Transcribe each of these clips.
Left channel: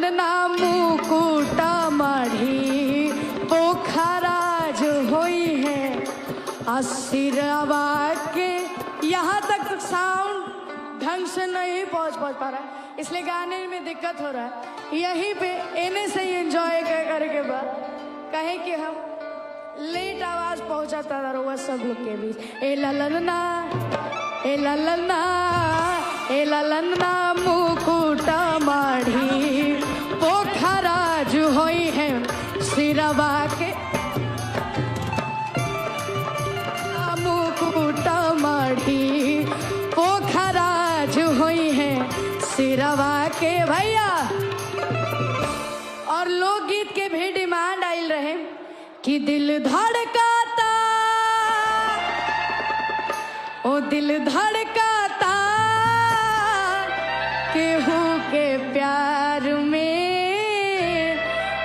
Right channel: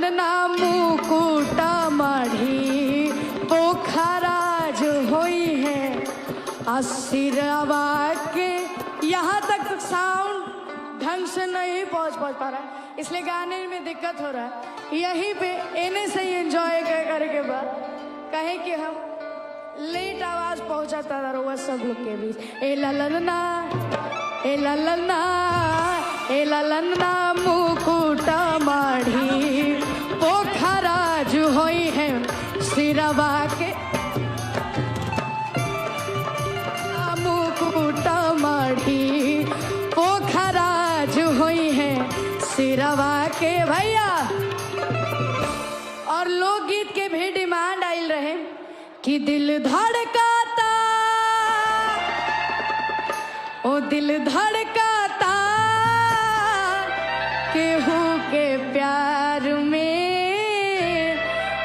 ललना मुकुटा मढ़ी पोखरा जो हुई है सिरवा के। यहाँ तक साउंड ढंग से नहीं पहुंच पा रहा है, इसलिए गाने में दिक्कत हो रहा है। यहीं पे इन्हें से ही एंजॉय करके बाद कहे कि हम लेट आवाज पहुंचाता रहा सब लोग के बीच। ए ललना ए ललना ए ललना मुकुटा माढ़ी पोखरा जो होई है सिरवा के। मुकुटा माढ़ी पोखरा जो होई है सिरवा के भैया। और लोकगीत के भी डिमांड आयल रहे कि दिल धड़काता ओ दिल धड़काता केहू के प्यार में,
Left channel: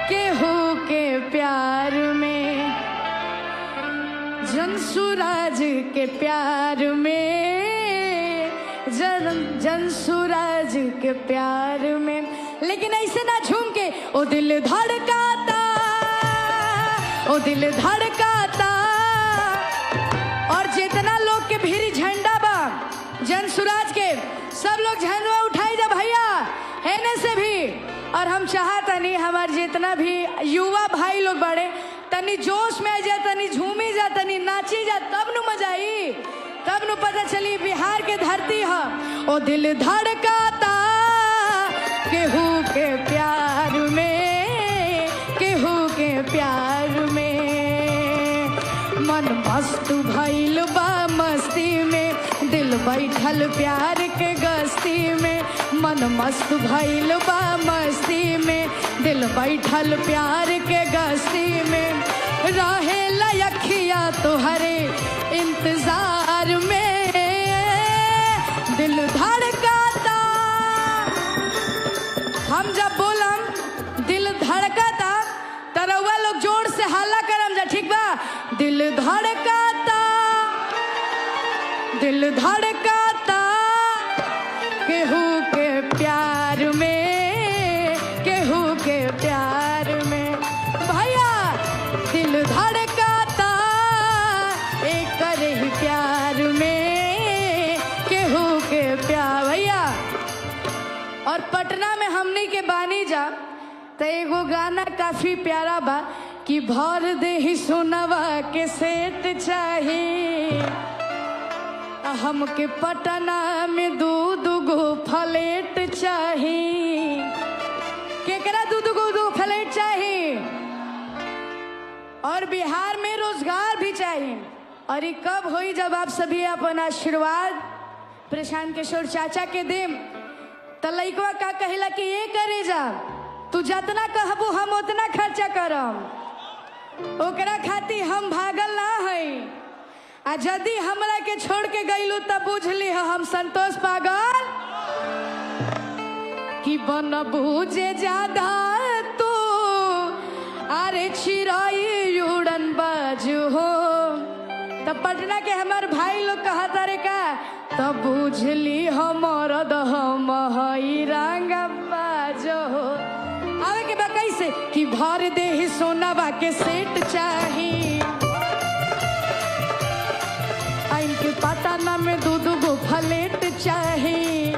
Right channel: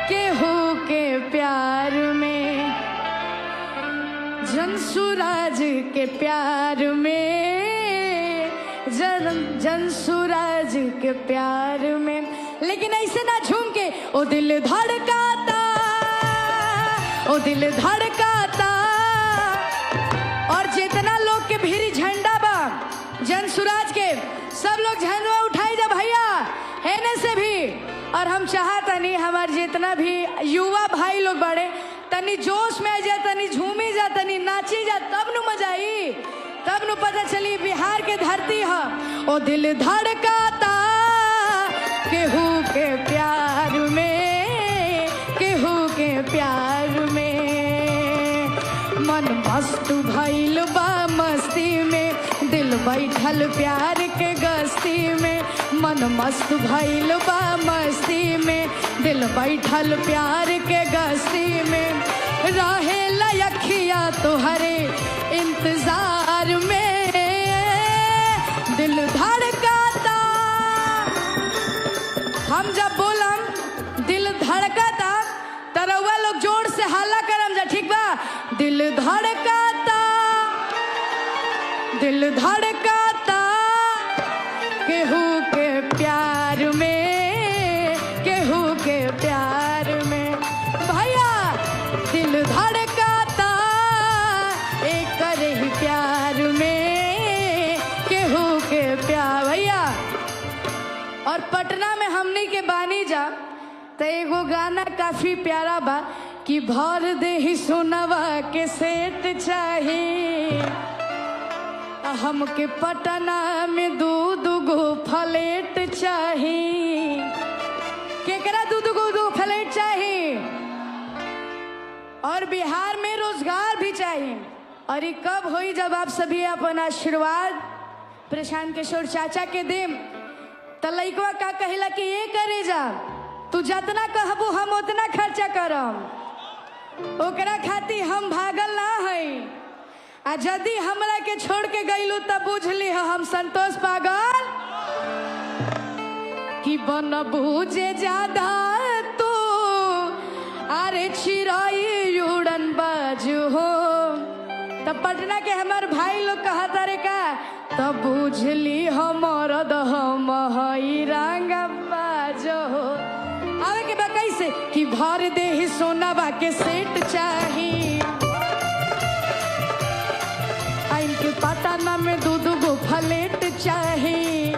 केहू के प्यार में, जनसुराज के प्यार में, जनसुराज के प्यार में। लेकिन ऐसे ना झूम के ओ दिल धड़काता ओ दिल धड़काता। और जितना लोग के भीरी झंडा बा जनसुराज के, सब लोग झंडा उठाई जा भैया एने से भी। और हम चाहता नहीं हमारे जितना भी युवा भाई लोग बड़े तनी जोश में जा, तनी झूमी जा, तनी नाची जा, तब नु मजा आई, तब नु पता चली बिहार के धरती है। ओ दिल धड़काता केहू के प्यार में, केहू के प्यार में। मन मस्त भइल बा मस्ती में, दिल बैठल प्यार के गस्ती में। मन मस्त भइल बा मस्ती में, दिल बैठल प्यार के गस्ती में। राहे लयखिया तोहरे इंतजार में, दिल धड़काता। हम जब बोलन दिल धड़काता तरवा लोग जोर से हल्ला करम जा, ठीक बा? दिल धड़काता, दिल धड़काता केहू के प्यार में, केहू के प्यार में भैया। दिल धड़काता एक करे प्यार में, केहू के प्यार भैया। और पटना में हमने के बानी जा तो एगो गाना काफी प्यारा बा कि भर दे ही सोनवा के सेट चाहिए हमके पटना में दूध गो फ्लैट चाहिए। केकरा दूध गो फ्लैट चाहिए? और बिहार में रोजगार भी चाहिए। अरे कब होई जब आप सभी अपन आशीर्वाद प्रशांत किशोर चाचा के दी तो लइकवा का कहला कि ये करे जा, तू जितना कहबू हम उतना खर्चा करम, ओकरा खातिर हम भागल ना है। यदि हमरा के छोड़ के गईलू तब बुझली हम संतोष पागल कि बन बूझे ज्यादा तू अरे चिराई उड़न बाज हो। तब पटना के हमार भाई लोग कहा तारे का तब बुझली हमर दहम हई रंग बाज हो। आवे के बा कैसे कि भर दे ही सोनाबा के सेट चाहिए, इनके पटना में दूध गो फ्लैट चाहिए।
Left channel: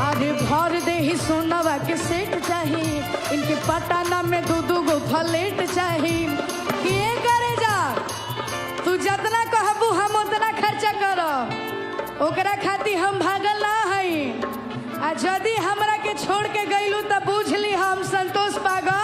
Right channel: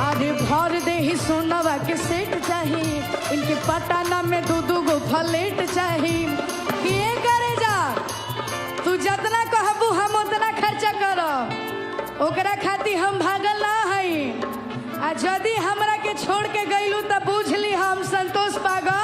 अरे भर दे ही सोनाबा के सेट चाहिए, इनके पटना में दूध गो फ्लैट चाहिए। ये करे जा, तू जितना कहबू हम उतना खर्चा करब, ओकरा खातिर हम भागल ना हई। यदि हमरा के छोड़ के गईलू तब बुझली हम संतोष पागल।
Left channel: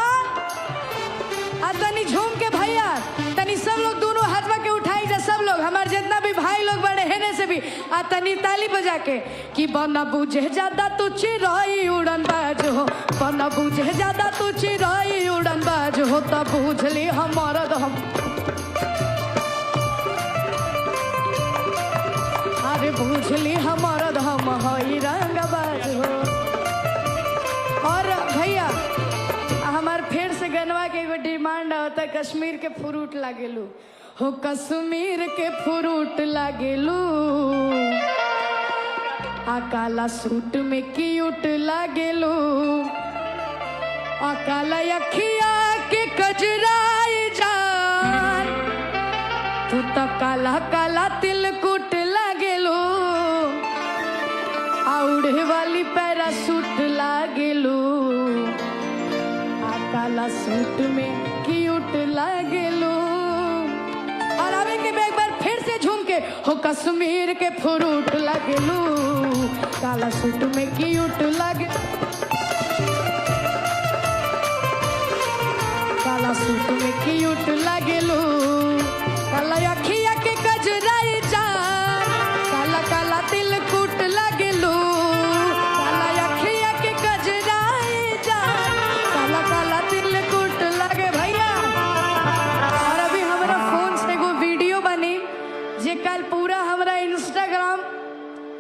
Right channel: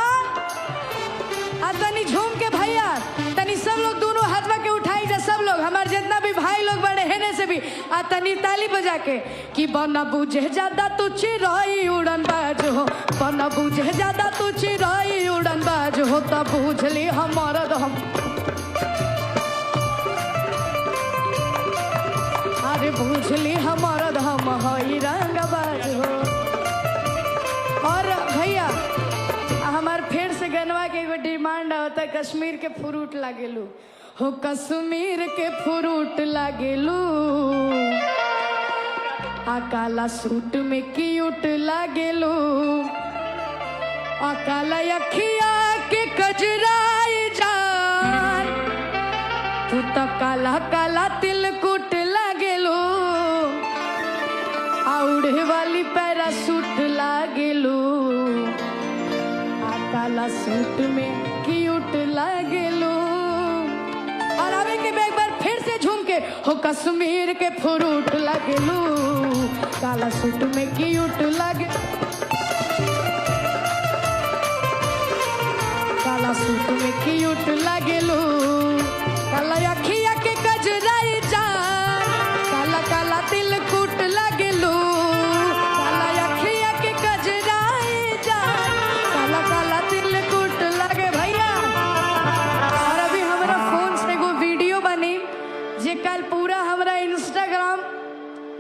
आ तनी झूम के भैया तनी सब लोग दोनों हाथवा के उठाई जा, सब लोग हमारे जितना भी भाई लोग बड़े हैं से भी आ तनी ताली बजा के कि बना बुझे ज्यादा तू चिराई उड़न बाज हो, बना बुझे ज्यादा तू चिराई उड़न बाज हो। तब बुझली हमारा दम, अरे बुझली हमारा दम हई रंग बाज हो। और भैया हमार फिर से गनवा के एगो डिमांड होता, कश्मीर के फ्रूट लागेलू हो, कश्मीर के फ्रूट लागेलू। आ काला सूट में क्यूट लागेलू, आ काला अखिया के कजराई जान, तू तो काला काला तिलकुट लागेलू, आ उड़े वाली पैरासूट लागेलू, आ काला सूट में क्यूट लागेलू। और अब एक बार फिर से झूम के हो कश्मीर के फ्रूट लागेलू, काला सूट में क्यूट लागे, काला सूट में क्यूट लागेलू, काला अखिया के गजराई जान, काला काला तिलकुट लागेलू, काला अखिया के गजराई जान, काला काला तिलकुट लागे भैया। और अभी हमारा फोन से एगो वीडियो बनी जे कल पूरा हमारा इंस्टाग्राम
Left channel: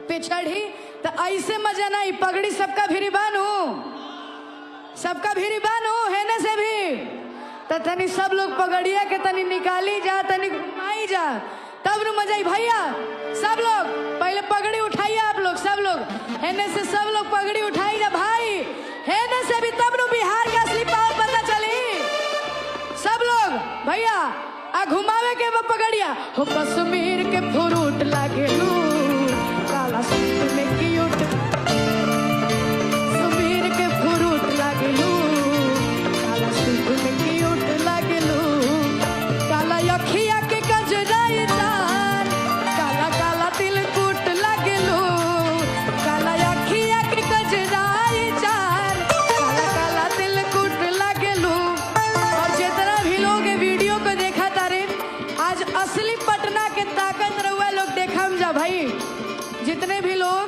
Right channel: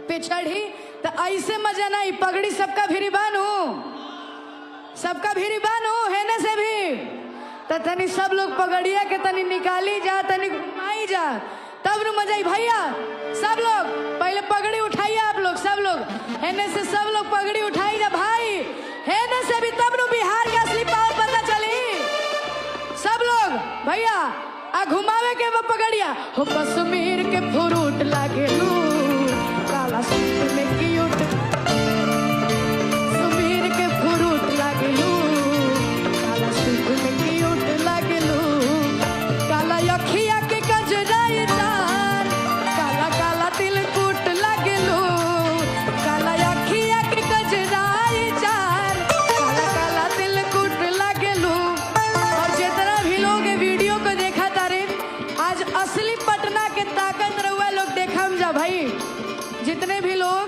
पे चढ़ी, तो ऐसे मजा नहीं, पगड़ी सबका भिरीबान हो, सबका भिरीबान हो है ना से भी, तो तनी सब लोग पगड़िया के तनी निकाली जा, तनी घुमाई जा, तब रू मजा ही भैया। सब लोग पहले पगड़ी उठाइए, आप लोग सब लोग है से सब लोग पगड़ी उठाई जा भाई, है ना से भी, तब रू बिहार का असली पावर पता चली। सब लोग भैया आ घुमावे के वो पगड़िया हो कश्मीर के फ्रूट लागेलू, काला सूट में क्यूट, कश्मीर के फ्रूट लागेलू, काला सूट में क्यूट लागेलू, काला अखिया के गजराई जान, काला काला तिलकुट लागेलू, काला अखिया के गजराई जान, काला काला तिलकुट लागेलू। और जितना भी लोग ये वीडियो को देखा तारे, आज असली पटना के ताकत रहुआ लोग देखा हम जा भाई। जितने भी लोग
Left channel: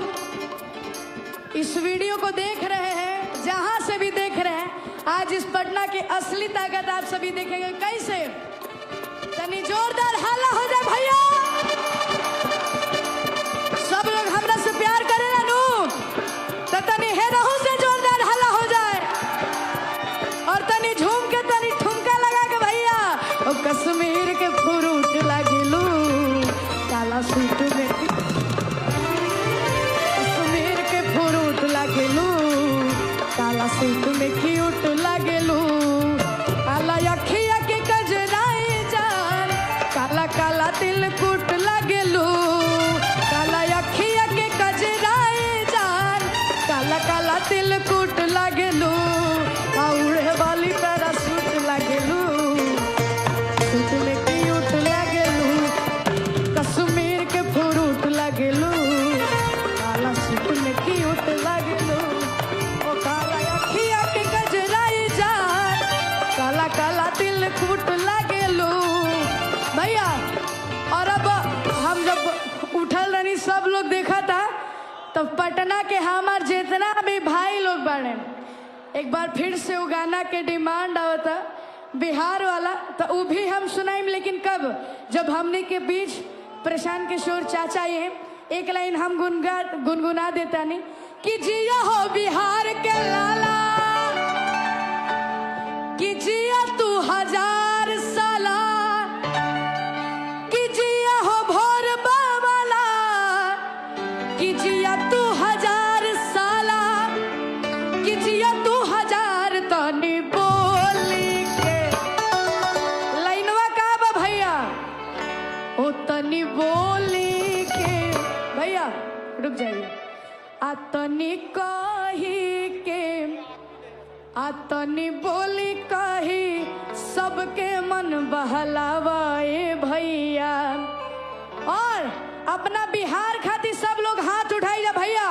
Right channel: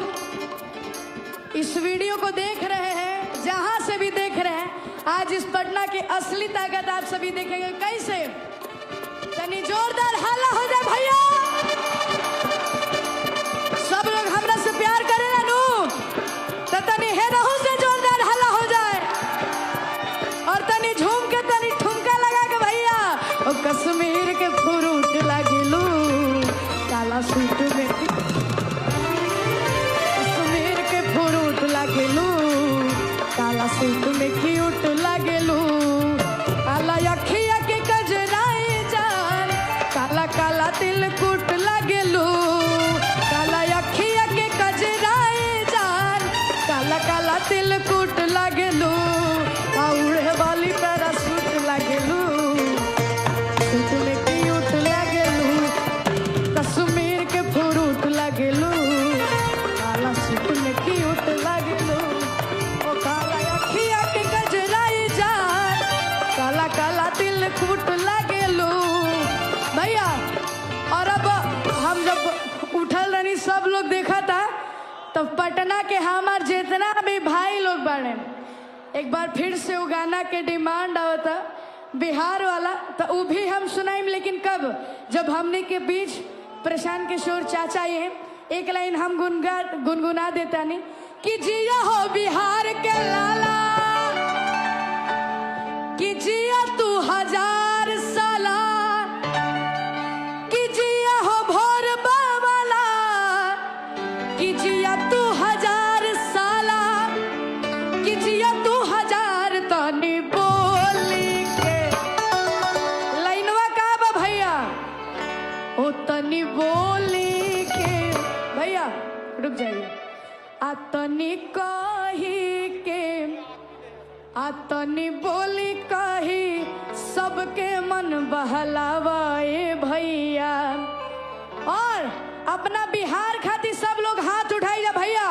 इस वीडियो को देख रहे हैं, जहां से भी देख रहे हैं, आज इस पटना की असली ताकत आप सभी देखेंगे। कैसे तनी जोरदार हल्ला हो जाए भैया, सब लोग हमरा से प्यार करे नु, तो तनी है रहू से जोरदार हल्ला हो जाए, और तनी झूम के तनी ठुमका लगा के भैया ओ कश्मीर के फ्रूट लागेलू, काला सूट में कश्मीर के फ्रूट लागेलू, काला सूट में क्यूट लागेलू, काला अखिया के गजराई जान, काला काला तिलकुट लागेलू, काला अखिया के गजराई जान, काला काला तिलकुट लागेलू, आ उड़े वाली पैरासूट लागेलू, सूट में क्यूट लागेलू, कश्मीर के फ्रूट लागेलू, काला सूट में क्यूट लागेलू, ओ काला अखिया के गजराई जान, काला काला तिलकुट लागेलू। भैया और अब हम जब उठल रही सब लोग देखा था, तब पटना के हमार जितना भी भाई लोग बने, एक बार फिर से वो गाना के डिमांड आवता बिहार वाला, तो वो भी हम सुनाएं, लेकिन कब, जब हमनी के बीच प्रशांत किशोर चाचा ये एक लाइन हम गुनगुना देता नहीं कि जिया हो बिहार के लाला, कि जिया तू हजार साला, कि जिया हो भोर बावला, कि जिया तू हजार साला, कि जिया तू हजार, तनी बोली के लाइनवा का बा भैया, ओ तनी बोली के भैया रुक जाइए, आ तनी कही के, आ तनी बोली कही सबके मन बहलावाए भैया। और अपना बिहार खातिर सब लोग हाथ उठाई जा भैया,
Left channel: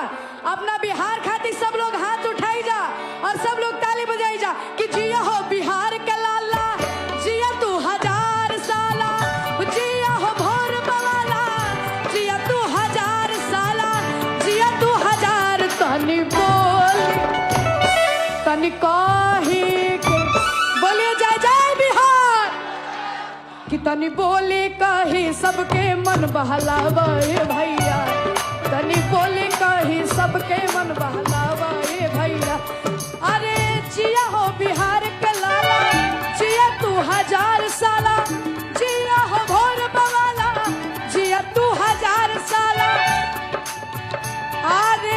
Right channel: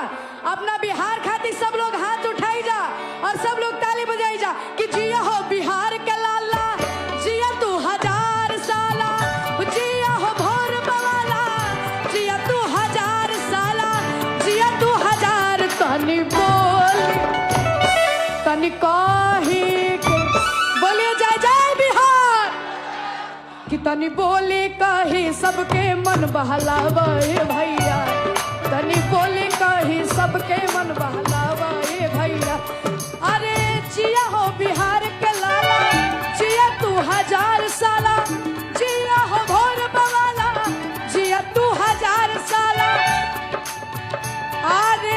अपना बिहार खातिर सब लोग हाथ उठाई जा, और सब लोग ताली बजाई जा कि जिया हो बिहार के लाला, जिया तू हजार साला, जिया हो भोर बवाला, जिया तू हजार साला, जिया तू हजार, तनी बोल तनी कही के, बोलिए जय जय बिहार, कि तनी बोली कही सबके मन बहलावे भैया, तनी बोली कही सबके मन बहलावे भैया। अरे जिया हो बिहार के लाला, जिया तू हजार साला, जिया हो भोर बवाला, जिया तू हजार साला, अरे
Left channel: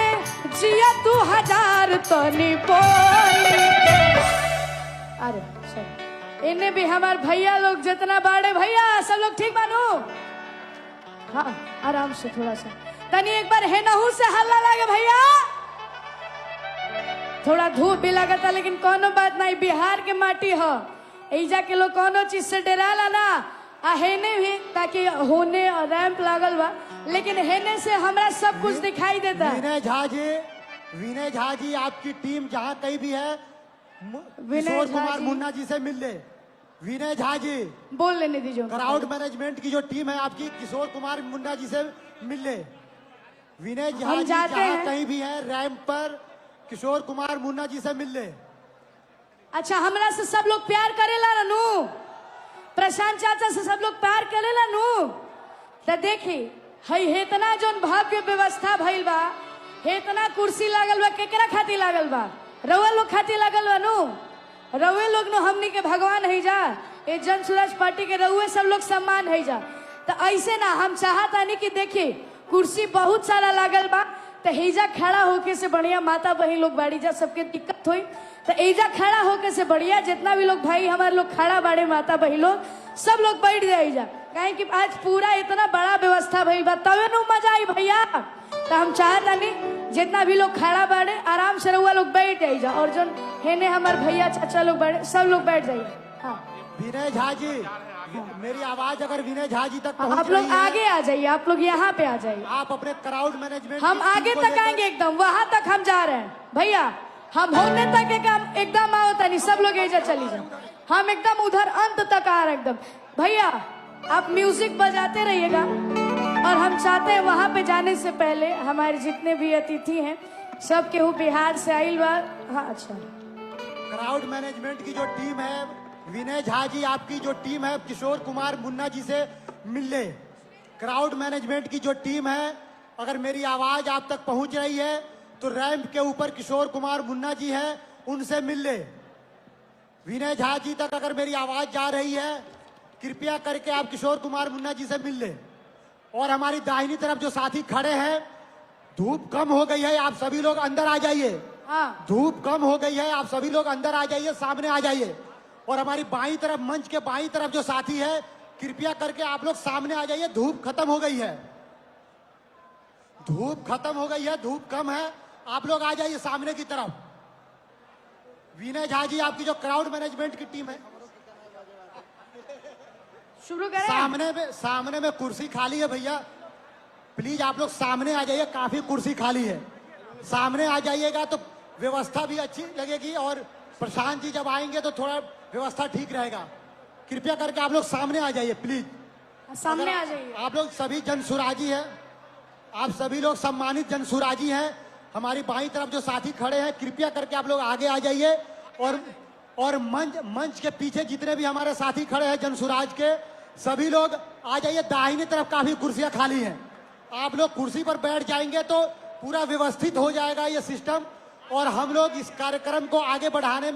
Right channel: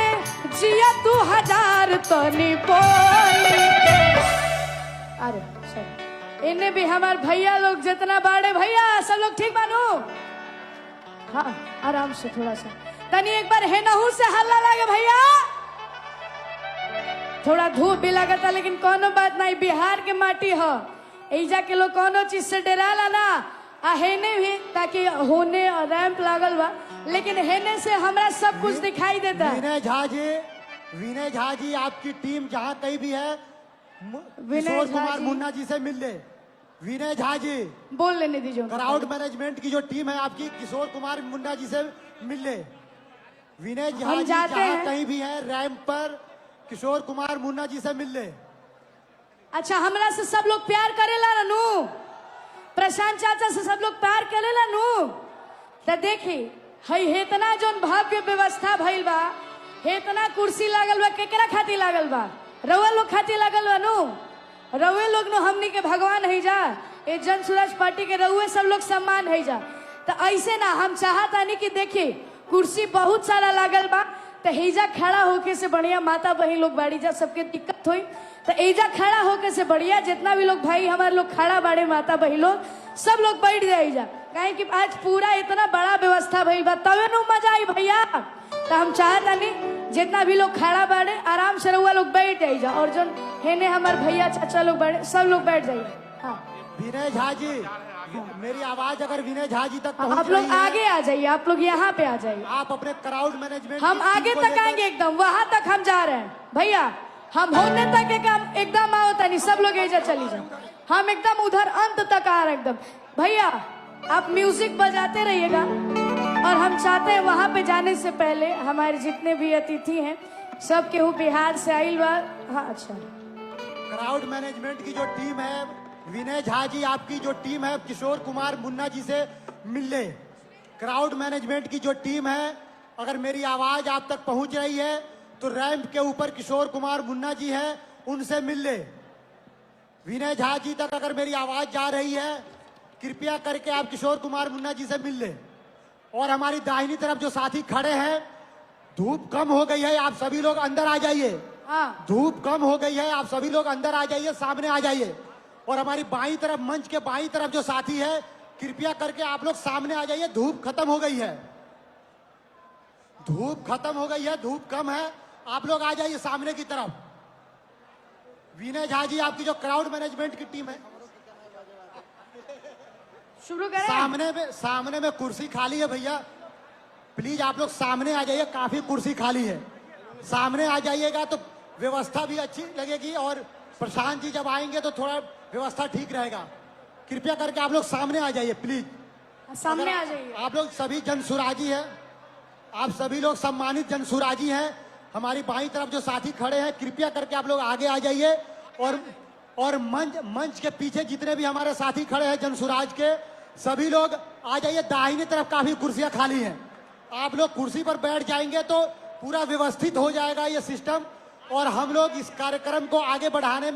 हजार तनी बोली के। अरे इन्हें भी हमारे भैया लोग जितना बाड़े भैया सब लोग ठीक बानो। हाँ आराम से थोड़ा सा तनी एक बार है नहू से हल्ला लागे भैया। थोड़ा धूप भी लगता लेकिन कोनो बात नहीं, बिहार के माटी है, ऐजा के लोग कोनो चीज से डराला ना। हेने भी ताकि होने रैंप लागल बा, लेकिन हेने से हमें सब कुछ दिखाई देता है। विनय झा जी आपकी टीम जहाँ कहीं भी है किशोर कुमार मुन्ना जी से मिल ले। विनय झा जी बोल लेने दीजिए। क्राउड मैनेजमेंट की जो टीम है आपकी किशोर कुमार मुन्ना जी से मिल ले। विनय झा जी जहाँ कहीं भी है रैंप पर किशोर कुमार मुन्ना जी से मिल ले। अच्छा हमरा से सब लोग प्यार करेला नु, प्रशांत चाचा से सब लोग प्यार करेला नु। तो देखी हई इतना जोन भव्य व्यवस्था भइल बा, इतना कुर्सी लागल बा, केकरा खातिर लागल बा? रउआ लोग खातिर लागल बा नु। रउए लोग नु हमनी के भगवान है जा, ये जन स्वराज पार्टी के रउए सब लोग सम्मान है जा। तो ऐसे ना हम चाहता नहीं कि देखिए कुर्सी बहुत सारा लागल बा, तो एजा खड़ा होके से बढ़िया माता बहन लोग बाड़ी जा, सबके दिक्कत हुई तो एजा खड़ा होके से बढ़िया जितना भी लोग भाई हमारे लोग खड़ा बाड़े माता बहन लोग सब लोग बैठ जाए जा, कहे कि आज पूरा इतना बड़ा व्यवस्था भई बा तबे नु मजा आई भैया। तो हम चाहता नहीं जितना भी लोग खड़ा बाड़े आराम से रउआ लोग बैठ जाए जा, और जो हेने हमारे भैया चाचा लोग बाड़े सब लोग बैठ जाइए। हाँ विनय झा जी मेरी आवाज अगर विनय झा जी तक आप लोग आगे आ जाइए, आप लोग यहाँ पे आ जाइए। आप अपने क्राउड मैनेजमेंट हम आगे तक आएंगे, एकदम वहां तक हम जा रहे हैं भैया। हम होने तक एकदम आए नहीं, सब लोग ऐसे चली जाए, हम एकदम उधर अंत तक आ रहे एकदम। भैया आप म्यूजिक बजाते रहिएगा, और हम चाहते हैं वहां पे जाने से पहले हमारे जितने भी अतिथि हैं सब केहू बिहार से आइल बा। हाँ अच्छा क्राउड मैनेजमेंट की जो टीम है विनय झा जी आपकी जो टीम है किशोर कुमार मुन्ना जी से मिल ले। क्राउड मैनेजमेंट की जो टीम है अगर मेरी आवाज आप तक पहुंच रही है तो रैंप के ऊपर किशोर कुमार मुन्ना जी हैं उनसे मिल ले। विनय झा जी तक अगर मेरी आवाज जा रही है कृपया करके आप किशोर कुमार मुन्ना जी से मिल ले। और हमारी दाहिनी तरफ जो साथी खड़े हैं, धूप कम हो गई है, आप सभी लोग अंदर आ जाइए। धूप कम हो गई है, आप सभी लोग अंदर आ जाइए, सामने आ जाइए। और हमारी बाईं तरफ मंच के बाईं तरफ जो साथी है कृपया करके आप लोग सामने आ जाइए। धूप खत्म हो गई है, धूप खत्म हो गई है, धूप कम है, आप लोग आ जाइए सामने की तरफ। विनय झा जी आपकी जो क्राउड मैनेजमेंट की टीम है शुरू करें। सामने में कुर्सी खाली है भैया, प्लीज आप लोग सामने आ जाइए, काफी कुर्सी खाली है, सामने आ जाइएगा तो व्यवस्था भी अच्छी लगेगी। और प्रशांत जी जब आएंगे तो थोड़ा व्यवस्था ठीक रहेगा। कृपया करके आप लोग सामने आ जाइए प्लीज, सामने आ जाइए। आप लोग सभी जनसुराजी हैं, आप सभी लोग सम्मानित जनसुराजी हैं। हमारी बाईं तरफ जो साथी खड़े हैं कृपया करके आप लोग आगे आ जाइए। और मंच के पीछे जितने भी हमारे साथी खड़े हैं जनसुराज के सभी लोग आ जाइए। दाहिनी तरफ काफी कुर्सियां खाली हैं, आप लोग कुर्सी पर बैठ जाएंगे तो पूरा व्यवस्थित हो जाएगा ये सिस्टम, और हम लोग इस कार्यक्रम को आगे बढ़ाने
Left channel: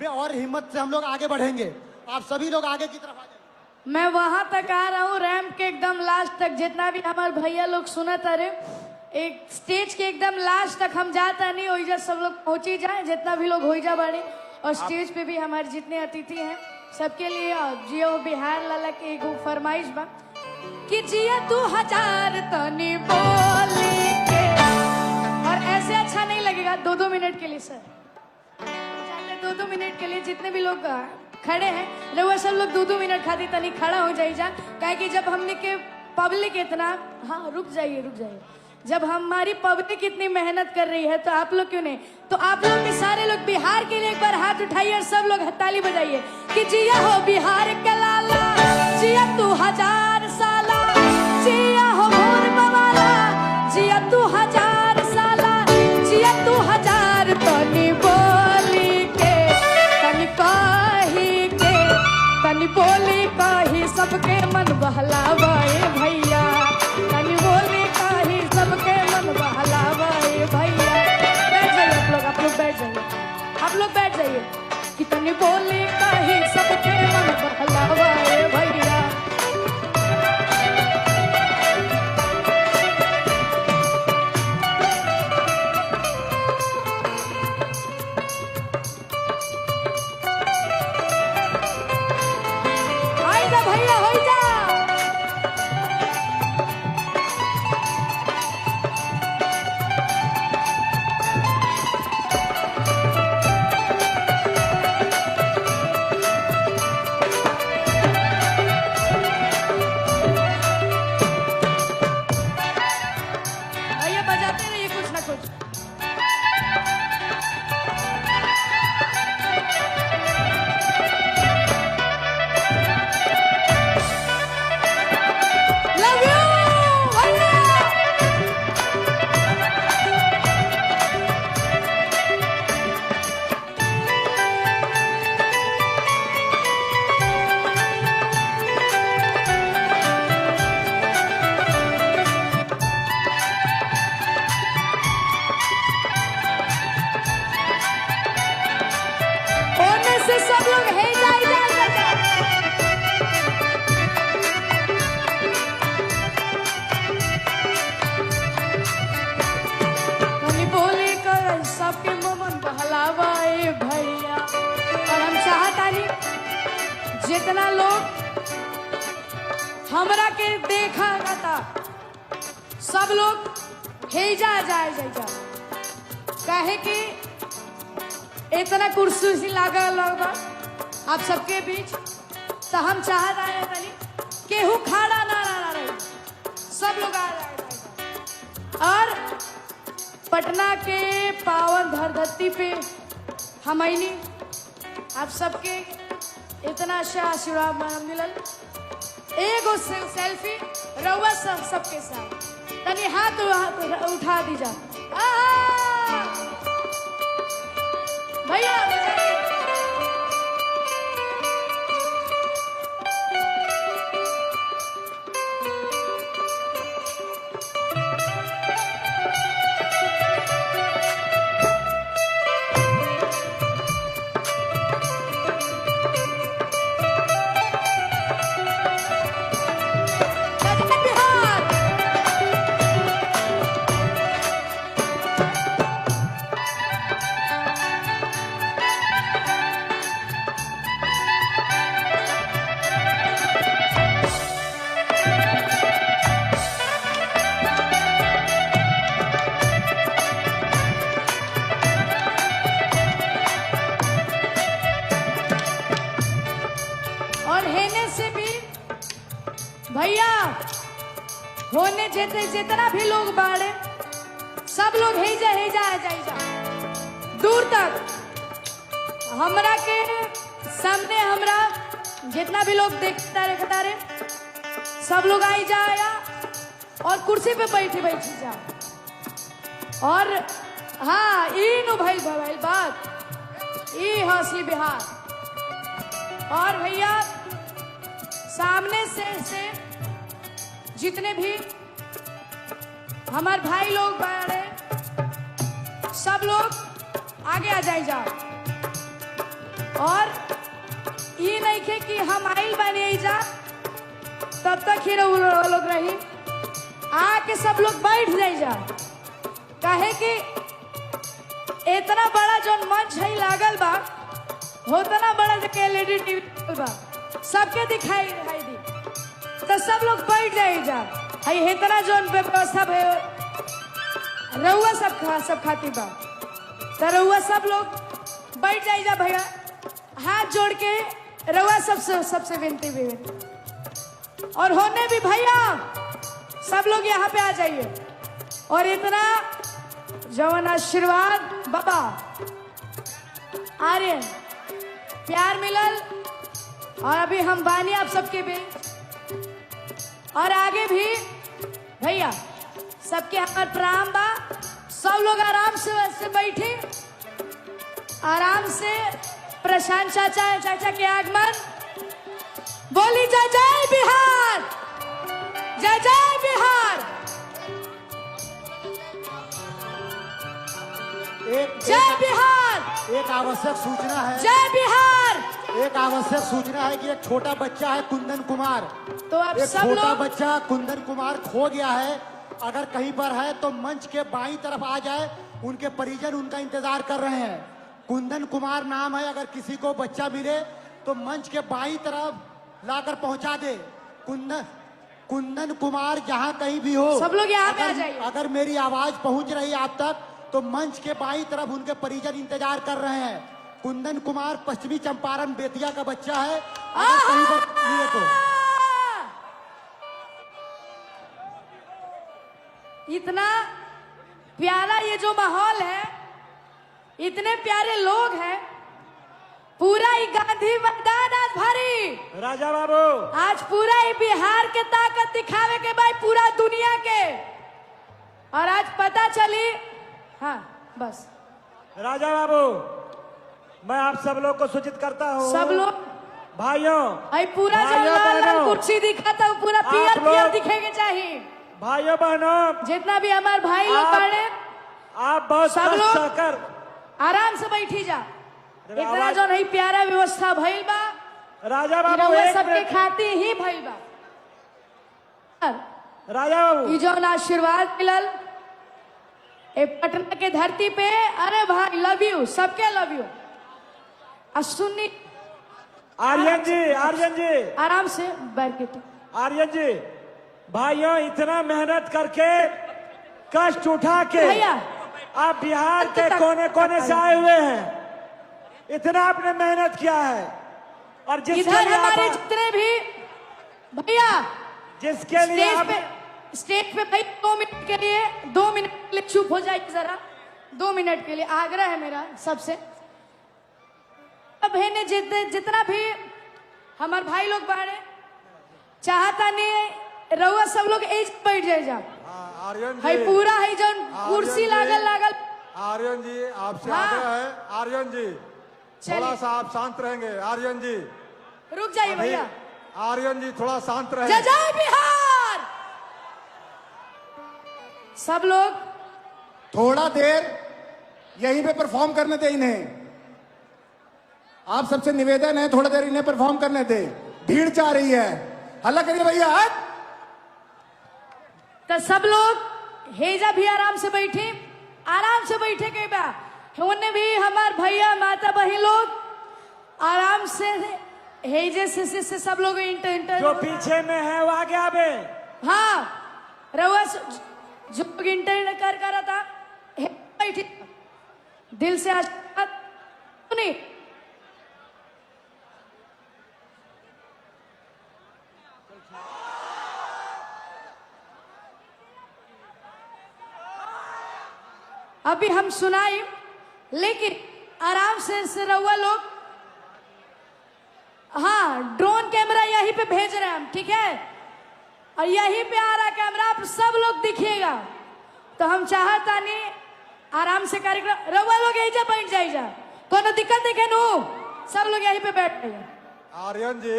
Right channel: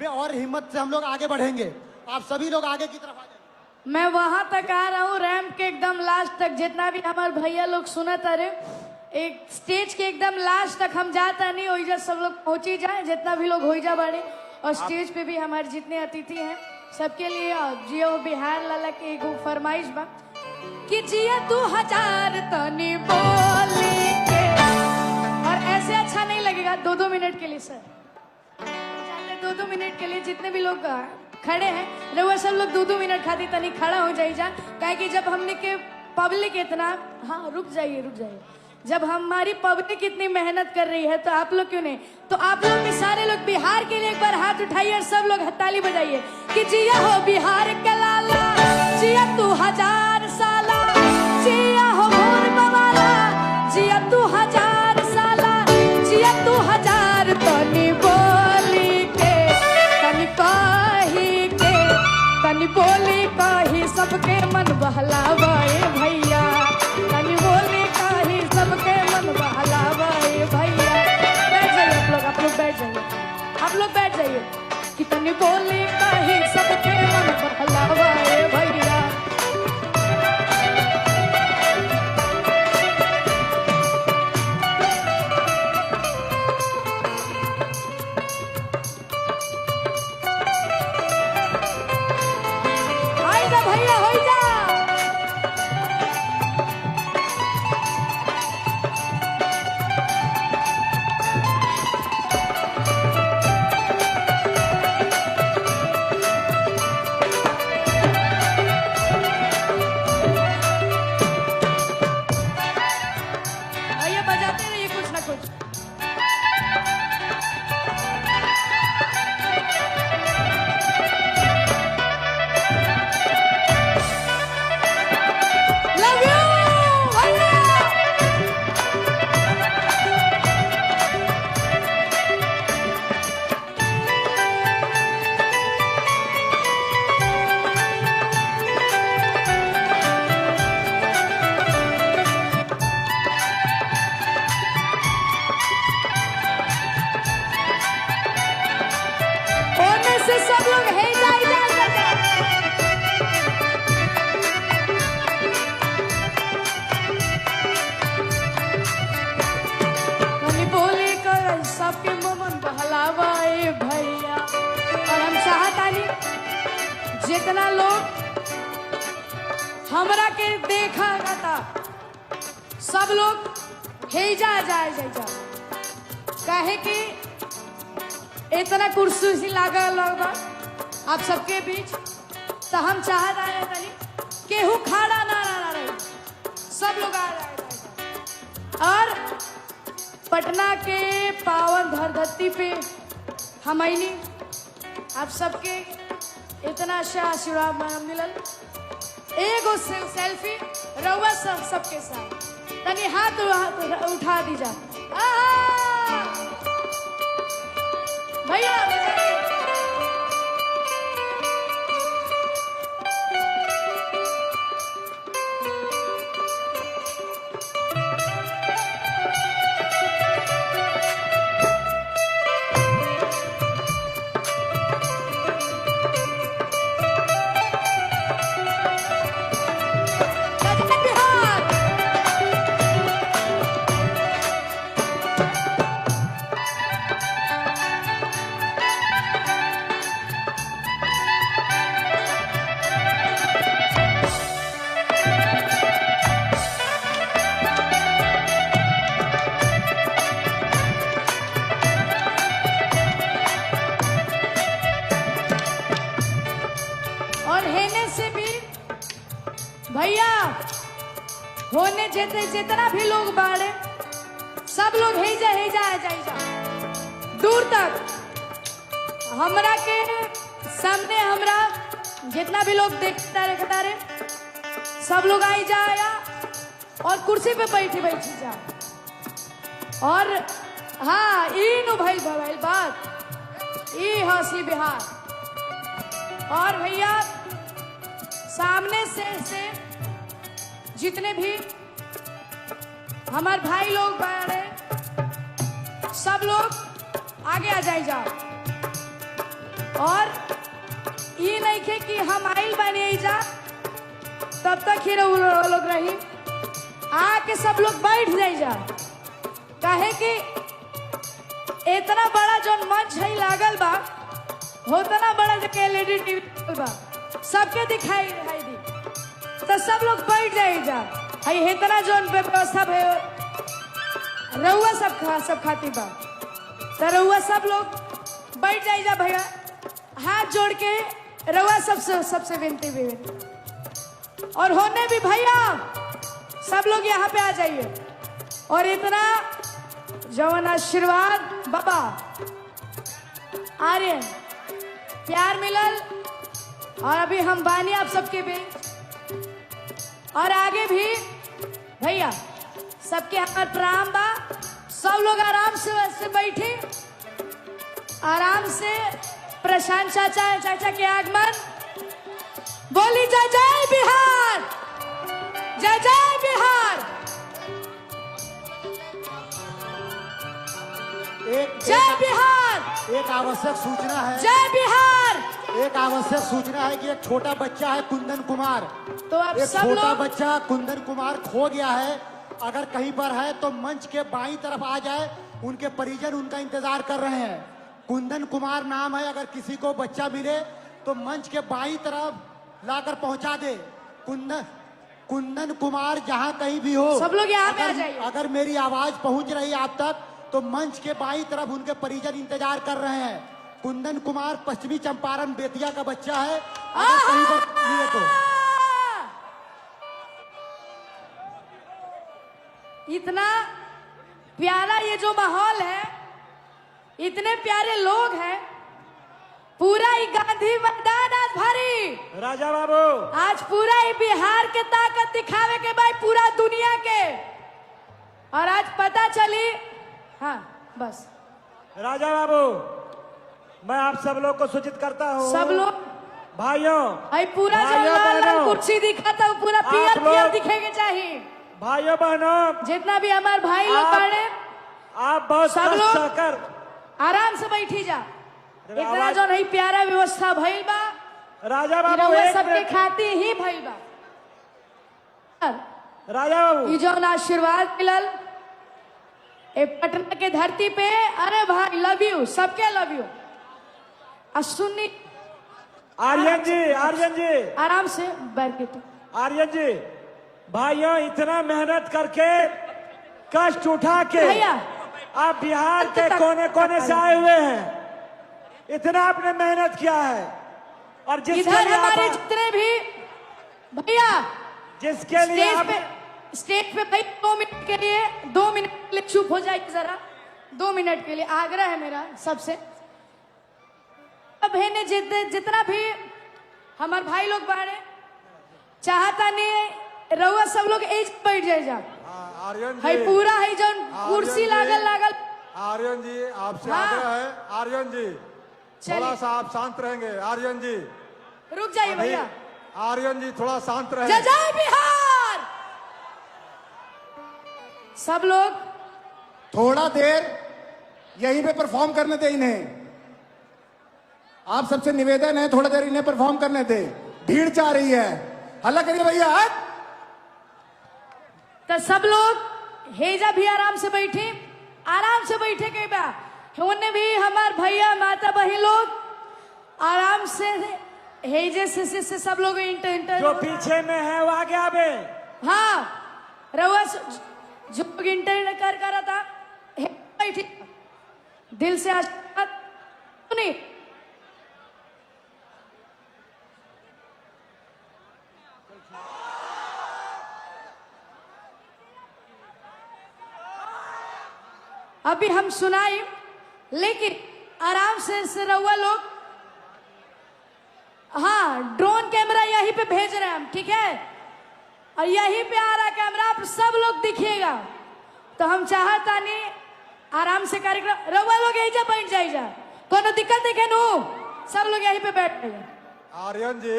में और हिम्मत से हम लोग आगे बढ़ेंगे। आप सभी लोग आगे की तरफ आ जाइए। मैं वहां तक आ रहा हूँ, रैंप के एकदम लास्ट तक, जितना भी हमारे भैया लोग सुनत आ रहे, एक स्टेज के एकदम लास्ट तक हम जाता नहीं, वही सब लोग पहुंची जाए, जितना भी लोग हो जा बाड़े। और स्टेज पे भी हमारे जितने अतिथि हैं सबके लिए जियो बिहार लाला की एक फरमाइश बा कि जिया 2000 तनी बोली के। और ऐसे अच्छा नहीं लगेगा 2-2 मिनट के लिए सर, 2-2 मिनट के लिए जितने भी लोग खड़े हैं रउआ सब लोग 2-2 मिनट खातिर तनी खड़ा हो जाइए जा, कि जब हमने के पब्लिक इतना, हाँ रुक जाइए, जब हमारी पब्लिक इतनी मेहनत कर रही है तो आप लोग क्यों नहीं, तो आप लोग भी सारे लोग बिहार के लिए एक बार हाथ उठाइए, सब लोग ताली बजाइए कि जिया हो बिहार के लाला, जिया 2000 साला, जिया हो मोर बवाला, जिया 2000 साला, जिया 2000 तनी बोली के, तनी कही के, तनी बोली कही सबके मन बहलावा भैया, तनी बोली कही सबके मन बहलावा भैया। आप लोग बैठ जाइए कि तनी बोली कही सबके मन बहलावा भैया। गई सबके मन बहलावा ए भैया। और हम चाहतानी जितना लोग हमरा के देखा था सब लोग हेजा जाए जा काहे कि इतना कुर्सी से लगा लोग आप सबके बीच, तो हम चाह रहे हैं केहू खड़ा ना रहे, सब लोग आ रहे। और पटना के पावन धरती पे हमनी आप सबके इतना से आशीर्वाद मिलल। एगो सेल्फी रउआ सबके साथ तनी हाथ उठा दीजा भैया। भैया होने जितना भी लोग बाड़े सब लोग हेजा दूर तक हमरा के सामने हमरा जितना भी लोग देखता रहे सब लोग आई जाएगा और कुर्सी पे बैठी जा। और हाँ इन भाई बात ई हंसी बिहार। और भैया सामने से जितने भी हमारे भाई लोग सब लोग आगे आ जाए जा। और ये नहीं थे कि हम आइल बने जा तब तक ही लोग रही, आके सब लोग बैठ जाए जा। काहे कि इतना बड़ा जो मंच है लागल बा उतना बड़ा लेडी बा सबके दिखाई दी, तो सब लोग बैठ जाए जा। इतना जो व्यवस्था है रउआ सब खाती बा, तो रउआ सब लोग बैठ जाए जा भैया। हाथ जोड़ के रउआ सबसे विनती है। और होने भी भैया सब लोग यहाँ पे आ जाइए। और इतना जवान आशीर्वाद बाबा आर्यन प्यार मिलल, और अभी हम बानी आप सबके बीच। और आगे भी भैया सबके हमार प्रणाम बा। सब लोग आराम से बैठे, आराम से। प्रशांत चाचा के आगमन बोली जय जय बिहार, जय जय बिहार, जय बिहार। एक आवश्यक सूचना है, जय बिहार। एक आवश्यक सूचना है कि एक छोटा बच्चा है कुंदन कुमार, तो आप एक सब छोटा लोग बच्चा कुंदन कुमार खो गया है। अगर कहीं पर है तो मंच के बाईं तरफ आ जाए, उनके परिजन उनका इंतजार कर रहे हैं। कुंदन कुमार नाम है, अगर किसी को बच्चा मिले तो मंच के बाईं तरफ लाकर पहुंचा दे। कुंदन कुमार जहां कहीं भी हो, सब लोग यहाँ पे आ जाइए। अगर मेरी आवाज पहुंच रही है आप तक तो मंच के बाईं तरफ उनके परिजन इंतजार कर रहे हैं। कुंदन कुमार पश्चिमी चंपारण बेतिया का बच्चा है। कहीं पर तो इतना प्यारा ये जो माहौल है, इतने प्यारे लोग हैं, पूरा ही गांधी मैदान आज भरी। राजा बाबू आज पूरा ही बिहार के ताकत दिखावे के भाई पूरा दुनिया के। और आज पता चली, हाँ बस राजा बाबू मैं आप सब लोग को सूचित करता हूँ, सब लोग भाइयों भाई पूरा जो भाइयों, लाल लाल बहनों, कुर्सी दिखा था पूरा आप पीयर लोग- दिखेंगे चाहिए। भाइयों बहनों जितना भी हमारे भाई लोग आप- पढ़े आप बहुत सब कष्ट लोग- सहकर आराम से बैठी जा। इतना जो नहीं प्यारा व्यवस्था भइल बा, राजा बाबू रउआ एक सबके मिनट। खातिर ही भइल बा। राजा बाबू ई जो आशीर्वाद मिलल ए पटना की धरती पे, अरे भाई लव यू, सबके लव यू। और सुन्नी आर्यन जी आराम से बैठ के तो। आर्यन जी, भाइयों इतना मेहनत करके कष्ट उठा के भैया आप बिहार के कोने कोने से आए हुए हैं, इतना आपने मेहनत किया है। और जिसके इधर लिए हमारे आप जितने भी भैया जिसके लिए आप स्टेज पे भाई 2 मिनट के लिए 2 मिनट के लिए चुप हो जाइए जरा। 2 मिनट के लिए आग्रह है मेरा सबसे। बहने जितना भी हमारे भाई लोग बारे चाहता नहीं रहुआ सब लोग एज बैठ जाए जा। आर्यन भाई जी, पूरा है जन कुर्सी लागल लागल। आर्यन जी आपसे हाँ। आगे है। आर्यन जी चलिए। थोड़ा सा आप शांत रहेंगे। आर्यन जी रुक जाइए भैया। आर्यन जी थोड़ा शांत जय रहे। जय बिहार। सब लोग थोड़ा देर यहीं पे परफॉर्म करने दे इन्हें। आप सबसे निवेदन है थोड़ा देर इन्हें परफॉर्म करने दे, भीड़ चाह रही है। हल्ला करिए भैया। तो सब लोग हेजा भी आराम से बैठे, आराम से बैठे कई बार उन्हें भी हमारे भैया माता बहन लोग आराम से हेजे से सब लोग इंटर जो पीछे में है वो आगे आवे। हाँ रहुआ जो इंटर कर रहा था बैठे दिल से आशीर्वाद सुनिए। अभी हम सुनाए लेकिन आराम से रहुआ लोग। हाँ ड्रोन कैमरा यहीं पे भेज रहे हैं हम, ठीक है? और यहीं पे आ रहा है कैमरा, आप सब लोग दिखिएगा। तो हम चाहता नहीं आराम से कार्यक्रम रहुआ लोग यहीं जा बैठ जाइए, कोनो दिक्कत देखे नो, सब लोग यहीं पे बैठ गए। आर्यन जी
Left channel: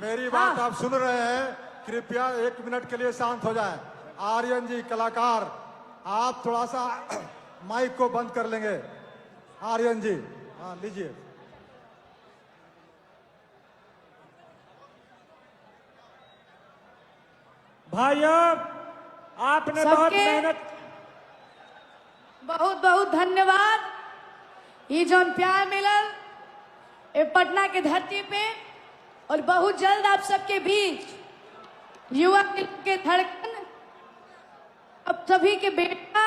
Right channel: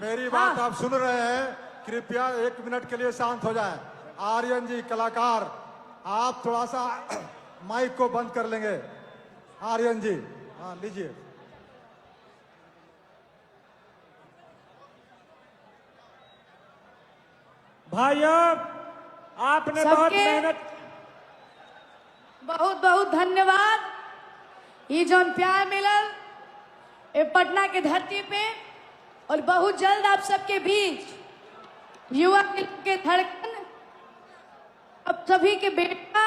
मेरी बात हाँ। आप सुन रहे हैं, कृपया 1 मिनट के लिए शांत हो जाए। आर्यन जी कलाकार, आप थोड़ा सा माइक को बंद कर लेंगे। आर्यन जी हाँ लीजिए। भाइयों आपने बहुत सबके मेहनत, बहुत बहुत धन्यवाद। ये जो प्यार मिलल ये पटना की धरती पे, और बहुत जल्द आप सबके बीच युवा के धड़कन अब सभी के बेटा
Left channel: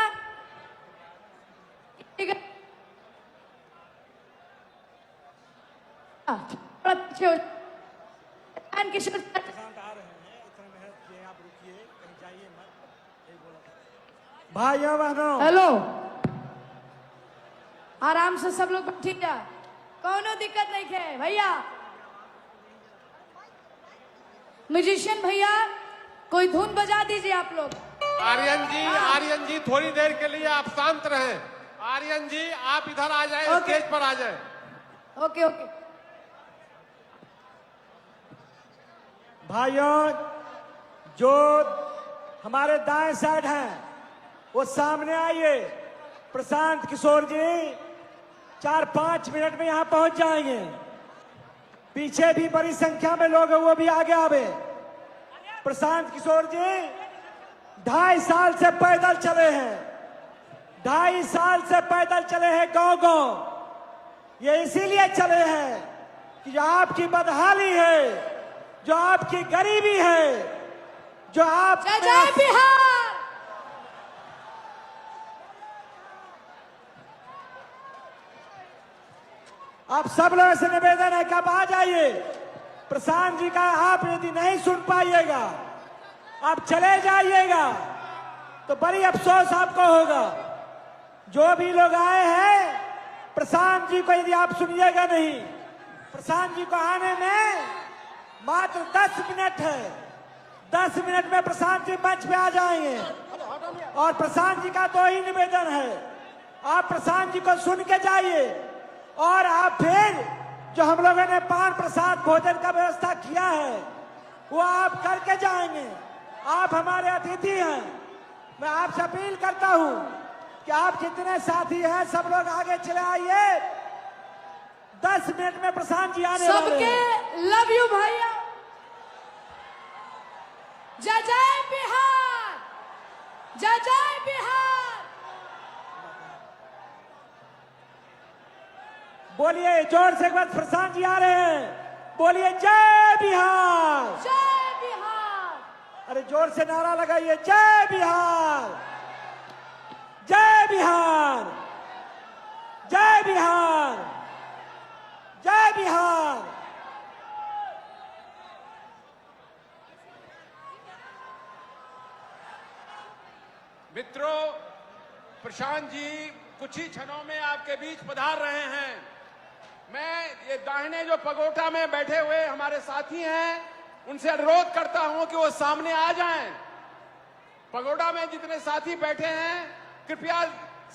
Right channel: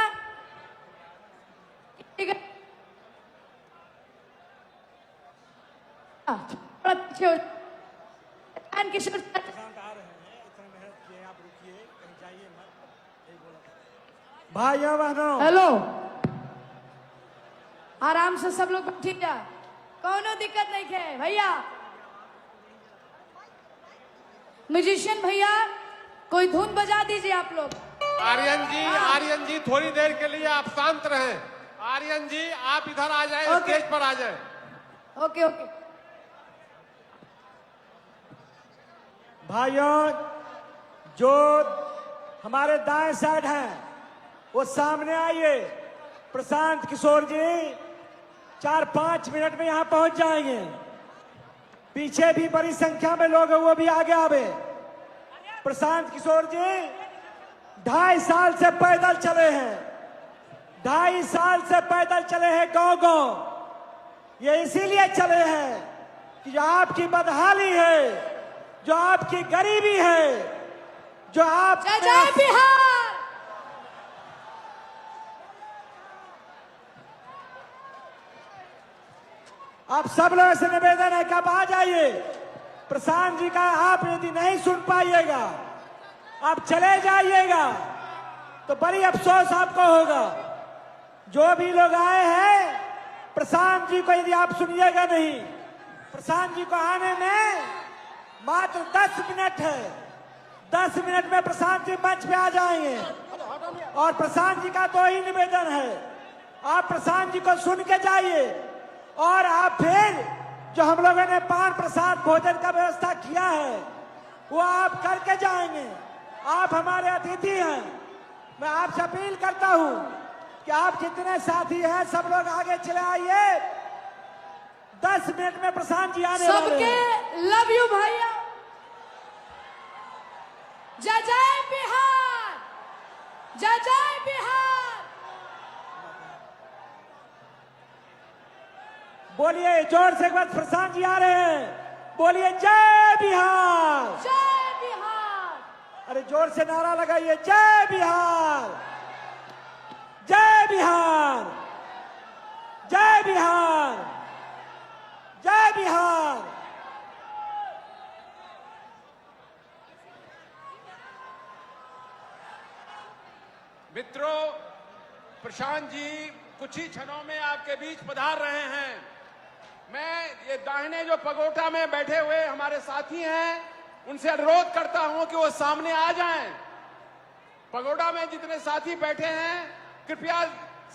किशोर भाइयों बहनों हेलो आराम से सब लोग ठीक है, कोनो दिक्कत नहीं है भैया। म्यूजिशियन भैया कोई धुन बजा दीजिए आप लोग। आर्यन जी थोड़ी देर के लिए आप शांत रहे। आर्यन जी आप इधर आ जाए, ओके। स्टेज पर आ जाए। ओके ओके भाइयों जो हमारे दाएं साइड हैं वो सामने आइए। प्रशांत किशोर जी 4-5 मिनट में यहाँ पहुंच जाएंगे। पीछे भी बड़ी संख्या में लोग हैं, वो भी आगे आवे। प्रशांत किशोर जी 2.5 साल से पैदल चले हैं, 2.5 साल से पैदल चले हैं गांव गांव। ये इसीलिए चले हैं कि जो आपकी बदहाली है, जो आपकी गरीबी है, जो आप जय जय बिहार। आप सब लोगों से निवेदन है कि आप आ जाइए। प्रशांत जी का आप यदि नहीं सुन पाइएगा, आप चले जाइएगा तो बड़ी अफसोस आपको होगा। जो भी लोग आए हैं प्रशांत जी को यदि आप सुनिएगा नहीं, प्रशांत जी को आने में मात्र 10 मिनट है। 10 मिनट में प्रशांत जी मंच पे आ जाएंगे। और प्रशांत जी का तो ही निवेदन है, आप प्रशांत जी को सुन के जाइए। और आप फिर जो हम लोगों ने पान प्रसाद भोजन का व्यवस्था किया है वो आप करके जाएंगे। आप हमारे अतिथि हैं। मैं आपसे अपील करता हूं कि आप जितने साथी हैं सब लोग आगे चले आइए। 10 मिनट में प्रशांत जी आने वाले सबके हैं। लव यू भैया। जय जय बिहार, जय जय बिहार। बोलिए जोर से एक बार, प्रशांत जी आ रहे हैं, बोलिए जय बिहार। जय बिहार। अरे जोर से नारा लगाइए, जय बिहार, जय बिहार, जय बिहार, जय बिहार। मित्रों, प्रशांत जी कुछ ही क्षणों में आपके बीच पधार रहे हैं। मैं ये दाहिने जो पगोटा में बैठे हुए हमारे साथी हैं, उनसे अनुरोध करता हूं कि वो सामने आ जाएं। पगोटा में जितने साथी बैठे हैं, कृपया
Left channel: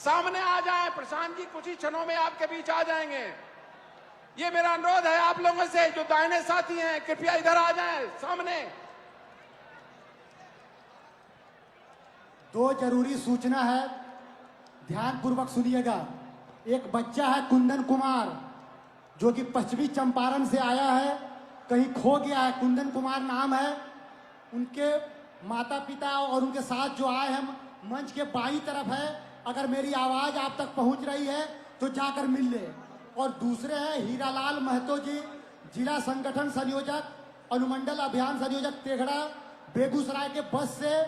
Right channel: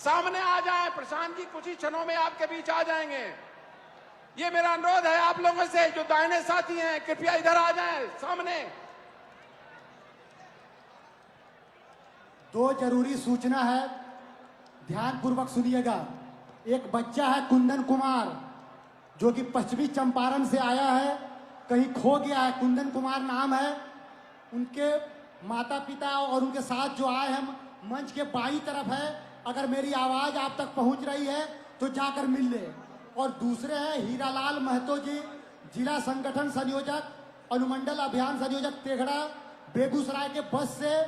सामने आ जाएं। प्रशांत जी कुछ ही क्षणों में आपके बीच आ जाएंगे। ये मेरा अनुरोध है आप लोगों से, जो दाहिने साथी हैं, कृपया इधर आ जाएं सामने। दो जरूरी सूचना है, ध्यान पूर्वक सुनिएगा। एक बच्चा है कुंदन कुमार, जो कि पश्चिमी चंपारण से आया है, कहीं खो गया है। कुंदन कुमार नाम है। उनके माता पिता और उनके साथ जो आए हैं मंच के बाईं तरफ है। अगर मेरी आवाज आप तक पहुंच रही है तो जाकर मिल ले। और दूसरे हैं हीरालाल महतो जी, जिला संगठन संयोजक, अनुमंडल अभियान संयोजक तेघड़ा, बेगूसराय के बस से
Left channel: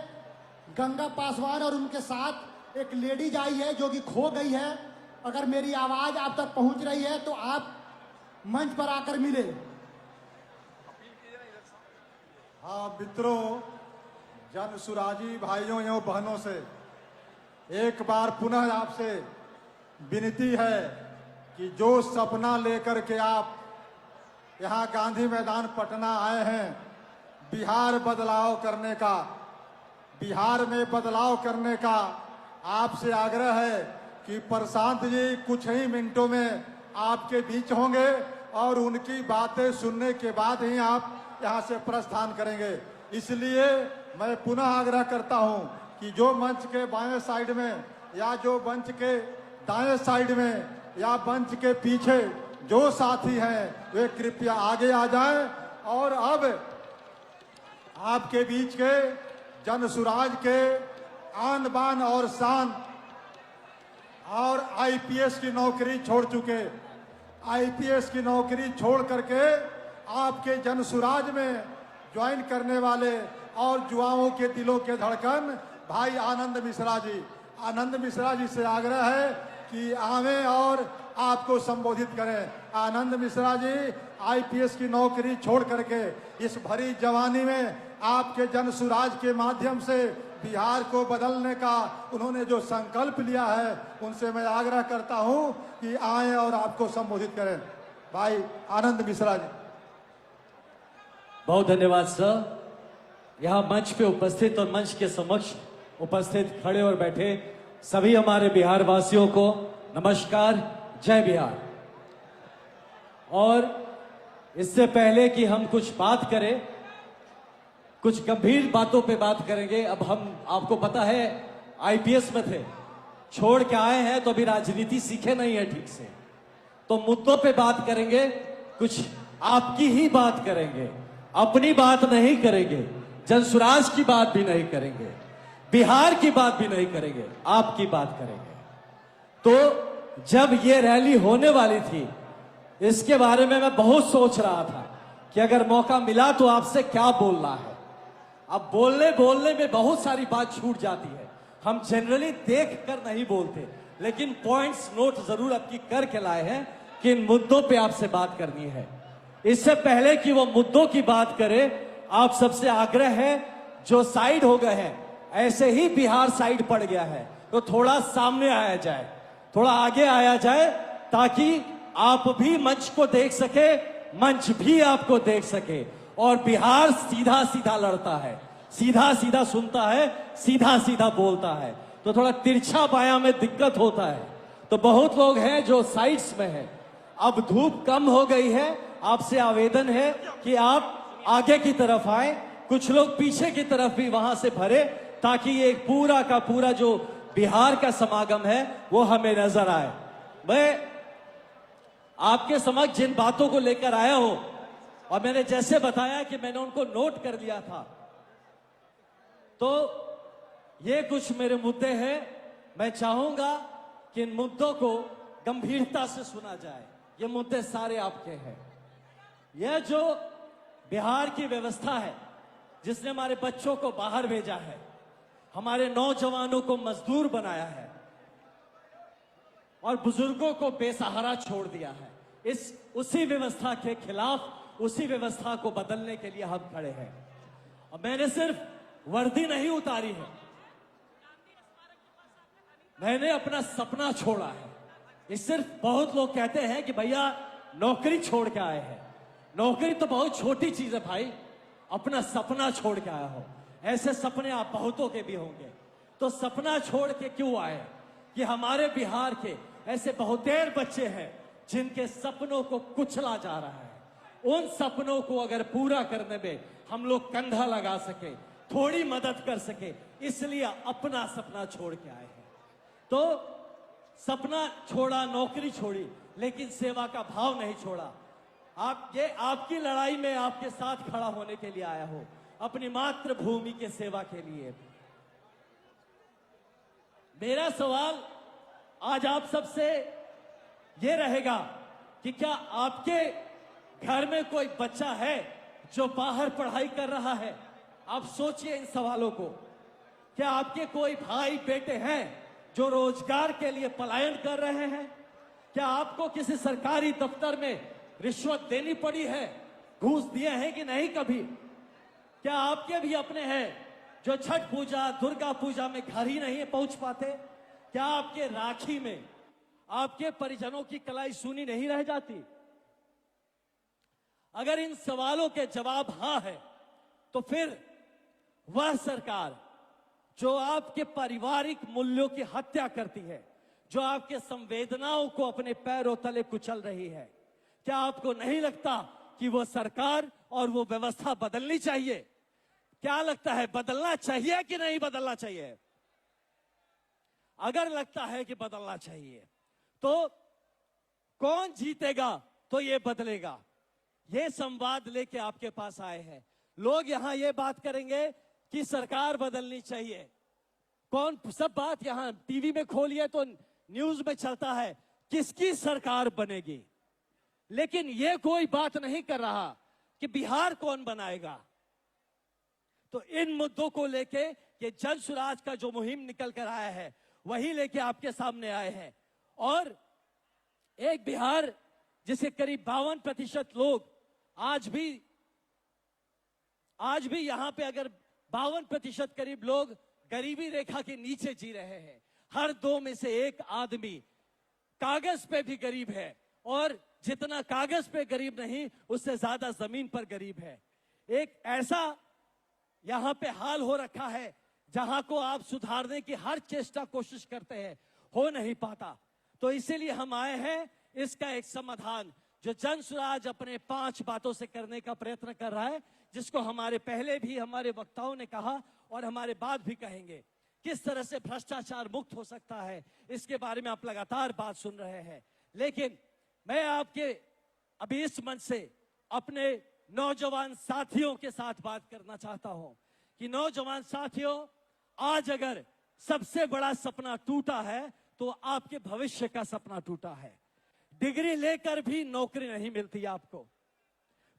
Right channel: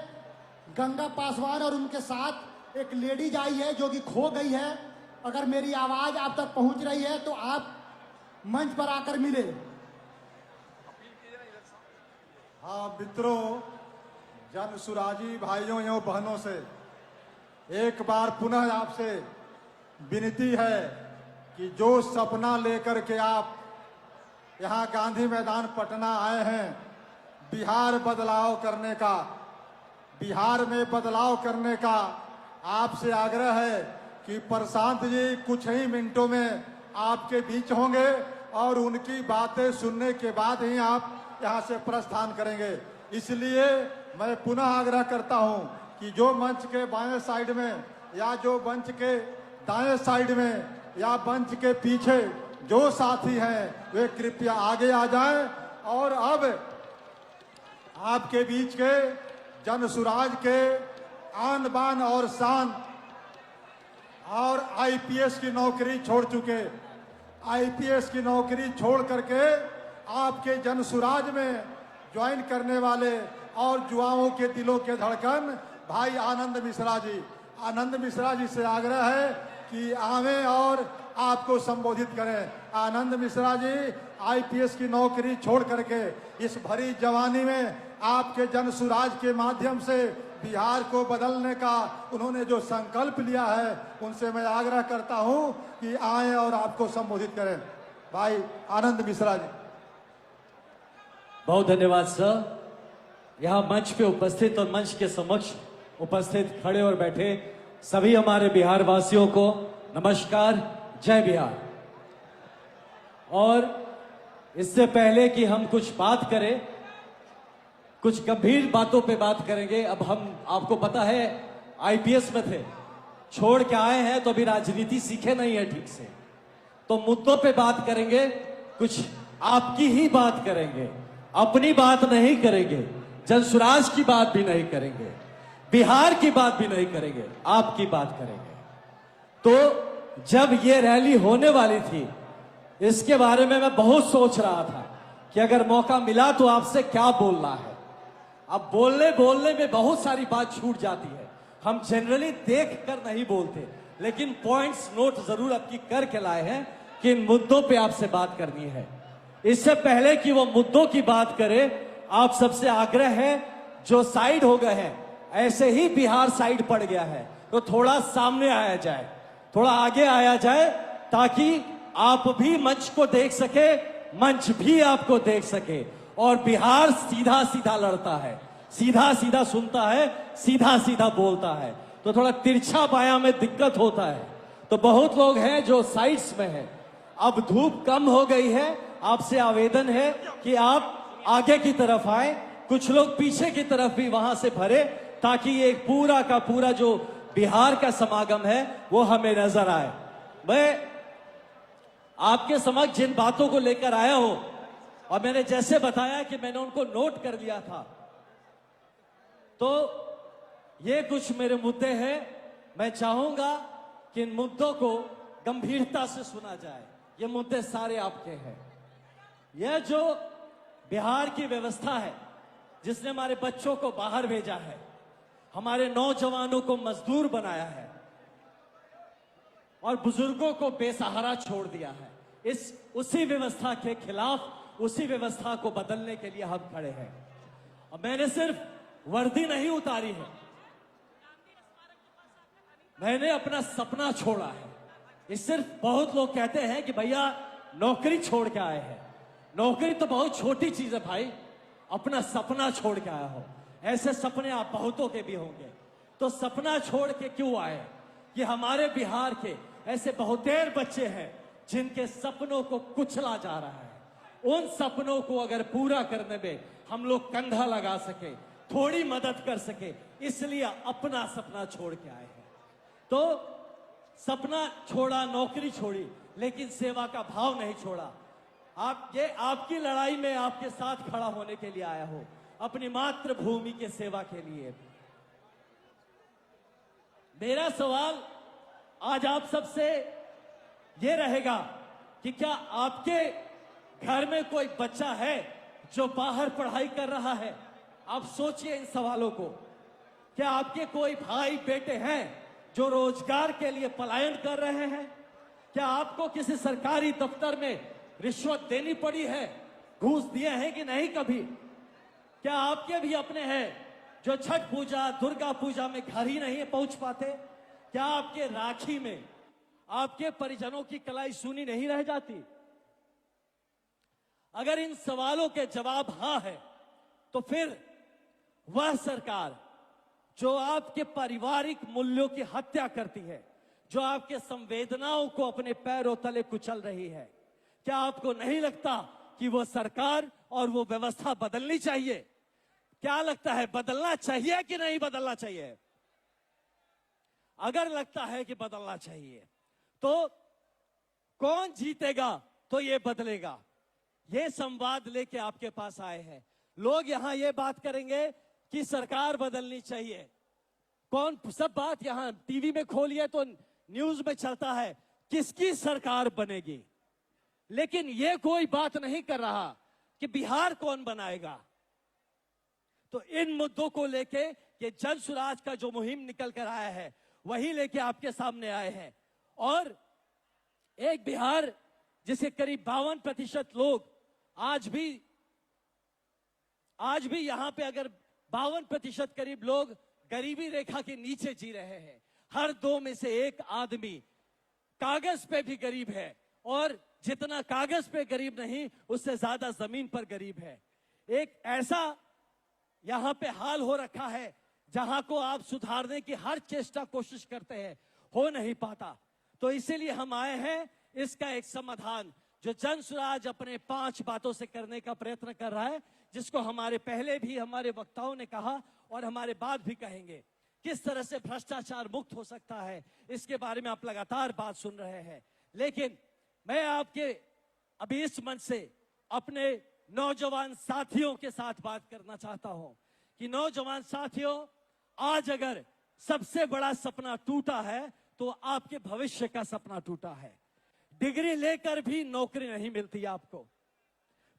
गंगा पासवान, और उनके साथ एक लेडीज आई है जो कि खो गई है। अगर मेरी आवाज आप तक पहुंच रही है तो आप मंच पर आकर मिले। हाँ मित्रों, जन सुराजी भाइयों एवं बहनों से एक बार पुनः आपसे विनती है कि जो सपना लेकर के आप यहाँ गांधी मैदान पटना आए हैं, बिहार बदलाव करने का, बिहार में बदलाव करने का, आपसे आग्रह है कि प्रशांत जी कुछ ही मिनटों में आपके बीच होंगे और उनकी बातें सुनने के बाद ही आप यहाँ से प्रस्थान करेंगे। इसलिए मैं पुनः आग्रह करता हूँ कि जो मंच के बाएं साइड में या जो मंच के दाएं साइड में या मंच के पीछे जो साथी हैं, वे कृपया आगे आ जाएं। और अब आपके बीच के जन सुराज के आन बान और शान और आईपीएस की नौकरी छोड़ चुके, आईपीएस की नौकरी छोड़ करके आपके जन सुराज में ज्वाइन करने वाले और युवाओं के दिलों के धड़कन भाई आनंद मिश्रा जी, आनंद मिश्रा जी से आग्रह है कि आवे और आपको संबोधित करें। आनंद मिश्रा जी आईपीएस की नौकरी छोड़ करके इस भरी जवानी में आपके जन सुराज के माध्यम से बिहार को बदलने का उन्होंने जो संकल्प लिया है, उनसे मैं आग्रह करता हूं कि आए और आपको संबोधित करें। भाई आनंद मिश्रा जी। बहुत धन्यवाद सर। यहाँ मंच पे उपस्थित और मंच के समक्ष उपस्थित खड़े और बैठे सभी हमारे बिहार वासियों को नमस्कार, जय बिहार। और इससे पहले कि हम कुछ बात करें, कुछ गंभीर बातों पे बात करेंगे। अब हम, आपको पता है, आईपीएस में थे, छोड़ के आए हैं तो अभी राजनीति सीखे नहीं है ठीक से, तो मुद्दों पे बात करेंगे, कुछ आपकी ही बात करेंगे, अपनी बात नहीं करेंगे, जनसुराज की बात भी नहीं करेंगे, बिहार की बात भी नहीं करेंगे, आपकी बात करेंगे। तो जब ये रैली होने वाली थी, इसके बारे में मैं बहुत सोच रहा था कि अगर मौका मिला तो आपसे क्या बोलना है। अब बोलने बोलने में बहुत सारी बात छूट जाती है, हम जनरली देख कर नहीं बोलते, लेकिन पॉइंट्स नोट जरूर आपकी करके लाए हैं कि इन मुद्दों पे आपसे बात करनी है। इससे पहले कि वो मुद्दों की बात करें, आप सबसे आग्रह है, जो साइड हो गए हैं, ऐसे ही बिहार साइड पड़ गया है, तो थोड़ा सामने आया जाए, थोड़ा आगे आया जाए, ताकि आप भी मंच को देख सके, मंच भी आपको देख सके। और बिहार सीधा सीधा लड़ता है, सीधा सीधा सुनता है, सीधा सीधा बोलता है, तो थोड़ा तिरछा बाया में दिक्कत होता है। तो बहुत लोग हैं जो साइड्स में हैं। अब धूप कम हो गई है, आपसे आवेदन है कि आप आगे की तरफ आए, कुछ लोग पीछे की तरफ भी वहां से भरे, ताकि ये पूरा का पूरा जो बिहार का समागम है वो हमें नजर आए। मैं आपके समक्ष जिन बातों को लेकर आया हूं, और मैंने जैसे बताया कि मैंने उनको नोट कर लिया था, तो ये कुछ मेरे मुद्दे हैं। मैं चाहूंगा कि इन मुद्दों को गंभीरता से सुना जाए, ये मुद्दे सारे आपके हैं। यह जो बिहार की व्यवस्था है जिसने हमारे बच्चों को बाहर भेजा है, हमारे नौजवानों को मजदूर बनाया है और बुजुर्गों को बेसहारा छोड़ दिया है, उसी व्यवस्था के खिलाफ, उसी व्यवस्था को बदलने के लिए हम खड़े हैं। और मैंने सिर्फ वर्दी नहीं उतारी है, मैंने अपना सपना छोड़ा है। ये सिर्फ बहुत लोग कहते हैं कि भैया नौकरी छोड़ के आए हैं। नौकरी तो बहुत छोटी चीज है भाई, अपना सपना छोड़ के आया हो। ऐसे सपने आप बहुतों के भी होंगे। तो सपना छोड़ के क्यों आए? कि हमारे बिहार के ऐसे बहुतेर बच्चे हैं जिनके सपनों को कुचला जा रहा है। उन सपनों को अगर पूरा करने में हम लोग कंधा लगा सके, थोड़ी मदद कर सके, इसलिए अपना सपना छोड़ के आए हैं। तो सपना छोड़ा, नौकरी छोड़ी, लेकिन सेवा का भाव नहीं छोड़ा। आपकी लड़ाई में आपके साथ खड़ा होने के लिए आया हूं, अपनी मातृभूमि के सेवा के लिए। मेरा सवाल आज आप सबसे ये रहेगा कि क्या आपके घर में कोई बच्चा है जो बाहर पढ़ाई कर रहा है? आप सोचिए इन सवालों को। क्या आपके कोई भाई बेटे हैं जो रोजगार के लिए पलायन कर रहे हैं? क्या आपको किसी सरकारी दफ्तर में रिश्वत देनी पड़ी है? घूस दिए हैं कि नहीं कभी? क्या आपके भी अपने हैं जो छठ पूजा, दुर्गा पूजा में घर ही नहीं पहुंच पाते? क्या आपके राखी में आपके परिजनों की कलाई सुनी नहीं रह जाती? अगर इन सवालों के जवाब हां है, तो फिर वह सरकार जो आपके पारिवारिक मूल्यों की हत्या करती है, जो आपके संवेदनाओं को अपने पैरों तले कुचल रही है, क्या आपको नहीं लगता कि वो सरकार और वो व्यवस्था बदलनी चाहिए? क्या लगता है, बदलना चाहिए कि नहीं बदलना चाहिए? अगर लगता है कि बदलना चाहिए, तो कौन जीतेगा तो ये बदलेगा? ये संवाद लेके आपके पास आए हैं। लोग यहां ये बात करेंगे कि सरकार बदलनी चाहिए। कौन सब बात यहां टीवी में खोलिए तो न्यूज में चलता है किसकी सरकार बनेगी, लेकिन ये कोई बात नहीं कर रहा कि बिहार कौन बनाएगा। तो इन मुद्दों को लेके ये जन सुराज का जो मुहिम निकल कर आया है, वही लेके आपके सामने आए हैं। और एक बिहार जिसे करीब 52% लोग आज भी यहां पे अगर 52% करीब लोग गरीबी रेखा के नीचे जी रहे हैं। हर 2 में से 1 आदमी कागज पे भी गरीब है, और जितना कागज पे गरीब नहीं, उससे ज्यादा जमीन पर गरीब है। एक ऐसा यहां पे हाल हो रखा है जहां को आप सुधारने की हर चेष्टा कोशिश करते हैं, हो नहीं पाता। तो इसीलिए हम आए हैं इसका एक समाधान, जो जन सुराज अपने 5 बातों से करने का प्रयत्न कर रहा है, जिसको हमारे पहले भी हमारे वक्ताओं ने कहा और हमारे बाद भी कहेंगे। किस तरह से भ्रष्टाचार मुक्त हो सकता है, इसके बारे में आप लगातार बात सुन रहे हैं। लेकिन मैं आपके अभी इस मंच से अपने नौजवान साथियों के साथ बात करना चाहता हूं कि नौजवान साथियों, आज अगर सबसे बड़ा सपना टूटा है तो आपके भविष्य का सपना टूटा है। डिग्री लेकर भी नौकरी नहीं मिलती आपको,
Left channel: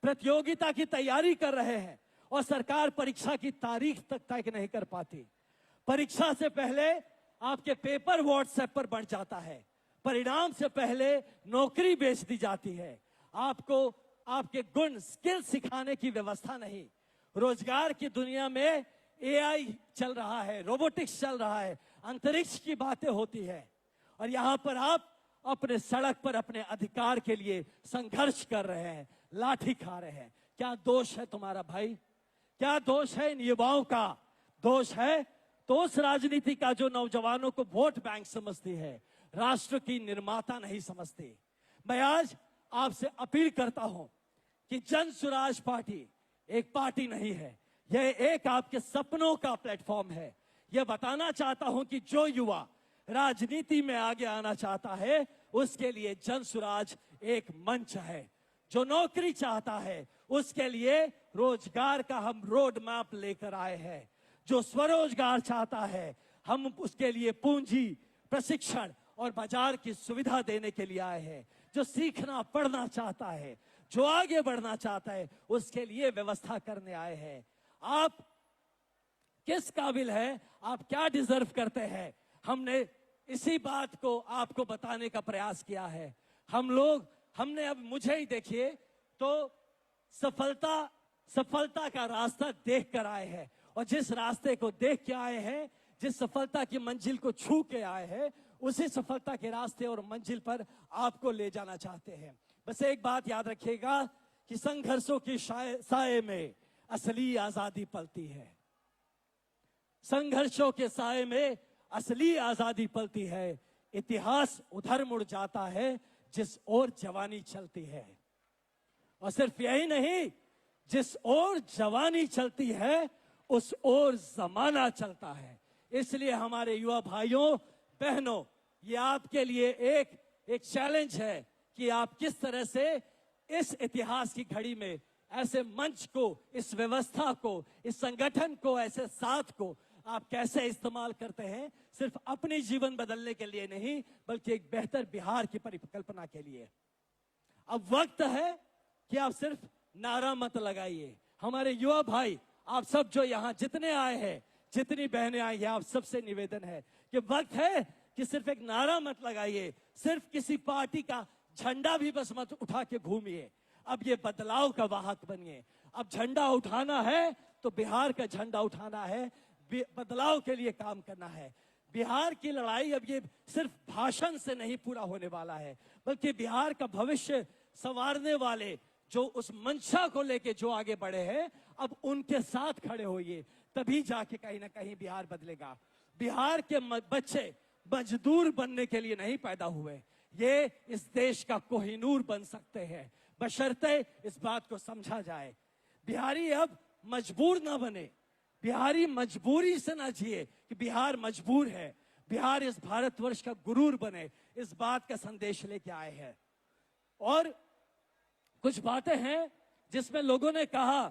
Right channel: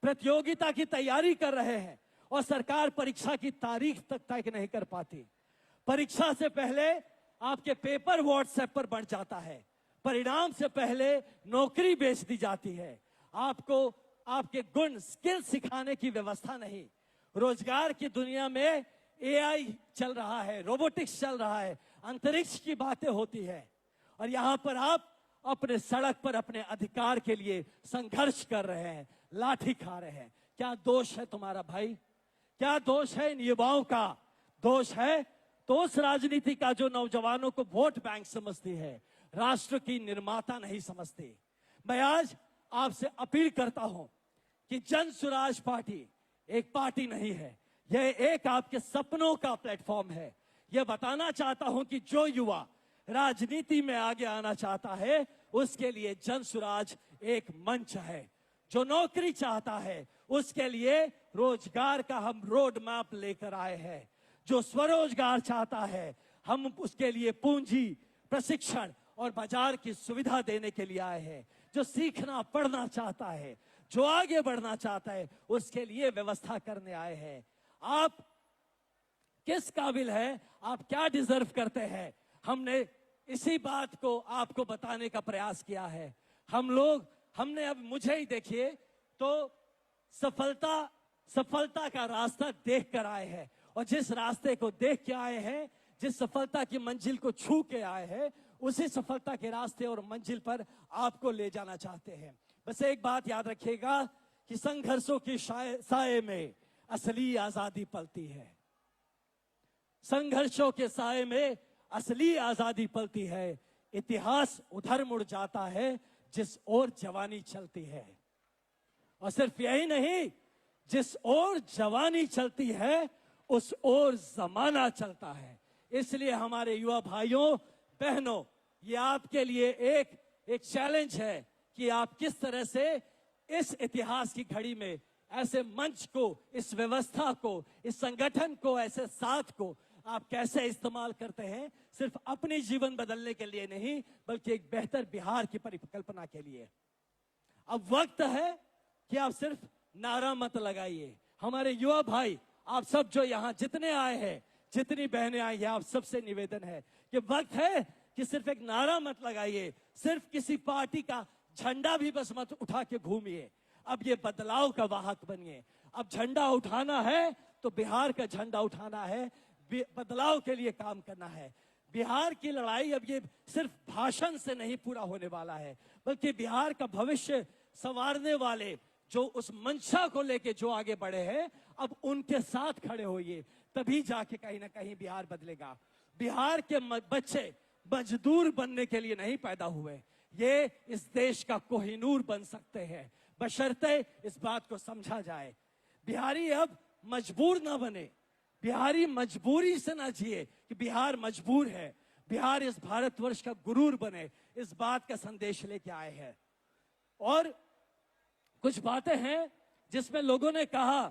प्रतियोगिता की तैयारी कर रहे हैं और सरकार परीक्षा की तारीख तक तय नहीं कर पाती। परीक्षा से पहले आपके पेपर व्हाट्सएप पर बढ़ जाता है, परिणाम से पहले नौकरी बेच दी जाती है। आपको आपके गुण, स्किल सिखाने की व्यवस्था नहीं। रोजगार की दुनिया में एआई चल रहा है, रोबोटिक्स चल रहा है, अंतरिक्ष की बातें होती है, और यहां पर आप अपने सड़क पर अपने अधिकार के लिए संघर्ष कर रहे हैं, लाठी खा रहे हैं। क्या दोष है तुम्हारा भाई? क्या दोष है इन युवाओं का? दोष है तो उस राजनीति का जो नौजवानों को वोट बैंक समझती है, राष्ट्र की निर्माता नहीं समझती। मैं आज आपसे अपील करता हूं कि जन सुराज पार्टी एक पार्टी नहीं है, यह एक आपके सपनों का प्लेटफॉर्म है। यह बताना चाहता हूं कि जो युवा राजनीति में आगे आना चाहता है, उसके लिए जन सुराज एक मंच है। जो नौकरी चाहता है, उसके लिए रोजगार का हम रोड मैप लेकर आए हैं। जो स्वरोजगार चाहता है, हम उसके लिए पूंजी, प्रशिक्षण और बाजार की सुविधा देने के लिए आए हैं। जो सीखना पढ़ना चाहता है, जो आगे बढ़ना चाहता है, उसके लिए व्यवस्था करने आए हैं। आप किस काबिल है, आप क्या डिजर्व करते हैं, हमने इसी बात को आपको बताने का प्रयास किया है। हमने अब मुझे ही देखिए तो सफलता का रास्ता देख कर आए हैं, और जिस रास्ते को देख के आए हैं, जिस सफलता की मंजिल को छू के आए हैं, उसी सफलता के रास्ते और मंजिल पर आपको ले जाना चाहते हैं। बस एक बात याद रखिएगा कि संघर्षों की साए में असली आजादी पलती है। संघर्षों के साए में असली आजादी पलती है। इतिहास उधर मुड़ जाता है जिस ओर जवानी चलती है, और सिर्फ यही नहीं, जिस ओर जवानी चलती है उस ओर जमाना चलता है। इसलिए हमारे युवा भाइयों बहनों, ये आपके लिए एक चैलेंज है कि आप किस तरह से इस इतिहास की घड़ी में ऐसे मंच को, इस व्यवस्था को, इस संगठन को, ऐसे साथ को आप कैसे इस्तेमाल करते हैं, सिर्फ अपनी जीवन बदलने के लिए नहीं, बल्कि एक बेहतर बिहार की परिकल्पना के लिए। अब वक्त है कि आप सिर्फ नारा मत लगाइए। हमारे युवा भाई, आप सब जो यहाँ जितने आए हैं, जितनी बहनें आई हैं, आप सबसे निवेदन है कि वक्त है कि सिर्फ एक नारा मत लगाइए, सिर्फ किसी पार्टी का झंडा भी बस मत उठा के घूमिए। अब ये बदलाव का वाहक बनिए। अब झंडा उठाना है तो बिहार का झंडा उठाना है, बदलाव के लिए काम करना है। बिहार की लड़ाई अब ये सिर्फ भाषण से नहीं पूरा होने वाला है, बल्कि बिहार का भविष्य संवारने वाले जो उस मंशा को लेके जो आगे बढ़े हैं, अब उनके साथ खड़े होइए, तभी जाके कहीं ना कहीं बिहार बदलेगा। बिहार के बच्चे मजदूर बनने के लिए नहीं पैदा हुए, ये इस देश का कोहिनूर बन सकते हैं, बशर्ते इस बात को समझा जाए। बिहारी अब मजबूर ना बने, बिहारी मजबूरी से ना जिए कि बिहार मजबूर है। बिहार इस भारतवर्ष का गुरूर बने, इस बात का संदेश लेके आए हैं। और कुछ बातें हैं जिसमें लोगों ने कहा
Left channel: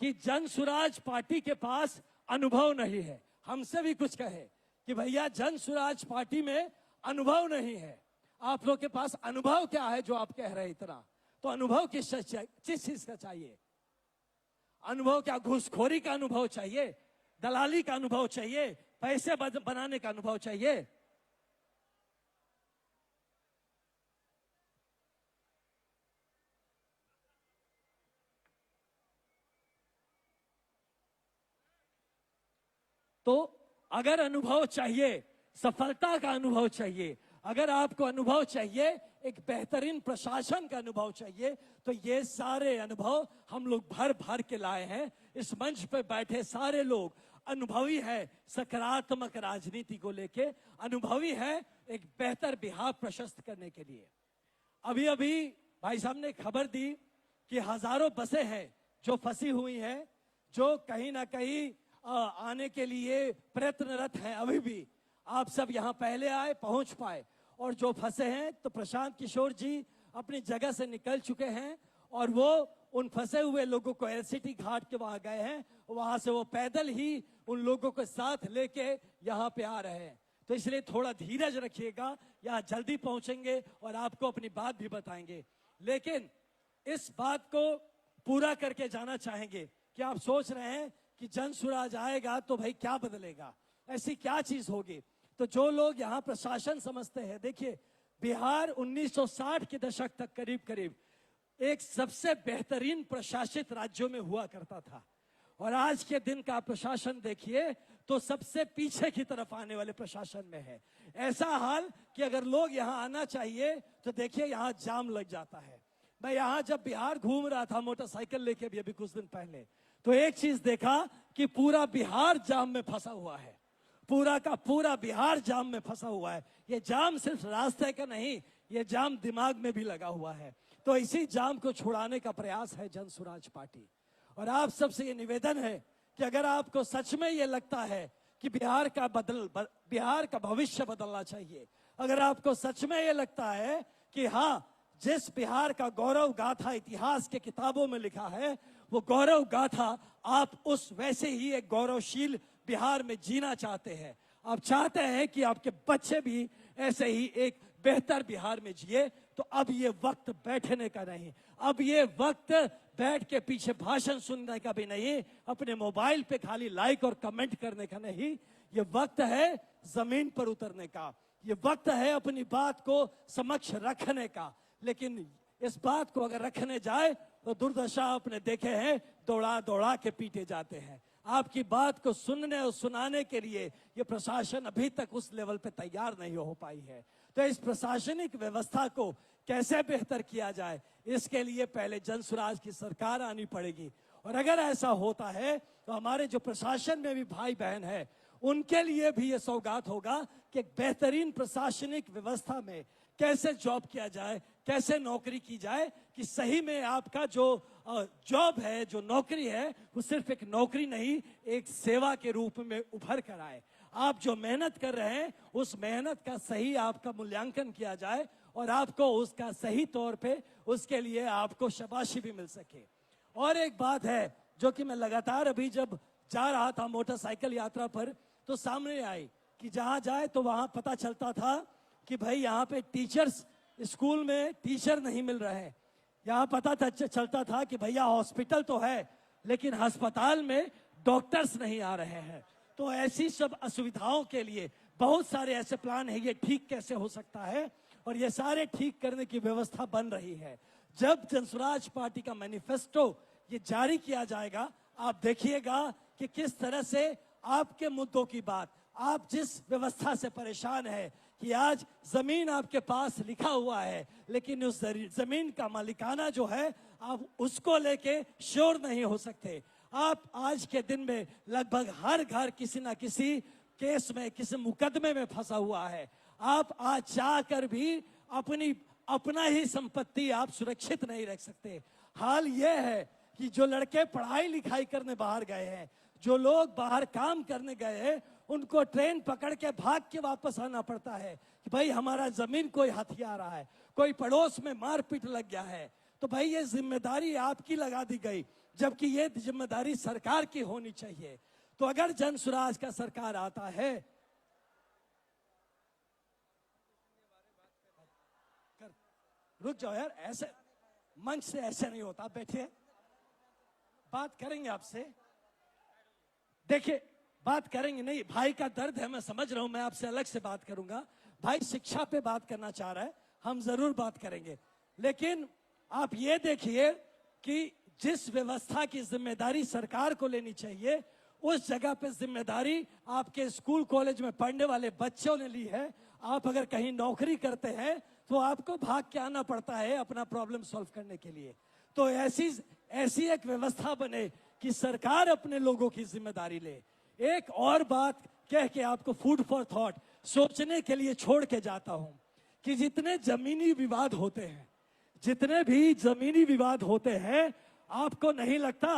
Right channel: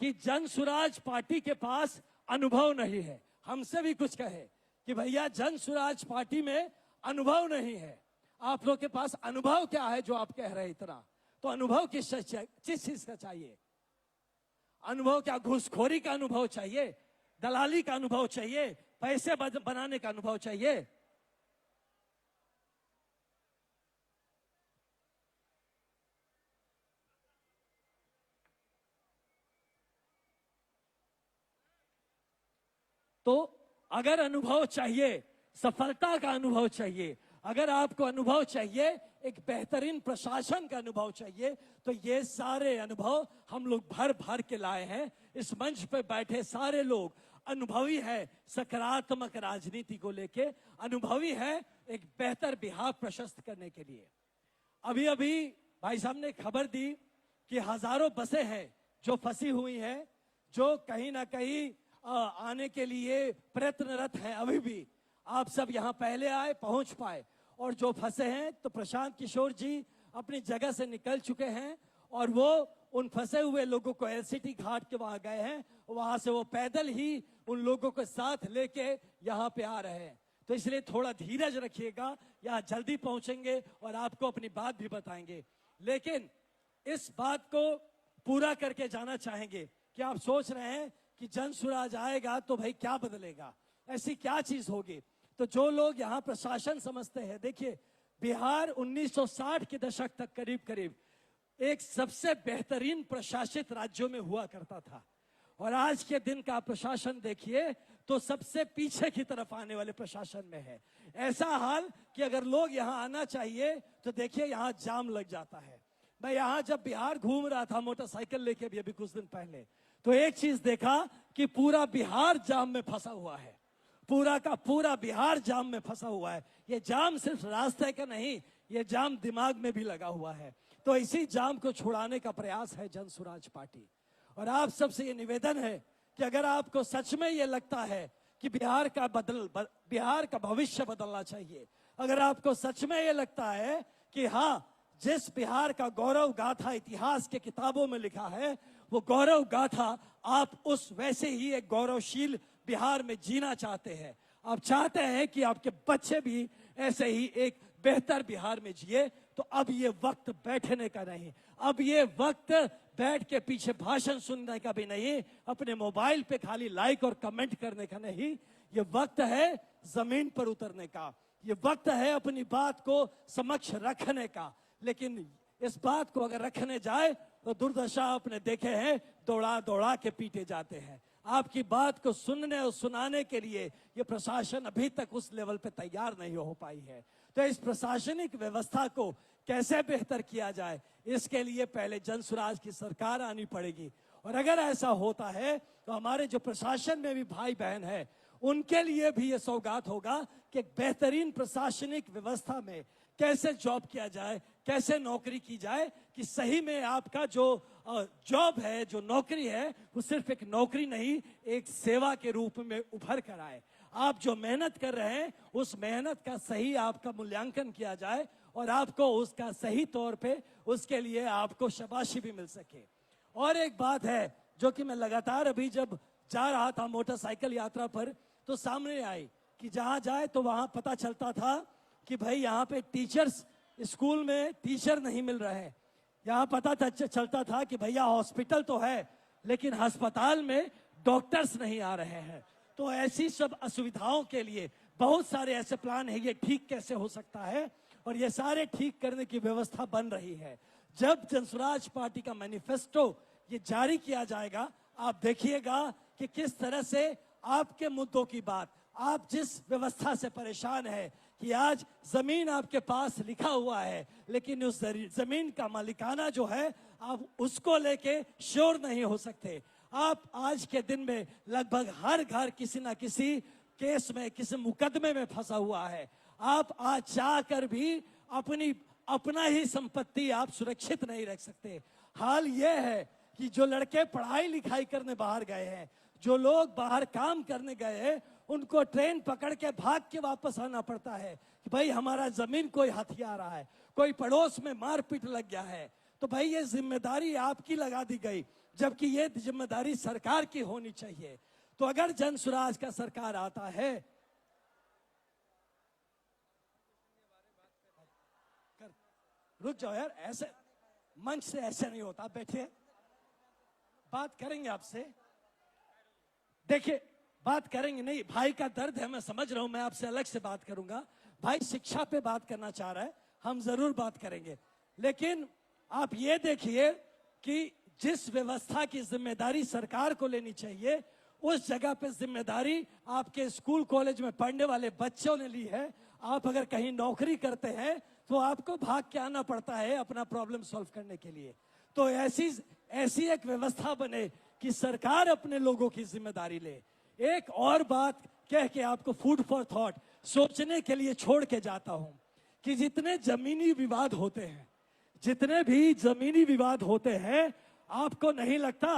कि जन सुराज पार्टी के पास अनुभव नहीं है। हमसे भी कुछ कहे कि भैया जन सुराज पार्टी में अनुभव नहीं है। आप लोग के पास अनुभव क्या है जो आप कह रहे हैं इतना? तो अनुभव किस चीज का चाहिए? अनुभव क्या घूसखोरी का अनुभव चाहिए, दलाली का अनुभव चाहिए, पैसे बनाने का अनुभव चाहिए? तो अगर अनुभव चाहिए, सफलता का अनुभव चाहिए, अगर आपको अनुभव चाहिए, एक बेहतरीन प्रशासन का अनुभव चाहिए, तो ये सारे अनुभव हम लोग भर भर के लाए हैं। इस मंच पे बैठे सारे लोग अनुभवी है, सकारात्मक राजनीति को लेके अनुभवी है, एक बेहतर बिहार प्रशस्त करने के लिए। अभी अभी भाई साहब ने खबर दी कि हजारों बसें हैं जो फंसी हुई हैं, जो कहीं ना कहीं आने के लिए प्रयत्नरत है। अभी भी आप सब यहाँ पहले आए, पहुंच पाए, और जो फंसे हैं तो प्रशांत किशोर जी अपनी जगह से निकल चुके हैं, और वो उन फंसे हुए लोगों को एलसीटी घाट के वहां गए हैं, वहां से वो पैदल ही उन लोगों को साथ लेके यहाँ पे आ रहे हैं। तो इसलिए थोड़ा धीरज रखिएगा, यहाँ जल्दी पहुंचेंगे और आपको अपनी बात भी बताएंगे। लेकिन इस बात को पूरा करके जाना चाहेंगे कि आप सोच रहे हैं कि जन सुराज आएगा तो भाई क्या बदलेगा, ऐसी क्या चीज होगी? तो जो लोग यहाँ प्रशासन समझते हैं, देखिए बिहार 1960 के दशक तक करीब करीब एक सबसे बेहतरीन प्रशासित राज्यों में हुआ करता था, और आज के दिन का प्रशासन देखिए तो सबसे पीछे की तरफ आने वाले प्रशासन में है। ऐसा हाल कि अगर लोग यहाँ आना चाहिए तो देखिए यहाँ जाम लग जाता है। मैं यहाँ जब बिहार घूम रहा था मोटरसाइकिल लेके भी अभी कुछ दिन पहले, तो एक चीज देखा कि पूरा बिहार जाम में फंसा हुआ है, पूरा का पूरा बिहार जाम में फंसा हुआ है। ये जाम सिर्फ रास्ते का नहीं, ये जाम दिमाग में भी लगा हुआ है। तो इसी जाम को छुड़ाने का प्रयास है जन सुराज पार्टी। और आप सबसे ये निवेदन है कि अगर आपको सच में ये लगता है कि बिहार का भविष्य बदलना चाहिए, अगर आपको सच में ये लगता है कि हाँ, जिस बिहार का गौरव गाथा इतिहास के किताबों में लिखा है, वो गौरव गाथा आप उस वैसे ही एक गौरवशील बिहार में जीना चाहते हैं, आप चाहते हैं कि आपके बच्चे भी ऐसे ही एक बेहतर बिहार में जिए। तो अब ये वक्त बैठने का नहीं, अब ये वक्त बैठ के पीछे भाषण सुनने का भी नहीं, अपने मोबाइल पे खाली लाइक और कमेंट करने का नहीं, ये वक्त है जमीन पर उतरने का, ये वक्त है अपनी बात को समक्ष रखने का। लेकिन इस बात को अगर रखने जाए तो दुर्दशा आपने देखे हैं, दौड़ा दौड़ा के पीटे जाते हैं। आपकी बात को सुनने और सुनाने के लिए ये प्रशासन अभी तक उस लेवल पे तैयार नहीं हो पाई है। तो इस प्रशासनिक व्यवस्था को कैसे बेहतर किया जाए, इसके लिए पहले जनसुराज की सरकार आनी पड़ेगी। और अगर ऐसा होता है तो हमारे जो प्रशासन में भी भाई बहन है, उनके लिए भी ये सौगात होगा कि बेहतरीन प्रशासनिक व्यवस्था में कैसे जॉब किया जाए, कैसे नौकरी की जाए, कि सही में आपका जो जॉब है, जो नौकरी है, वो सिर्फ एक नौकरी नहीं, एक सेवा के रूप में उभर कर आए। आप जो मेहनत कर रहे हैं, उस मेहनत का सही आपका मूल्यांकन किया जाए और आपको उसका सही तौर पे उसके लिए आपको शाबाशी भी मिल सके। और एक बात है जो कि मैं लगातार अभी जब जा रहा था मोटरसाइकिल यात्रा पर, तो सामने आई कि जहां जाए तो वहां पता चलता था कि भाई यहाँ पे टीचर्स, स्कूल में टीचर नहीं मिल रहे हैं। यहाँ पता चलता था कि भैया हॉस्पिटल तो है लेकिन अस्पताल में डॉक्टर्स नहीं आ रहे हैं। तो ऐसी सब असुविधाओं के लिए बहुत सारे ऐसे प्लान है, ये ठीक कैसे हो सकता है, और ये सारे ठीक करने की व्यवस्था बन रही है। जब जनसुराज पार्टी का मैनिफेस्टो ये जारी किया जाएगा, आप देखिएगा कि किस तरह से आपके मुद्दों की बात, आप जिस व्यवस्था से परेशान है कि आज जमीन आपके पास लिखा हुआ है लेकिन उस जमीन का मालिकाना जो है आप उसको लेके श्योर नहीं हो सकते। आप आज के दिन में लगभग हर घर किसी ना किसी केस में, किसी मुकदमे में फंसा हुआ है। आप आज चाहकर भी अपना ही संपत्ति आप सुरक्षित नहीं रख सकते। हाल यह है कि जो लड़के पढ़ाई लिखाई करने बाहर गए हैं, जो लोग बाहर काम करने गए हैं, उनको ट्रेन पकड़ के भाग के वापस आना पड़ता है कि भाई हमारा जमीन कोई हथिया रहा है, कोई पड़ोस में मारपीट लग गया है। तो भाई ये जिम्मेदारी आपकी लगा दी गई, जबकि ये जिम्मेदारी सरकार की होनी चाहिए। तो अगर जनसुराज का सरकार आता है, रुक जाओ यार, ऐसे मंच से ऐसे नहीं होता, बैठिए, बात करेंगे आपसे। देखिए बात करेंगे, नहीं भाई का दर्द है, मैं समझ रहा हूं, मैं आपसे अलग से बात करूंगा। भाई शिक्षा पे बात करना चाह रहा है, हम जरूर बात करेंगे। लेकिन आप ये देखिए कि जिस व्यवस्था की जिम्मेदारी सरकार को लेनी चाहिए, उस जगह पे जिम्मेदारी आपके स्कूल कॉलेज में पढ़ने वाले बच्चों ने ली है। आप अगर कहीं नौकरी करते हैं तो आपको भाग के आना पड़ता है अपना प्रॉब्लम सॉल्व करने के लिए। तो ऐसी एक व्यवस्था बने कि सरकार अपने लोगों की जिम्मेदारी ले। एक और बात कह के आपको फूड फॉर थॉट सोचने के लिए छोड़ के जाता हूं कि जितने जमीनी विवाद होते हैं, जितने भी जमीनी विवाद होते हैं, आपको नहीं लगता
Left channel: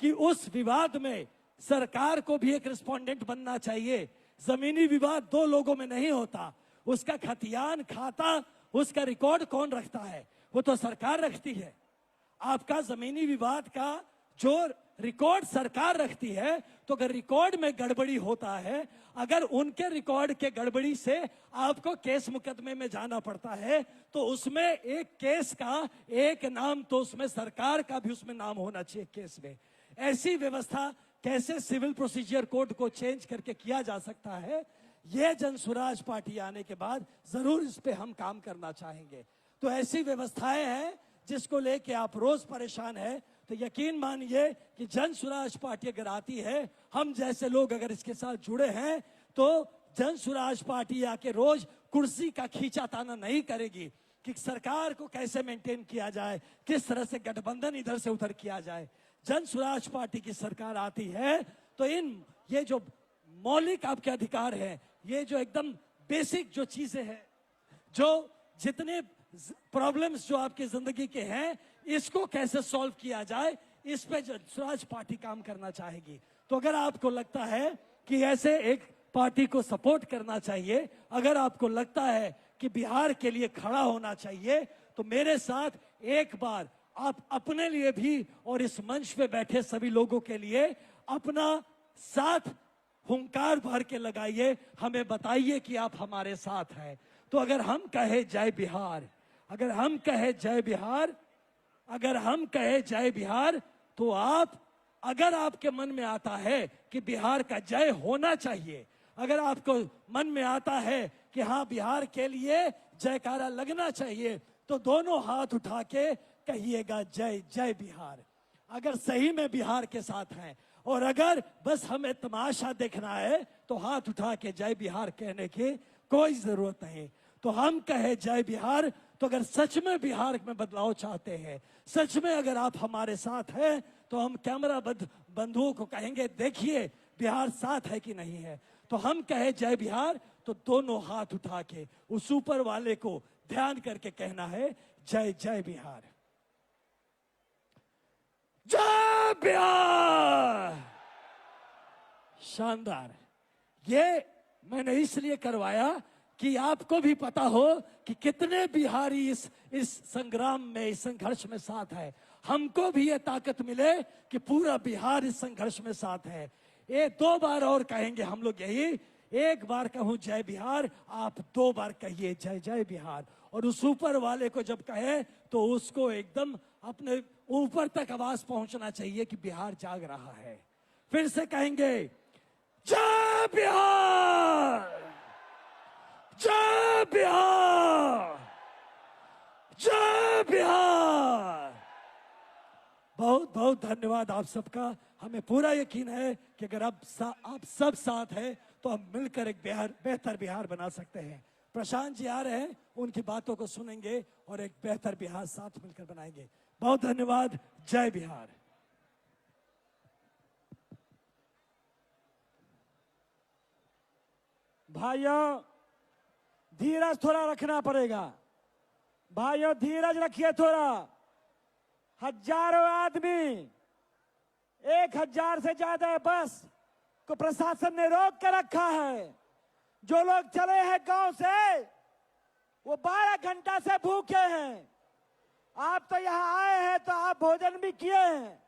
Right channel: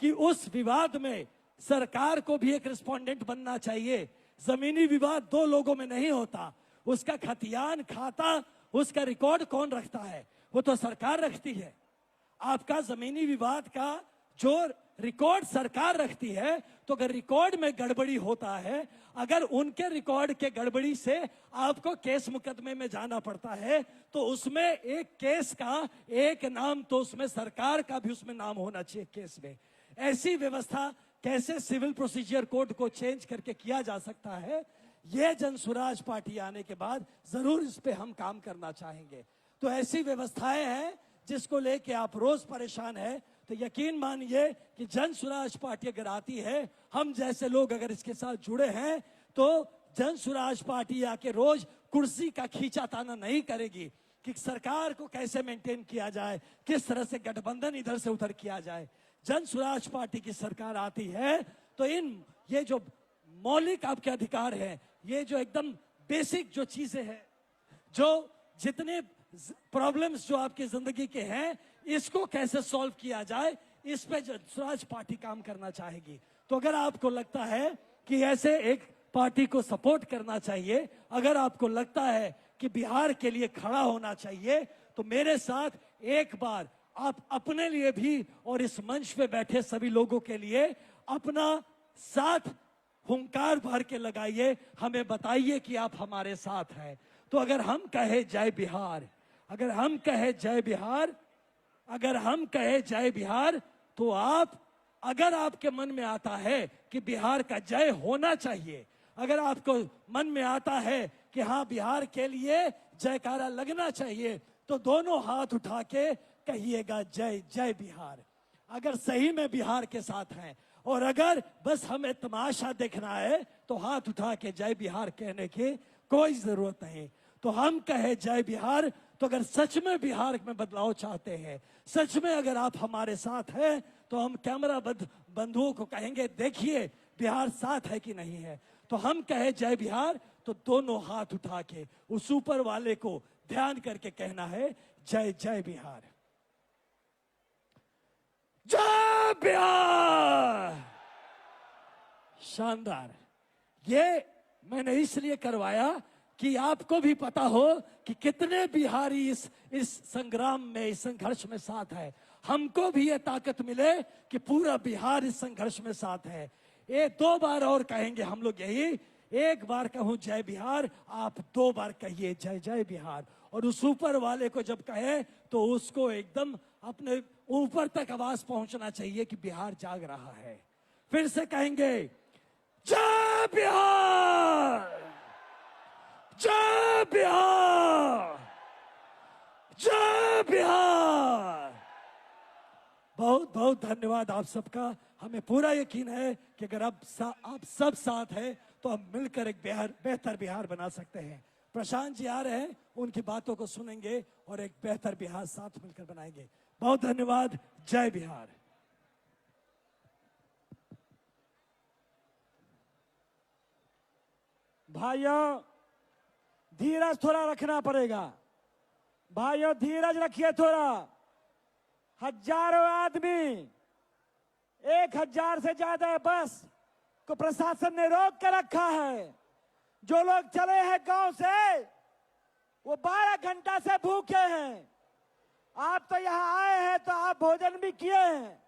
कि उस विवाद में सरकार को भी एक रिस्पोंडेंट बनना चाहिए? जमीनी विवाद दो लोगों में नहीं होता, उसका खतियान खाता, उसका रिकॉर्ड कौन रखता है? वो तो सरकार रखती है। आपका जमीनी विवाद का जो रिकॉर्ड सरकार रखती है, तो अगर रिकॉर्ड में गड़बड़ी होता है, अगर उनके रिकॉर्ड के गड़बड़ी से आपको केस मुकदमे में जाना पड़ता है, तो उसमें एक केस का एक नाम, तो उसमें सरकार का भी उसमें नाम होना चाहिए केस में। ऐसी व्यवस्था कैसे सिविल प्रोसीजर कोड को चेंज करके किया जा सकता है, यह जनसुराज पार्टी आने के बाद जरूर इस पे हम काम करना चाहेंगे। तो ऐसी व्यवस्थाएं हैं जिसको लेके आप रोज परेशान हैं, तो यकीन मानिए कि जनसुराज पार्टी अगर आती है, हम जैसे लोग अगर इसके साथ जुड़े हैं, तो जनसुराज पार्टी आके रोज कुर्सी का खींचाताना नहीं करेगी कि सरकार को कैसे मेंटेन किया जाए, किस तरह से गठबंधन इधर से उधर किया जाए। जनसुराज पार्टी की सरकार आती है तो ये जो मौलिक आपके अधिकार है, ये जो एकदम बेसिक जो चीजें हैं, जो जितने प्रॉब्लम्स जो आपकी जिंदगी के हैं, इसको कैसे सॉल्व किया जाए, इस पे जनसुराज पार्टी काम करना चाहेगी। तो अगर आपको लगता है कि ऐसे एक पार्टी को सपोर्ट करना चाहिए, अगर आपको लगता है कि बिहार के लिए खड़ा होना चाहिए, तो मेरे साथ एक बार आप अपने लिए भी और इस मंच पे बैठे सभी लोगों के लिए अपना साथ हुंकार भर के लगाइए, हमें बताइए कि आप हमारे साथ हैं। तो अगर हम कहे जय बिहार, अगर हम कहे जय बिहार, अगर हम कहे जय बिहार, तो आप, अगर आपके मन में आता है कि बिहार का जय होना चाहिए, अगर आपको मन में आता है कि हाँ बिहार के लिए जयकारा लगना चाहिए, तो दोनों हाथ उठा के कहिएगा जय जय बिहार। अगर सही में बिहार के साथ हैं, और अगर बस हमें तमाशा देखना है, तो हाथ उठा के जय बिहार कहने की कोई जरूरत नहीं। तो हम कहे जय बिहार, तो अगर सच में बिहार में बदलाव चाहते हैं, सच में अगर आप हमारे साथ हैं, तो हम कैमरा बंधुओं को कहेंगे देखिए बिहार साथ है कि नहीं है। तो हम कहे जय बिहार, तो दोनों हाथ उठा के उस ऊपर वाले को ध्यान करके कहना है जय जय बिहार, जय बिहार। शानदार। ये मैंने इसलिए करवाया कि आपको भी पता हो कि कितने बिहारी इस संग्राम में, इस संघर्ष में साथ है। हमको भी ये ताकत मिले कि पूरा बिहार इस संघर्ष में साथ है। ये 2 बार और कहेंगे हम लोग यही, 1 बार कहूं जय बिहार, आप 2 बार कहिए जय जय बिहार। और उस ऊपर वाले को जब कहे तो उसको एकदम अपने ऊपर तक आवाज पहुंचना चाहिए कि बिहार जाग रहा है। फिर से कहेंगे जय बिहार, जय बिहार, जय बिहार। बहुत बहुत धन्यवाद आप सबका। हमें पूरा यकीन है कि अगर आप सब साथ हैं तो हम मिलकर एक बेहतर बिहार बना सकते हैं। प्रशांत जी आ रहे हैं, उनकी बातों को सुनेंगे और एक बेहतर बिहार साथ मिलकर बनाएंगे। बहुत धन्यवाद। जय बिहार। भाइयों धीरज थोड़ा रखना पड़ेगा। भाइयों धीरज रखिए थोड़ा। हजारों आदमी, 1000 से ज्यादा बस को प्रशासन ने रोक कर रखा है। जो लोग चले हैं गांव से वो 12 घंटा से भूखे हैं। आप तो यहाँ आए हैं तो आप भोजन भी किए हैं,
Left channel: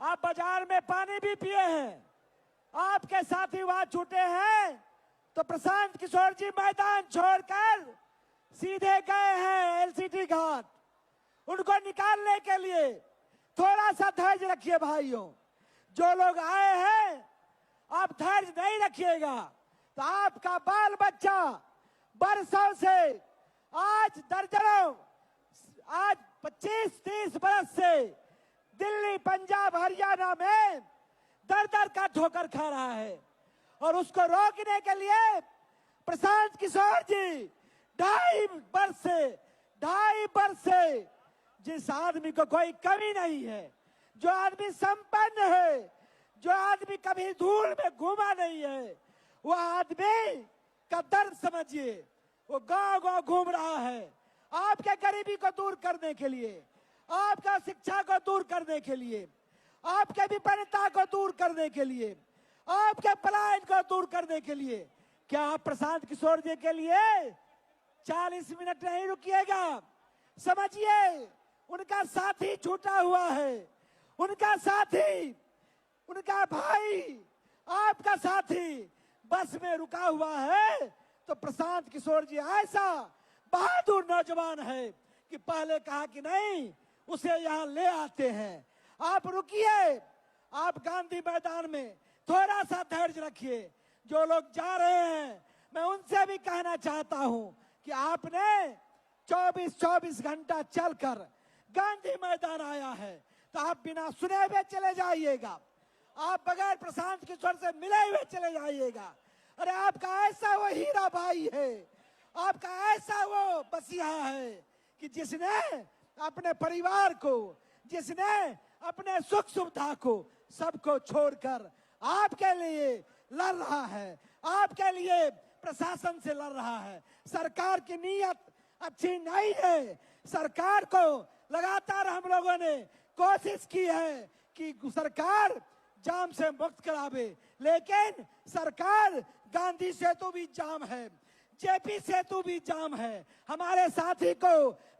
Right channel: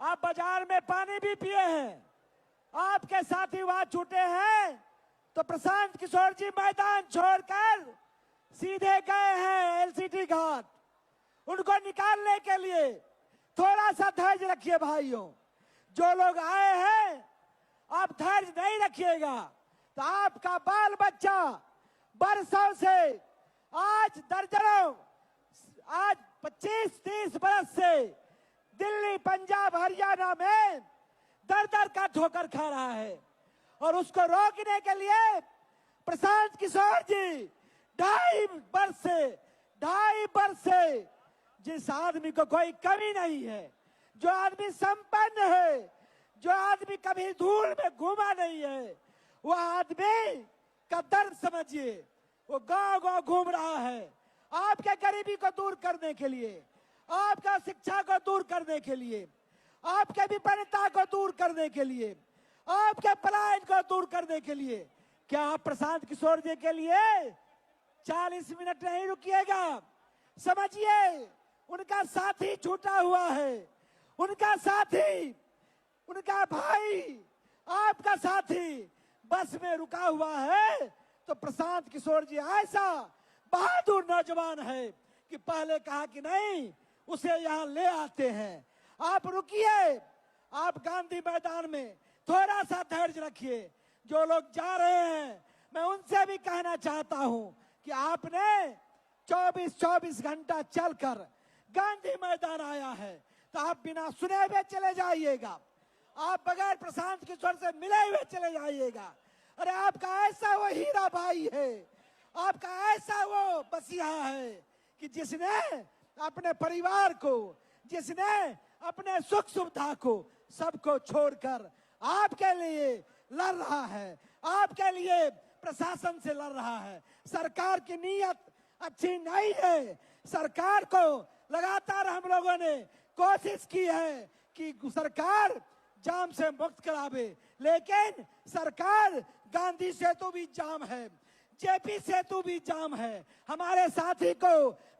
आप बाजार में पानी भी पिए हैं। आपके साथी वहां छूटे हैं तो प्रशांत किशोर जी मैदान छोड़कर सीधे गए हैं एलसीटी घाट। उनको निकालने के लिए थोड़ा सा धैर्य रखिए भाइयों। जो लोग आए हैं आप धैर्य नहीं रखिएगा तो आपका बाल बच्चा बरसों से, आज दर्जनों, आज 25-30 बरस से दिल्ली, पंजाब, हरियाणा में दर का ठोकर खा रहा है। और उसको रोकने के लिए प्रशांत किशोर जी 2.5 वर्ष से जिस आदमी को कोई कमी नहीं है, जो आदमी संपन्न है, जो आदमी कभी धूल में घूमा नहीं है, वो आदमी का दर्द समझिए। वो गांव घूम रहा है आपके गरीबी को दूर करने के लिए, आपका शिक्षा को दूर करने के लिए, आपके विपन्नता को दूर करने के लिए, आपके पलायन को दूर करने के लिए। क्या आप प्रशांत किशोर जी के लिए 40 मिनट नहीं रुकिएगा? समझिए उनका साथी छूटा हुआ है, उनका साथी, उनका भाई, आपका साथी बस में रुका हुआ है। तो प्रशांत किशोर जी ऐसा बहादुर नौजवान है कि पहले कहा कि नहीं, उसे यहाँ ले आते हैं। आप रुकिए, आप गांधी मैदान में थोड़ा सा धैर्य रखिए। जो लोग जा रहे हैं मैं उनसे भी कहना चाहता हूं कि आपने 24 घंटा चलकर गांधी मैदान आया है तो आप बिना सुने हुए चले जाइएगा, आप बगैर प्रशांत किशोर से मिले हुए चले जाइएगा। अरे आपका ऐसा वो हीरा भाई है, आपका ऐसा वो बसिया है कि जिसने अपने परिवार को, जिसने अपने सुख सुविधा को सबको छोड़कर आपके लिए लड़ रहा है, आपके लिए प्रशासन से लड़ रहा है। सरकार की नीयत अच्छी नहीं है। सरकार को लगातार हम लोगों ने कोशिश की है कि सरकार जाम से मुक्त करावे, लेकिन सरकार गांधी सेतु भी जाम है, जेपी सेतु भी जाम है। हमारे साथी को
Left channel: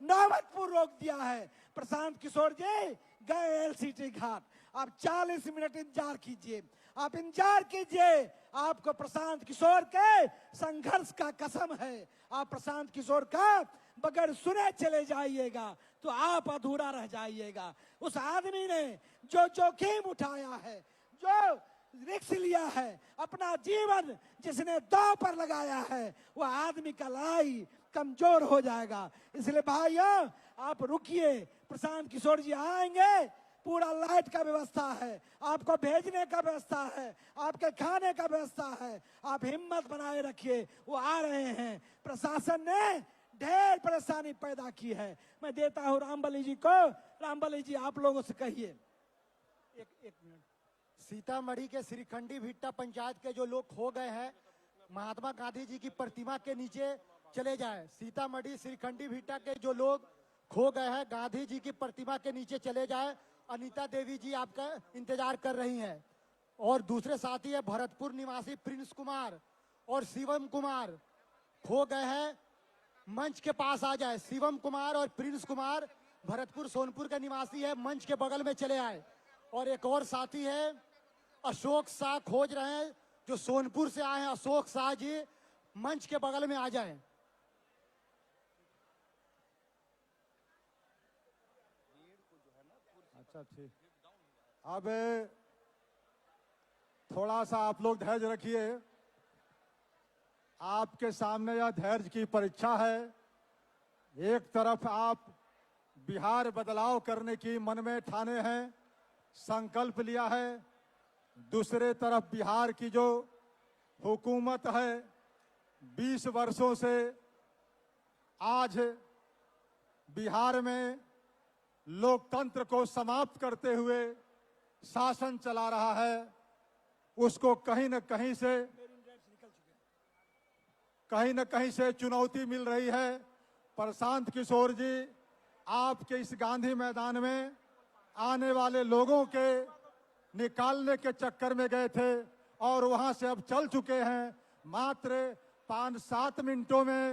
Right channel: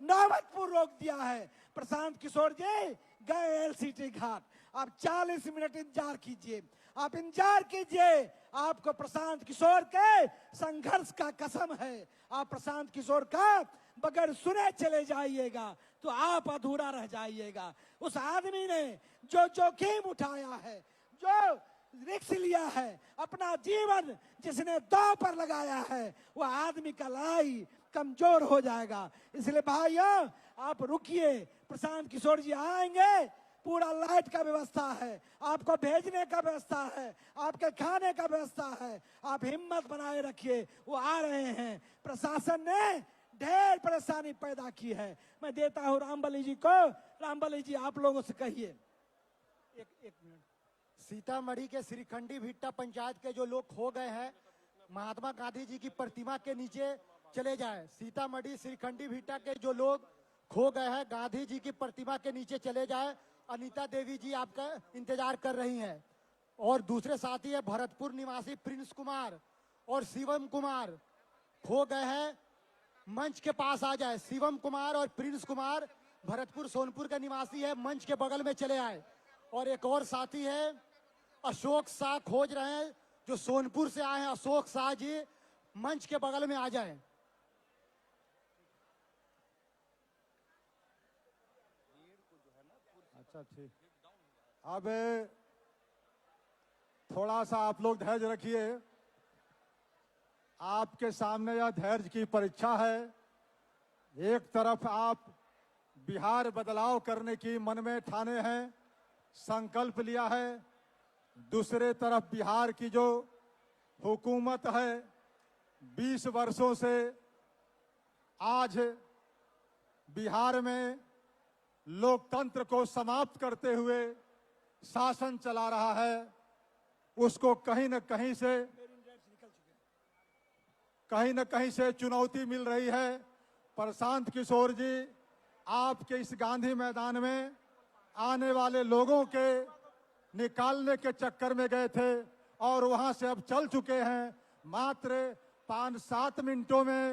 नौबतपुर रोक दिया है। प्रशांत किशोर जी गए एलसीटी घाट। आप 40 मिनट इंतजार कीजिए, आप इंतजार कीजिए। आपको प्रशांत किशोर के संघर्ष का कसम है। आप प्रशांत किशोर का बगैर सुने चले जाइएगा तो आप अधूरा रह जाइएगा। उस आदमी ने जो जोखिम उठाया है, जो रिस्क लिया है, अपना जीवन जिसने दांव पर लगाया है, वो आदमी का लड़ाई कमजोर हो जाएगा। इसलिए भाइयों आप रुकिए, प्रशांत किशोर जी आएंगे, पूरा लाइट का व्यवस्था है, आपको भेजने का व्यवस्था है, आपके खाने का व्यवस्था है। आप हिम्मत बनाए रखिए, वो आ रहे हैं। प्रशासन ने ढेर परेशानी पैदा की है। मैं देता हूँ रामबली जी को। रामबली जी आप लोगों से कहिए। एक मिनट। सीतामढ़ी के श्रीखंडी भिट्टा पंचायत के जो लोग खो गए हैं, महात्मा गांधी जी की प्रतिमा के नीचे चले जाएं। सीतामढ़ी श्रीखंडी भिट्टा के जो लोग खो गए हैं, गांधी जी की प्रतिमा के नीचे चले जाएं। अनीता देवी जी आपका इंतजार कर रही हैं। और दूसरे साथी है भरतपुर निवासी प्रिंस कुमार और शिवम कुमार खो गए हैं, मंच के पास आ जाए। शिवम कुमार और प्रिंस कुमार भरतपुर सोनपुर के निवासी है, मंच के बगल में चले आए। और एक और साथी है अशोक शाह खोज रहे हैं, जो सोनपुर से आए हैं। अशोक शाह जी मंच के बगल में आ जाएं। अच्छा ठीक। अब थोड़ा सा आप लोग धैर्य रखिए। आपके सामने यह धैर्य की परीक्षा है। एक तरफ आप बिहार बदलाव करने की मन में ठाने हैं, संकल्प लिया है। दूसरे तरफ बिहार की जो हुकूमत है, 20 वर्षों से आज बिहार में लोकतंत्र को समाप्त करते हुए शासन चला रहा है, उसको कहीं न कहीं से चुनौती मिल रही है। प्रशांत किशोर जी आपके इस गांधी मैदान में आने वाले लोगों के निकालने के चक्कर में गए थे और वहां से अब चल चुके हैं। मात्र 5-7 मिनटों में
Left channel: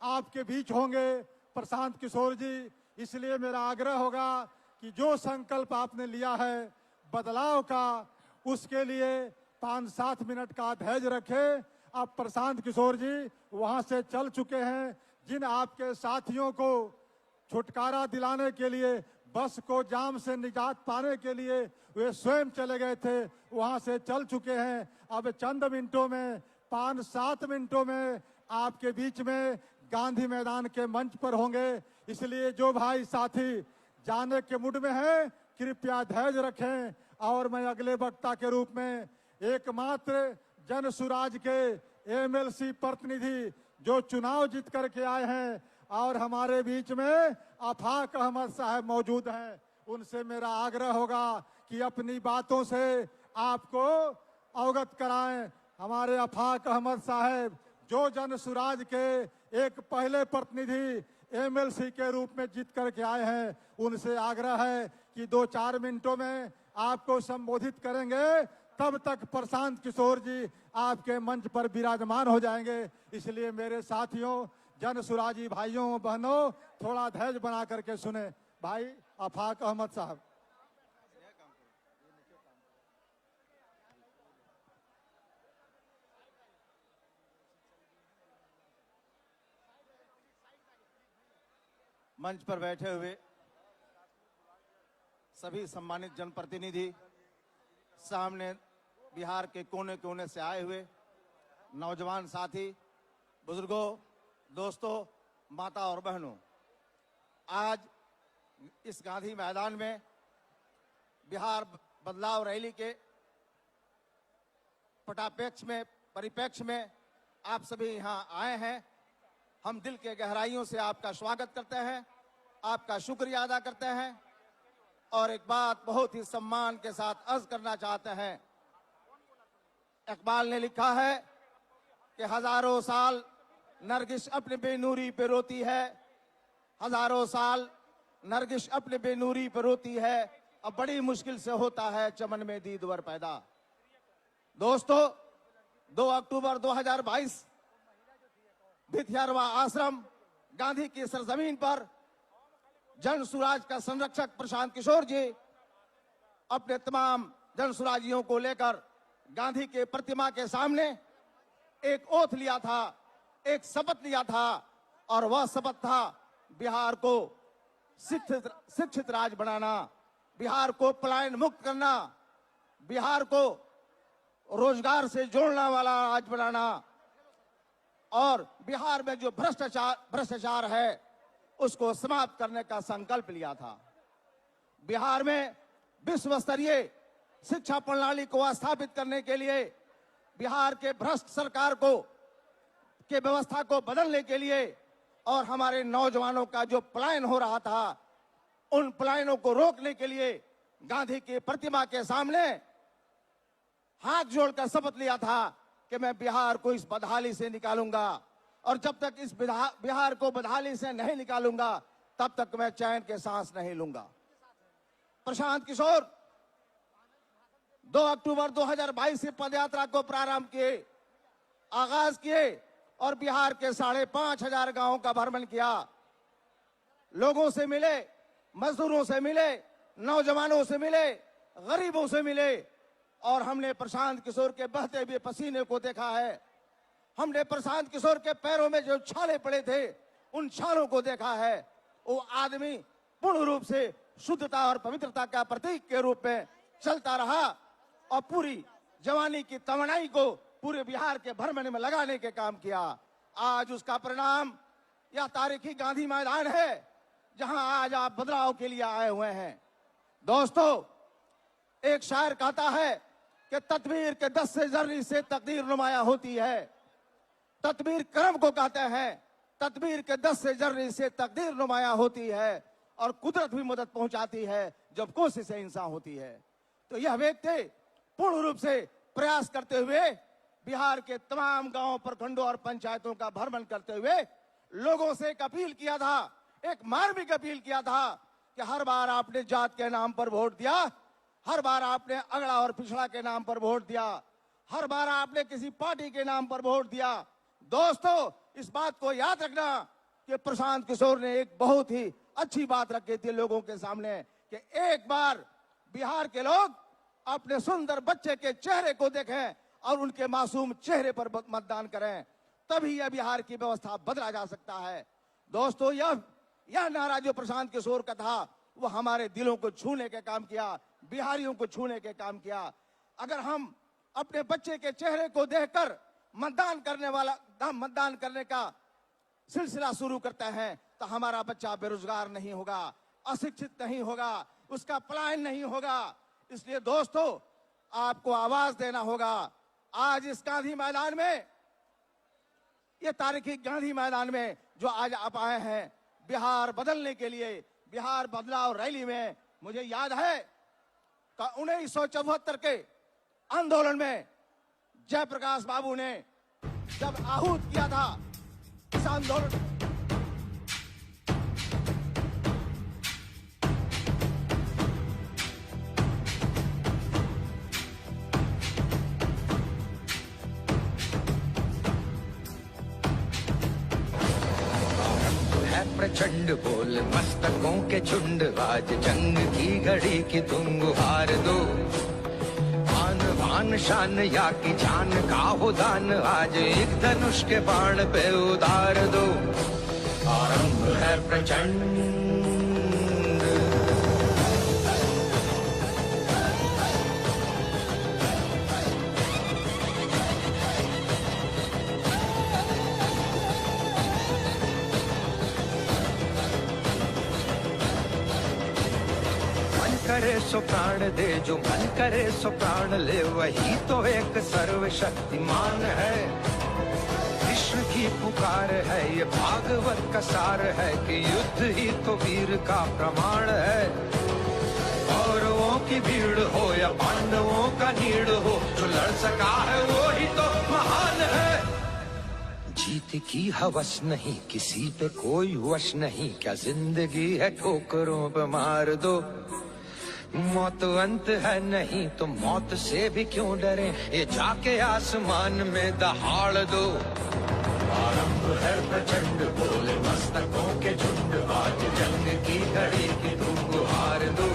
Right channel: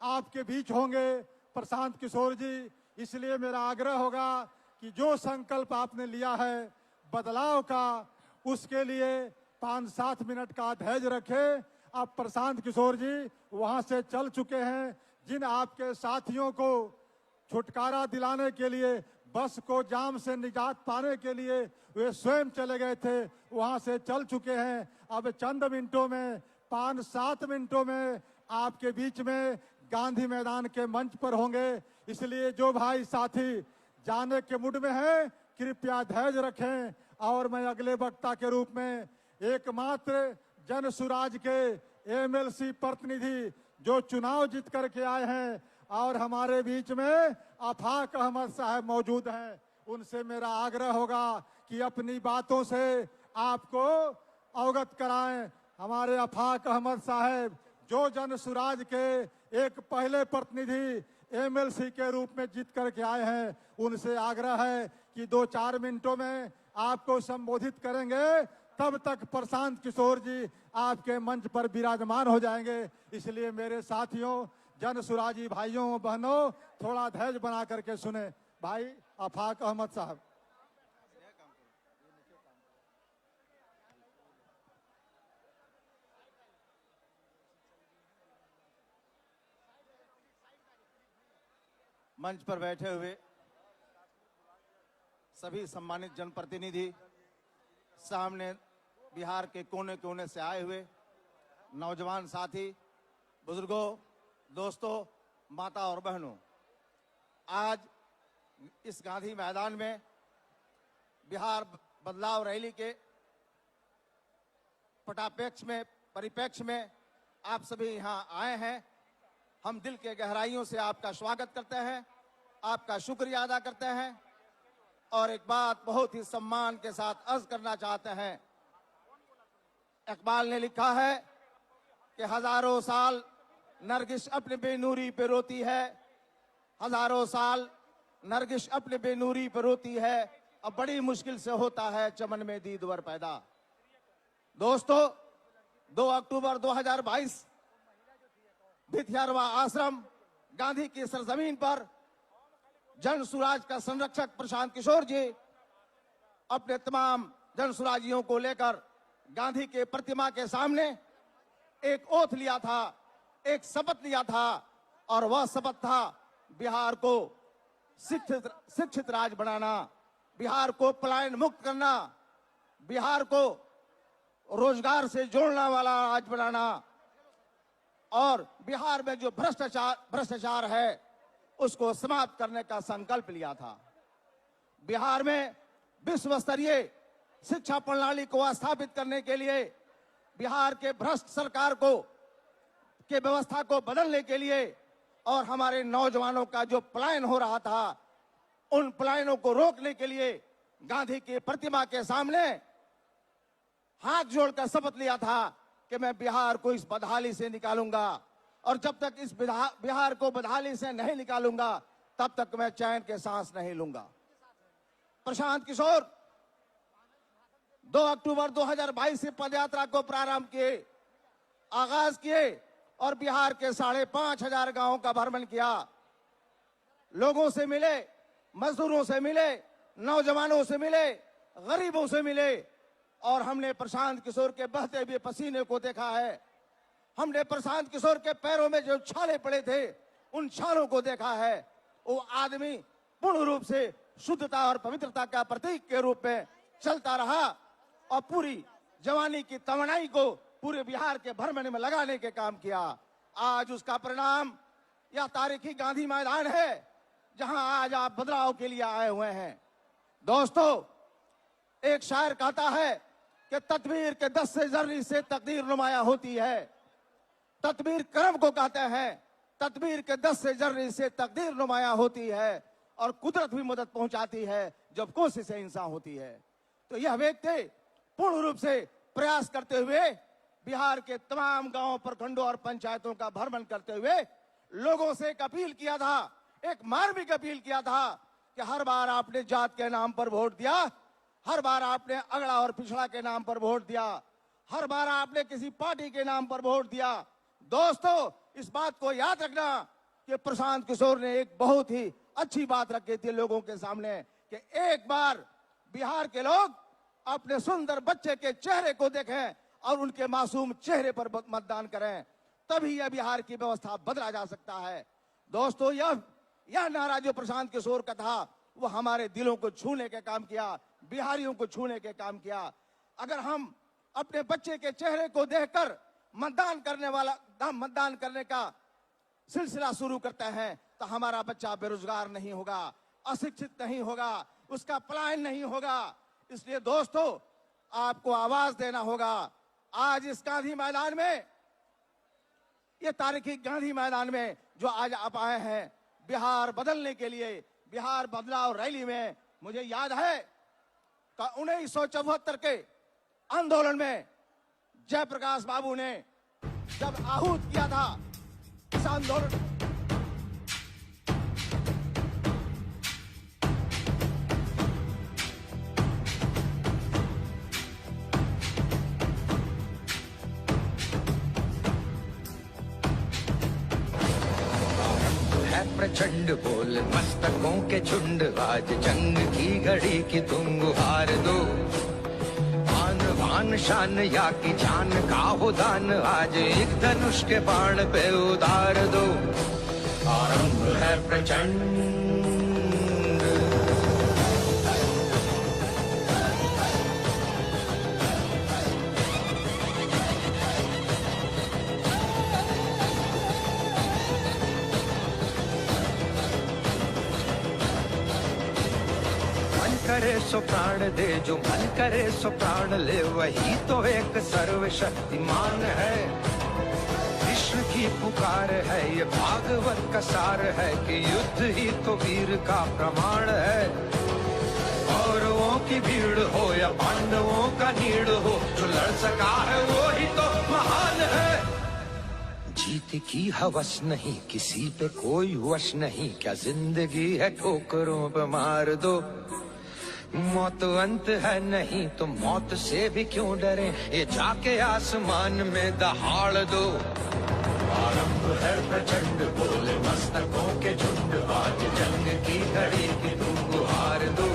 आपके बीच होंगे प्रशांत किशोर जी। इसलिए मेरा आग्रह होगा कि जो संकल्प आपने लिया है बदलाव का, उसके लिए 5-7 मिनट का धैर्य रखें। अब प्रशांत किशोर जी वहां से चल चुके हैं। जिन आपके साथियों को छुटकारा दिलाने के लिए, बस को जाम से निजात पाने के लिए वे स्वयं चले गए थे, वहां से चल चुके हैं। अब चंद मिनटों में, 5-7 मिनटों में आपके बीच में गांधी मैदान के मंच पर होंगे। इसलिए जो भाई साथी जाने के मूड में हैं, कृपया धैर्य रखें। और मैं अगले वक्ता के रूप में एकमात्र जन सुराज के एमएलसी प्रतिनिधि जो चुनाव जीत करके आए हैं और हमारे बीच में आफाक अहमद साहब मौजूद हैं, उनसे मेरा आग्रह होगा कि अपनी बातों से आपको अवगत कराएं। हमारे आफाक अहमद साहब जो जन सुराज के एक पहले प्रतिनिधि एमएलसी के रूप में जीत करके आए हैं, उनसे आग्रह है कि 2-4 मिनटों में आपको संबोधित करेंगे। तब तक प्रशांत किशोर जी आपके मंच पर विराजमान हो जाएंगे। इसलिए मेरे साथियों, जन सुराजी भाइयों बहनों, थोड़ा धैर्य बना करके सुने। भाई आफाक अहमद साहब। मंच पर बैठे हुए सभी सम्मानित जनप्रतिनिधि, सामने बिहार के कोने कोने से आए हुए नौजवान साथी, बुजुर्गों, दोस्तों, माता और बहनों, आज इस गांधी मैदान में बिहार बदलाव रैली के परिप्रेक्ष्य में आप सभी यहां आए हैं। हम दिल के गहराइयों से आपका स्वागत करते हैं, आपका शुक्रिया अदा करते हैं और एक बात बहुत ही सम्मान के साथ अर्ज करना चाहते हैं। इकबाल ने लिखा है कि हजारों साल नरगिस अपने बेनूरी पे रोती है, हजारों साल नरगिस अपने बेनूरी पे रोती है, अब बड़ी मुश्किल से होता है चमन में दीदवर पैदा। दोस्तों, 2 अक्टूबर 2022 भिथियारवा आश्रम गांधी की सरजमीन पर जन सुराज का संरक्षक प्रशांत किशोर जी अपने तमाम जनसुराजियों को लेकर गांधी की प्रतिमा के सामने एक ओथ लिया था, एक शपथ लिया था, और वह शपथ था बिहार को शिक्षित राज्य बनाना, बिहार को पलायन मुक्त करना, बिहार को रोजगार से जोड़ने वाला राज्य बनाना, और बिहार में जो भ्रष्टाचार है उसको समाप्त करने का संकल्प लिया था। बिहार में विश्व स्तरीय शिक्षा प्रणाली को स्थापित करने के लिए, बिहार के भ्रष्ट सरकार के व्यवस्था को बदलने के लिए, और हमारे नौजवानों का जो पलायन हो रहा था उन पलायनों को रोकने के लिए गांधी की प्रतिमा के सामने हाथ जोड़कर शपथ लिया था कि मैं बिहार को इस बदहाली से निकालूंगा, और जब तक इस बिहार को बदहाली से नहीं निकालूंगा तब तक मैं चैन के सांस नहीं लूंगा। प्रशांत किशोर 2 अक्टूबर 2022 से पदयात्रा को प्रारंभ किए, आगाज किए और बिहार के 5,500 गांवों का भ्रमण किया। लोगों से मिले, मजदूरों से मिले, नौजवानों से मिले, गरीबों से मिले, और हमने प्रशांत किशोर के बहते हुए पसीने को देखा है। हमने प्रशांत किशोर के पैरों में जो छाले पड़े थे उन छालों को देखा है। वो आदमी पूर्ण रूप से शुद्धता और पवित्रता का प्रतीक के रूप में चलता रहा और पूरी जवानी की तमन्नाई को पूरे बिहार के भ्रमण में लगाने के काम किया। आज उसका परिणाम यह तारीखी गांधी मैदान है जहां आज आप बदलाव के लिए आए हुए हैं। दोस्तों, एक शायर कहता है कि तदबीर के 10 से जर्री से तकदीर नुमाया होती है। तदबीर कर्म को कहते हैं, तदबीर के 10 से जर्री से तकदीर नुमाया होती है, और कुदरत भी मदद पहुंचाती है जब कोशिशें इंसान होती है। तो यह व्यक्ति पूर्ण रूप से प्रयास करते हुए बिहार के तमाम गांवों, प्रखंडों और पंचायतों का भ्रमण करते हुए लोगों से एक अपील किया था, एक मार्मिक अपील किया था कि हर बार आपने जात के नाम पर वोट दिया, हर बार आपने अगड़ा और पिछड़ा के नाम पर वोट दिया, हर बार आपने किसी पार्टी के नाम पर वोट दिया। दोस्तों, इस बात को याद रखना कि प्रशांत किशोर ने एक बहुत ही अच्छी बात रखी थी लोगों के सामने कि एक बार बिहार के लोग अपने सुंदर बच्चे के चेहरे को देखें और उनके मासूम चेहरे पर मतदान करें, तभी यह बिहार की व्यवस्था बदला जा सकता है। दोस्तों, यह नारा जो प्रशांत किशोर का था वो हमारे दिलों को छूने के काम किया, बिहारियों को छूने के काम किया। अगर हम अपने बच्चे के चेहरे को देखकर मतदान करने का सिलसिला शुरू करते हैं तो हमारा बच्चा बेरोजगार नहीं होगा, अशिक्षित नहीं होगा, उसका पलायन नहीं होगा। इसलिए दोस्तों, आपको आवाज देना होगा। आज इस गांधी मैदान में, ये तारीखी गांधी मैदान में जो आज आप आए हैं बिहार बदलने के लिए, बिहार बदलाव रैली में, मुझे याद है कि 1974 के आंदोलन में जयप्रकाश बाबू ने जब आहूत किया था इस आंदोलन, प्रचंड बोल मस्तकों के झुंड, आज जंग की घड़ी की तुम गुहार दो। आन बान शान या की जान का हो दान, आज एक धनुष के बाण पे उतार दो। आरंभ है प्रचंड, सो प्राण दे, जो मन करे सो प्राण ले, वही तो एक सर्वशक्तिमान है। विश्व की पुकार है, ये भागवत का सार है कि युद्ध ही तो वीर का प्रमाण है। कौरवों की भीड़ हो या पांडवों का नीड़ हो, जो लड़ सका है वो ही तो महान है। जीत की हवस नहीं, किसी पे कोई वश नहीं, क्या जिंदगी है ठोकरों पे मार दो। मौत अंत है नहीं तो मौत से भी क्यों डरे, ये जाके आसमान में दहाड़ दो। आरंभ है प्रचंड बोले मस्तकों के झुंड, आज जंग की घड़ी की तुम गुहार दो।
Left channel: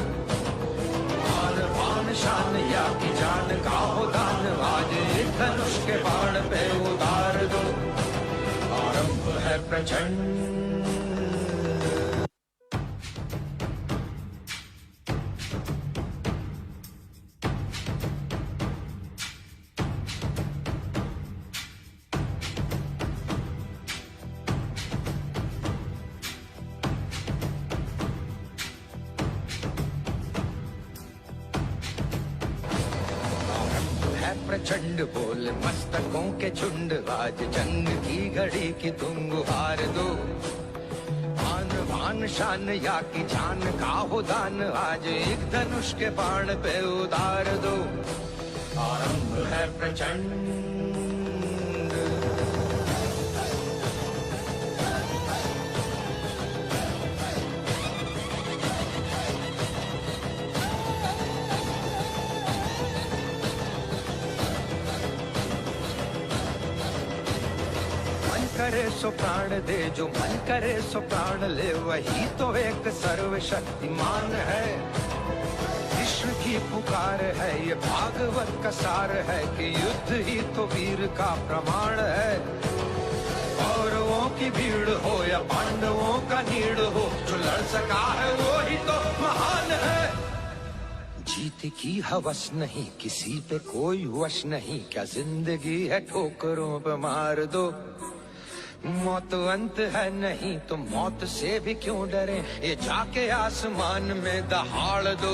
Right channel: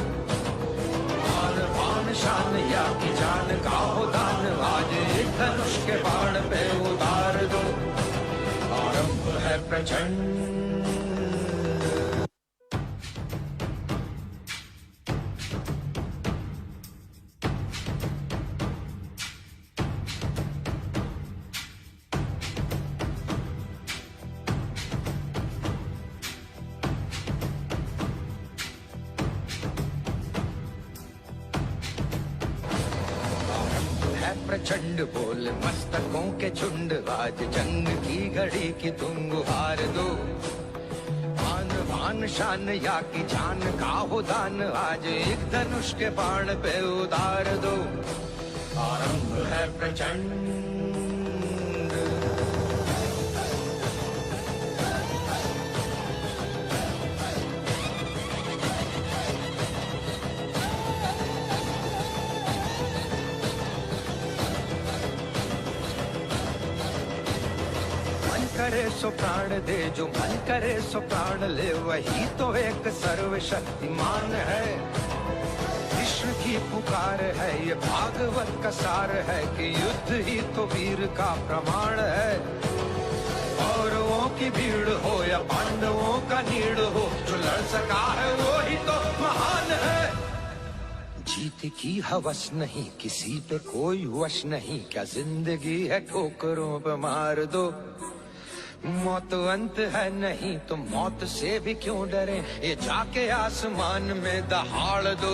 प्रचंड। प्रचंड बोल मस्तकों के झुंड, आज जंग की घड़ी की तुम गुहार दो। आन बान शान या की जान का हो दान, आज एक धनुष के बाण पे उतार दो। आरंभ है प्रचंड। सो प्राण दे जो मन करे सो प्राण ले, वही तो एक सर्वशक्तिमान है। विश्व की पुकार है ये भागवत का सार है, कि युद्ध ही तो वीर का प्रमाण है। कौरवों की भीड़ हो या पांडवों का नीड़ हो, जो लड़ सका है वो ही तो महान है। जीत की हवस नहीं किसी पे कोई वश नहीं, क्या जिंदगी है ठोकरों पे मार दो। मौत अंत है नहीं तो मौत से भी क्यों डरे, ये जाके आसमान में दहाड़ दो।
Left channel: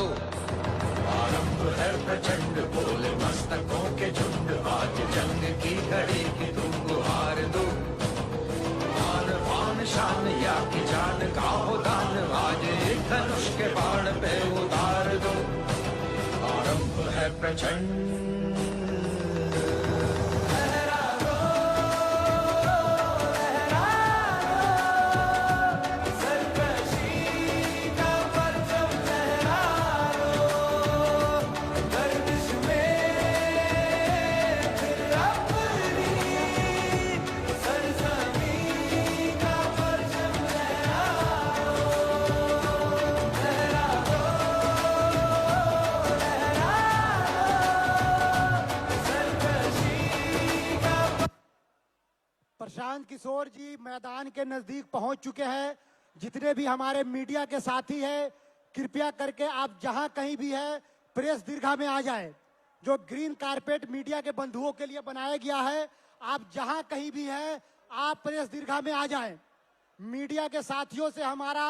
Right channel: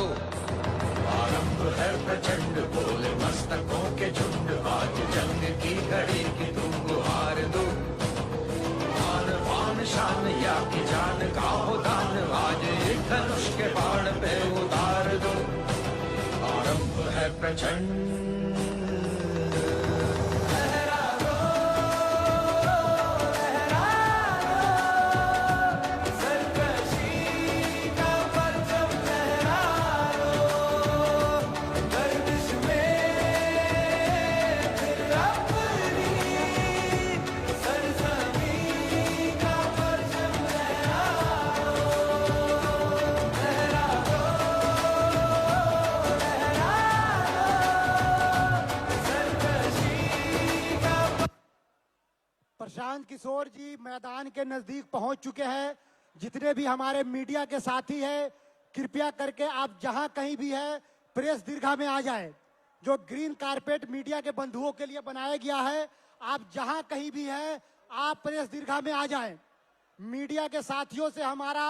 आरंभ है प्रचंड बोले मस्तकों के झुंड, आज जंग की घड़ी की तुम गुहार दो। आन बान शान या की जान का हो दान, आज एक धनुष के बाण पे उतार दो। आरंभ है प्रचंड। प्रशांत किशोर जी मैदान के नजदीक पहुंच चुके हैं। जितने भी हमारे मीडिया के साथी हैं, कृपया करके आप जहां कहीं भी है प्रेस दीर्घा में आ जाएं। जो ग्रीन कारपेट मीडिया के बंधुओं के लिए बनाया गया है, आप जहां कहीं भी है आप प्रेस दीर्घा में आ जाएं। मीडिया के साथियों से हमारा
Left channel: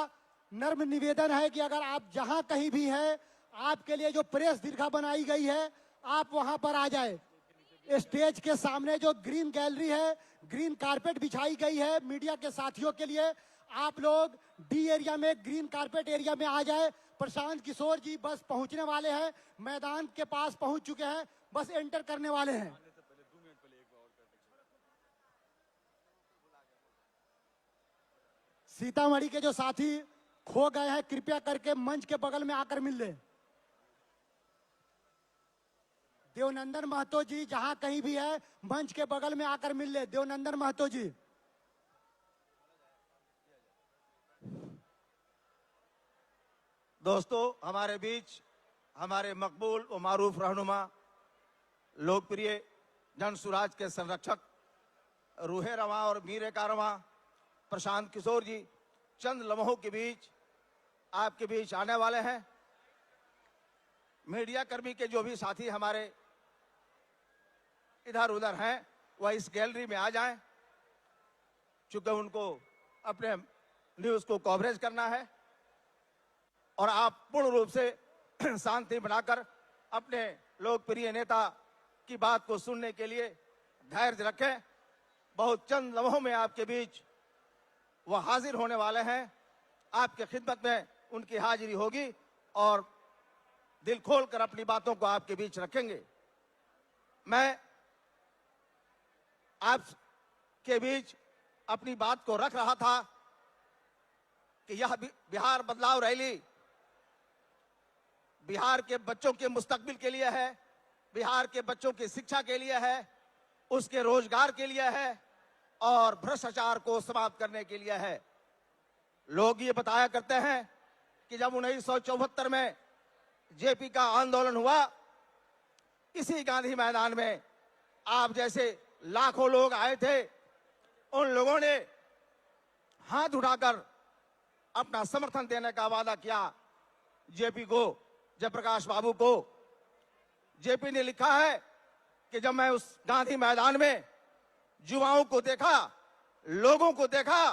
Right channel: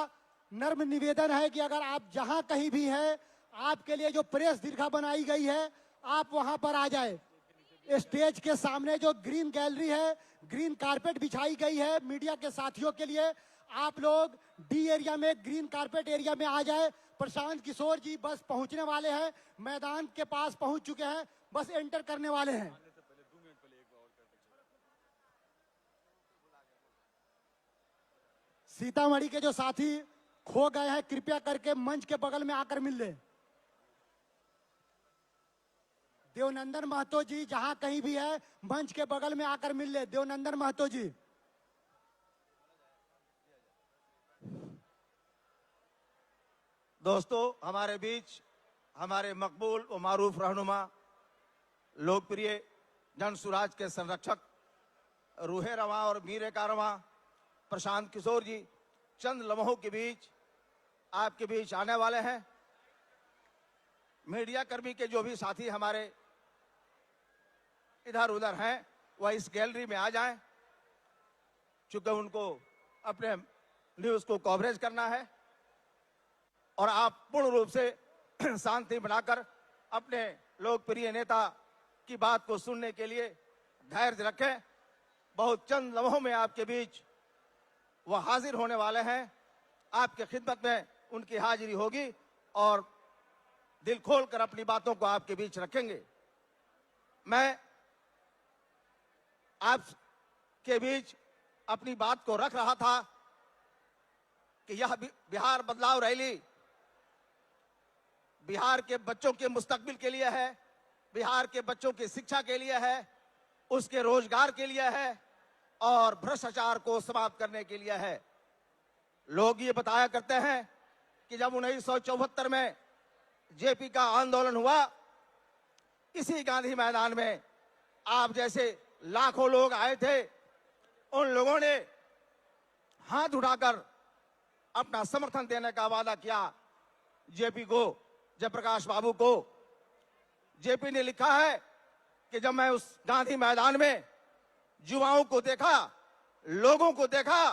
नर्म निवेदन है कि अगर आप जहां कहीं भी है, आपके लिए जो प्रेस दीर्घा बनाई गई है आप वहां पर आ जाएं। स्टेज के सामने जो ग्रीन गैलरी है, ग्रीन कारपेट बिछाई गई है मीडिया के साथियों के लिए, आप लोग डी एरिया में ग्रीन कारपेट एरिया में आ जाए। प्रशांत किशोर जी बस पहुंचने वाले हैं, मैदान के पास पहुंच चुके हैं, बस एंटर करने वाले हैं। सीतामढ़ी के जो साथी खो गए हैं, कृपया करके मंच के बगल में आकर मिल लें। देवनंदन महतो जी जहां कहीं भी है मंच के बगल में आकर मिल ले। देवनंदन महतो जी, दोस्तों, हमारे बीच हमारे मकबूल और मारूफ रहनुमा, लोकप्रिय जन सुराज के संरक्षक रूहे रवा और मीरे का रवा प्रशांत किशोर जी चंद लम्हों के बीच आपके बीच आने वाले हैं। मीडिया कर्मी के जो भी साथी हमारे इधर उधर हैं वह इस गैलरी में आ जाएं, चूंकि उनको अपने न्यूज को कवरेज करना है। और आप पूर्ण रूप से शांति बनाकर अपने लोकप्रिय नेता की बात को सुनने के लिए धैर्य रखें। बहुत चंद लम्हों में आपके बीच वह हाजिर होने वाले हैं। आपके खिदमत में उनकी हाजिरी होगी और दिल खोलकर अपनी बातों को आपके बीच रखेंगे। मैं आपके बीच अपनी बात को रख रहा था कि यह बिहार बदलाव रैली बिहार के बच्चों के मुस्तकबिल के लिए है, बिहार के बच्चों की शिक्षा के लिए है, उसके रोजगार के लिए है और भ्रष्टाचार को समाप्त करने के लिए है। लोग ये बताया करते हैं कि जब 1974 में जेपी का आंदोलन हुआ, इसी गांधी मैदान में आप जैसे लाखों लोग आए थे। उन लोगों ने हाथ उठाकर अपना समर्थन देने का वादा किया जेपी को, जयप्रकाश बाबू को। जेपी ने लिखा है कि जब मैं उस गांधी मैदान में युवाओं को देखा, लोगों को देखा,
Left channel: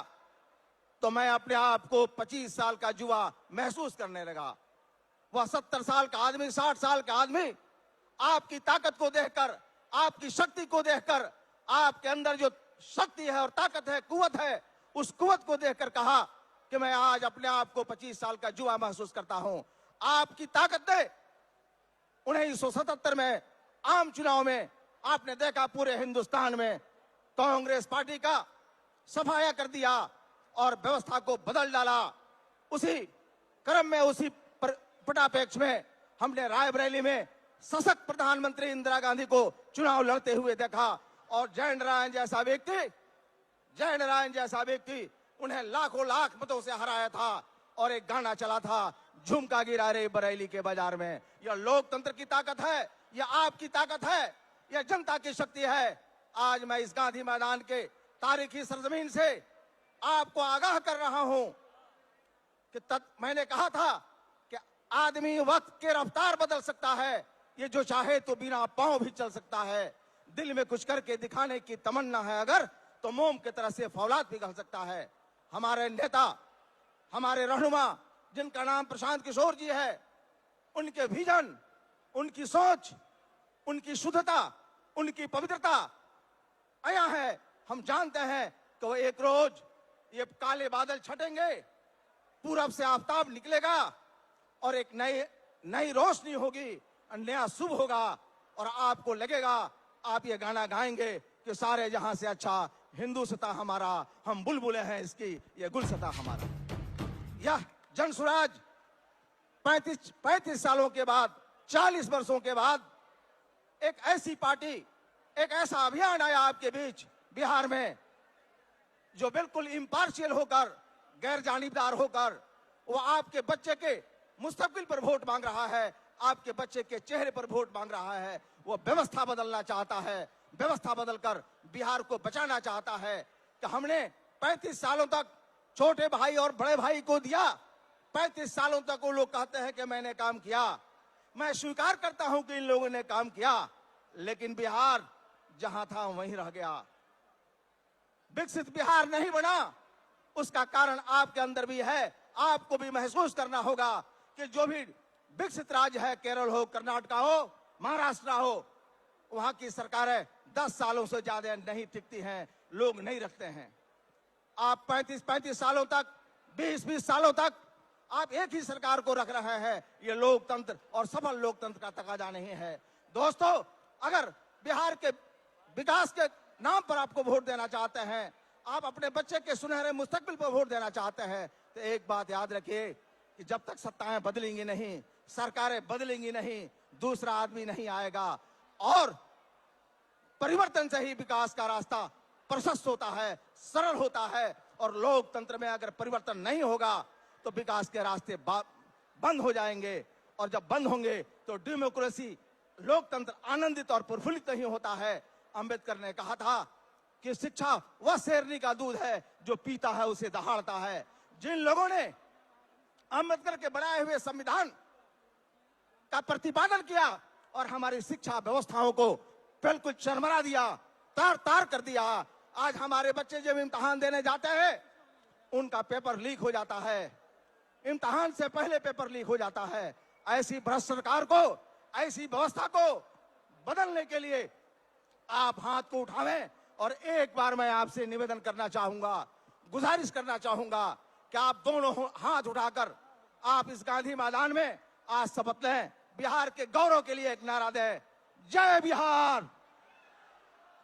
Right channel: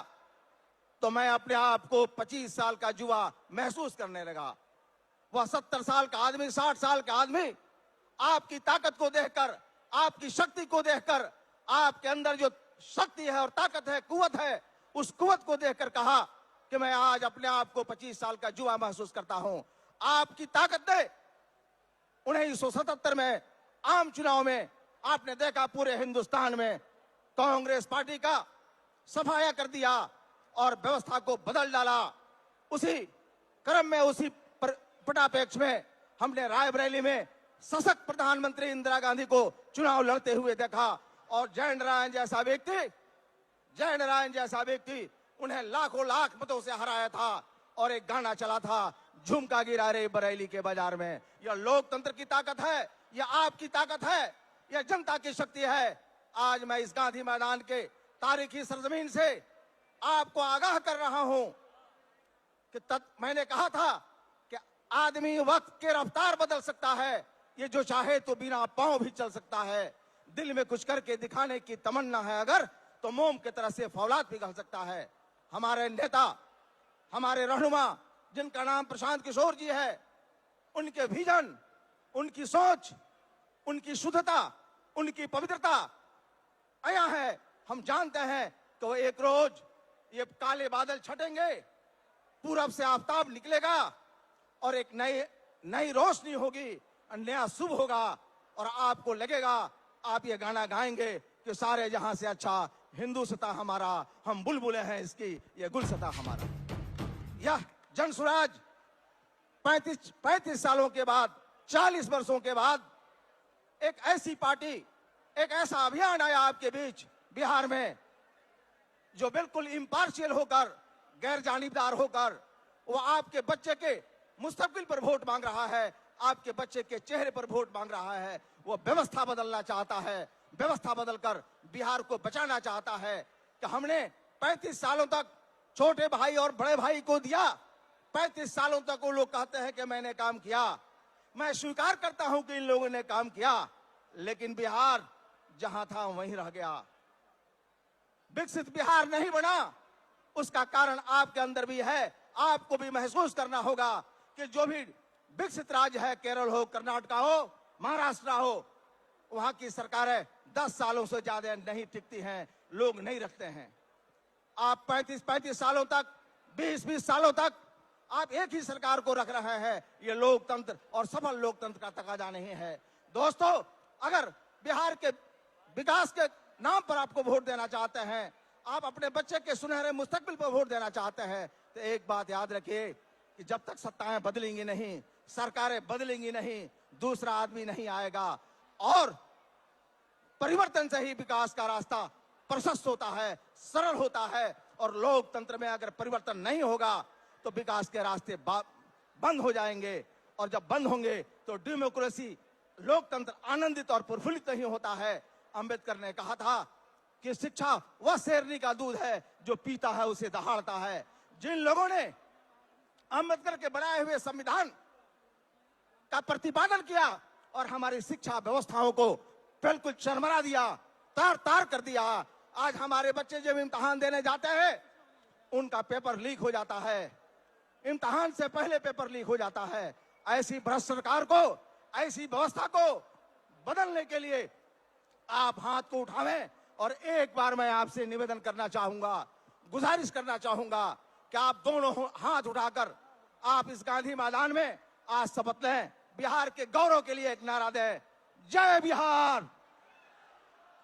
तो मैं अपने आप को 25 साल का युवा महसूस करने लगा। वह 70 साल का आदमी, 60 साल का आदमी आपकी ताकत को देखकर, आपकी शक्ति को देखकर, आपके अंदर जो शक्ति है और ताकत है, कुवत है, उस कुवत को देखकर कहा कि मैं आज अपने आप को 25 साल का युवा महसूस करता हूं। आपकी ताकत ने 1977 में आम चुनाव में आपने देखा पूरे हिंदुस्तान में कांग्रेस पार्टी का सफाया कर दिया और व्यवस्था को बदल डाला। उसी क्रम में, उसी पटापेक्ष में हमने रायबरेली में सशक्त प्रधानमंत्री इंदिरा गांधी को चुनाव लड़ते हुए देखा और जयनारायण जैसा व्यक्ति उन्हें लाखों लाख मतों से हराया था। और एक गाना चला था, झुमका गिरा रे बरेली के बाजार में। यह लोकतंत्र की ताकत है, यह आपकी ताकत है, यह जनता की शक्ति है। आज मैं इस गांधी मैदान के तारीखी सरजमीन से आपको आगाह कर रहा हूं कि मैंने कहा था कि आदमी वक्त के रफ्तार बदल सकता है, ये जो चाहे तो बिना पांव भी चल सकता है। दिल में कुछ करके दिखाने की तमन्ना है अगर, तो मोम की तरह से फौलाद पिघल सकता है। हमारे नेता, हमारे रहनुमा, जिनका नाम प्रशांत किशोर जी है, उनके विजन, उनकी सोच, उनकी शुद्धता, उनकी पवित्रता आया है। हम जानते हैं कि वो एक रोज ये काले बादल छटेंगे, पूरब से आफताब निकलेगा और एक नई रोशनी होगी, नया शुभ होगा और आपको लगेगा, आप ये गाना गाएंगे कि सारे जहां से अच्छा हिंदुस्ता हमारा, हम बुलबुले हैं इसकी, ये गुलसता हमारा। यह जन स्वराज 35 सालों के बाद, 40 वर्षों के बाद एक ऐसी पार्टी, एक ऐसा अभियान आया आपके बीच बिहार में, जो बिल्कुल इम्पार्शियल होकर, गैर जानिबदार होकर, वो आपके बच्चे के मुस्तकबिल पर वोट मांग रहा है, आपके बच्चे के चेहरे पर वोट मांग रहा है। वो व्यवस्था बदलना चाहता है, व्यवस्था बदलकर बिहार को बचाना चाहता है। कि हमने 35 सालों तक छोटे भाई और बड़े भाई को दिया, 35 सालों तक वो लोग कहते हैं कि मैंने काम किया। मैं स्वीकार करता हूं कि इन लोगों ने काम किया, लेकिन बिहार जहां था वहीं रह गया, विकसित बिहार नहीं बना। उसका कारण आपके अंदर भी है। आपको भी महसूस करना होगा कि जो भी विकसित राज्य है, केरल हो, कर्नाटक हो, महाराष्ट्र हो, वहां की सरकारें 10 सालों से ज्यादा नहीं टिकती हैं, लोग नहीं रखते हैं। आप 35 सालों तक, 20 सालों तक आप एक ही सरकार को रख रहे हैं। ये लोकतंत्र और सफल लोकतंत्र का तकाजा नहीं है। दोस्तों, अगर बिहार के विकास के नाम पर आपको वोट देना चाहते हैं, आप अपने बच्चे के सुनहरे मुस्तकबिल पर वोट देना चाहते हैं, तो एक बात याद रखिए कि जब तक सत्ताएं बदलेंगी नहीं, सरकारें बदलेंगी नहीं, दूसरा आदमी नहीं आएगा। और परिवर्तन से ही विकास का रास्ता प्रशस्त होता है, सरल होता है। और लोकतंत्र में अगर परिवर्तन नहीं होगा तो विकास के रास्ते बंद हो जाएंगे, और जब बंद होंगे तो डेमोक्रेसी, लोकतंत्र आनंदित और प्रफुल्लित नहीं होता है। अंबेडकर ने कहा था कि शिक्षा वह शेरनी का दूध है जो पीता है उसे दहाड़ता है। जिन लोगों ने अंबेडकर के बनाए हुए संविधान का प्रतिपादन किया और हमारी शिक्षा व्यवस्थाओं को बिल्कुल चरमरा दिया, तार तार कर दिया, आज हमारे बच्चे जब इम्तिहान देने जाते हैं उनका पेपर लीक हो जाता है, इम्तिहान से पहले पेपर लीक हो जाता है। ऐसी भ्रष्ट सरकार को, ऐसी व्यवस्था को बदलने के लिए आप हाथ को उठावें। और एक बार मैं आपसे निवेदन करना चाहूंगा, गुजारिश करना चाहूंगा कि आप दोनों हाथ उठाकर आप इस गांधी मैदान में आज शपथ लें, बिहार के गौरव के लिए एक नारा दें, जय बिहार।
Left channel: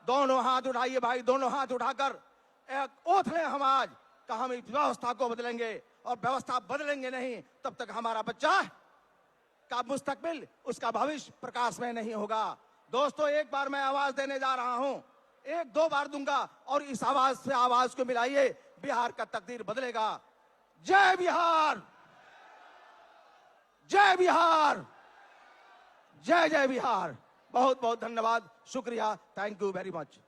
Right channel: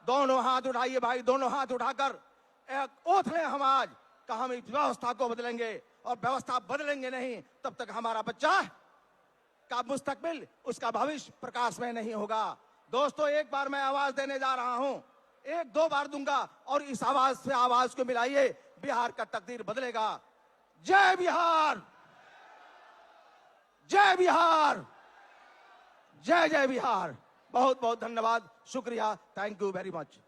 दोनों हाथ उठाइए भाई, दोनों हाथ उठाकर एक ओथ है हम आज कि हम इस व्यवस्था को बदलेंगे, और व्यवस्था बदलेंगे नहीं तब तक हमारा बच्चा का मुस्तकबिल, उसका भविष्य प्रकाश में नहीं होगा। दोस्तों, एक बार मैं आवाज देने जा रहा हूं, 1-2 बार दूंगा, और इस आवाज से आवाज को मिलाइए, बिहार का तकदीर बदलेगा। जय बिहार, जय बिहार, जय जय बिहार। बहुत बहुत धन्यवाद, शुक्रिया, थैंक यू वेरी मच।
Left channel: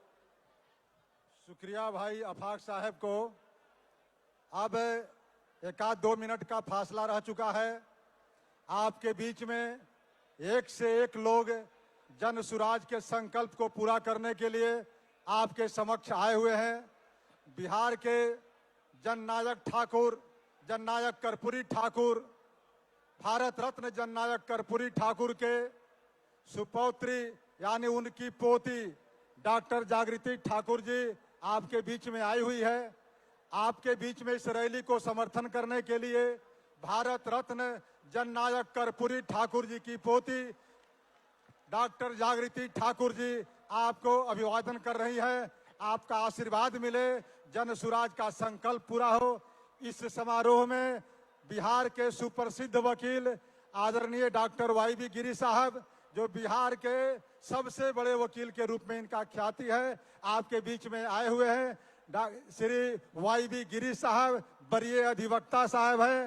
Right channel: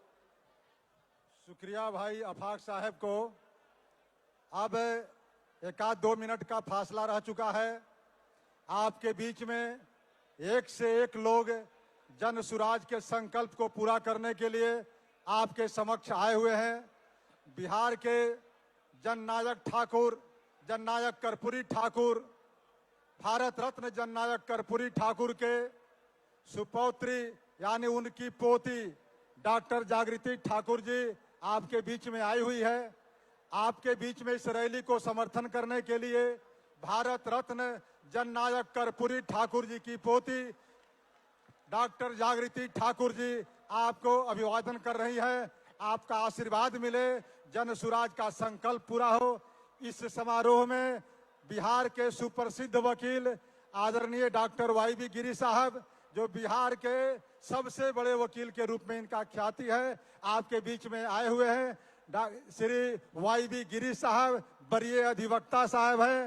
शुक्रिया भाई अफाक साहब को। अब 1-2 मिनट का फासला रह चुका है। आपके बीच में एक से एक लोग जन सुराज के संकल्प को पूरा करने के लिए आपके समक्ष आए हुए हैं। बिहार के जननायक ठाकुर, जननायक कर्पूरी ठाकुर, भारत रत्न जननायक कर्पूरी ठाकुर के सुपौत्री यानी उनकी पोती डॉक्टर जागृति ठाकुर जी आपके बीच में आई हुई है। आपके बीच में इस रैली को समर्थन करने के लिए भारत रत्न जननायक कर्पूरी ठाकुर जी की पोती डॉक्टर जागृति ठाकुर जी आपको अभिवादन कर रही है। आपका आशीर्वाद मिले, जन सुराज का संकल्प पूरा हो। इस समारोह में बिहार के सुप्रसिद्ध वकील आदरणीय डॉक्टर वाई.बी. गिरी साहब, जो बिहार के सबसे बड़े वकील के रूप में इनका ख्याति है, आपके बीच में आए हुए हैं। श्री वाई.बी. गिरी साहब वरीय अधिवक्ता साहब हैं।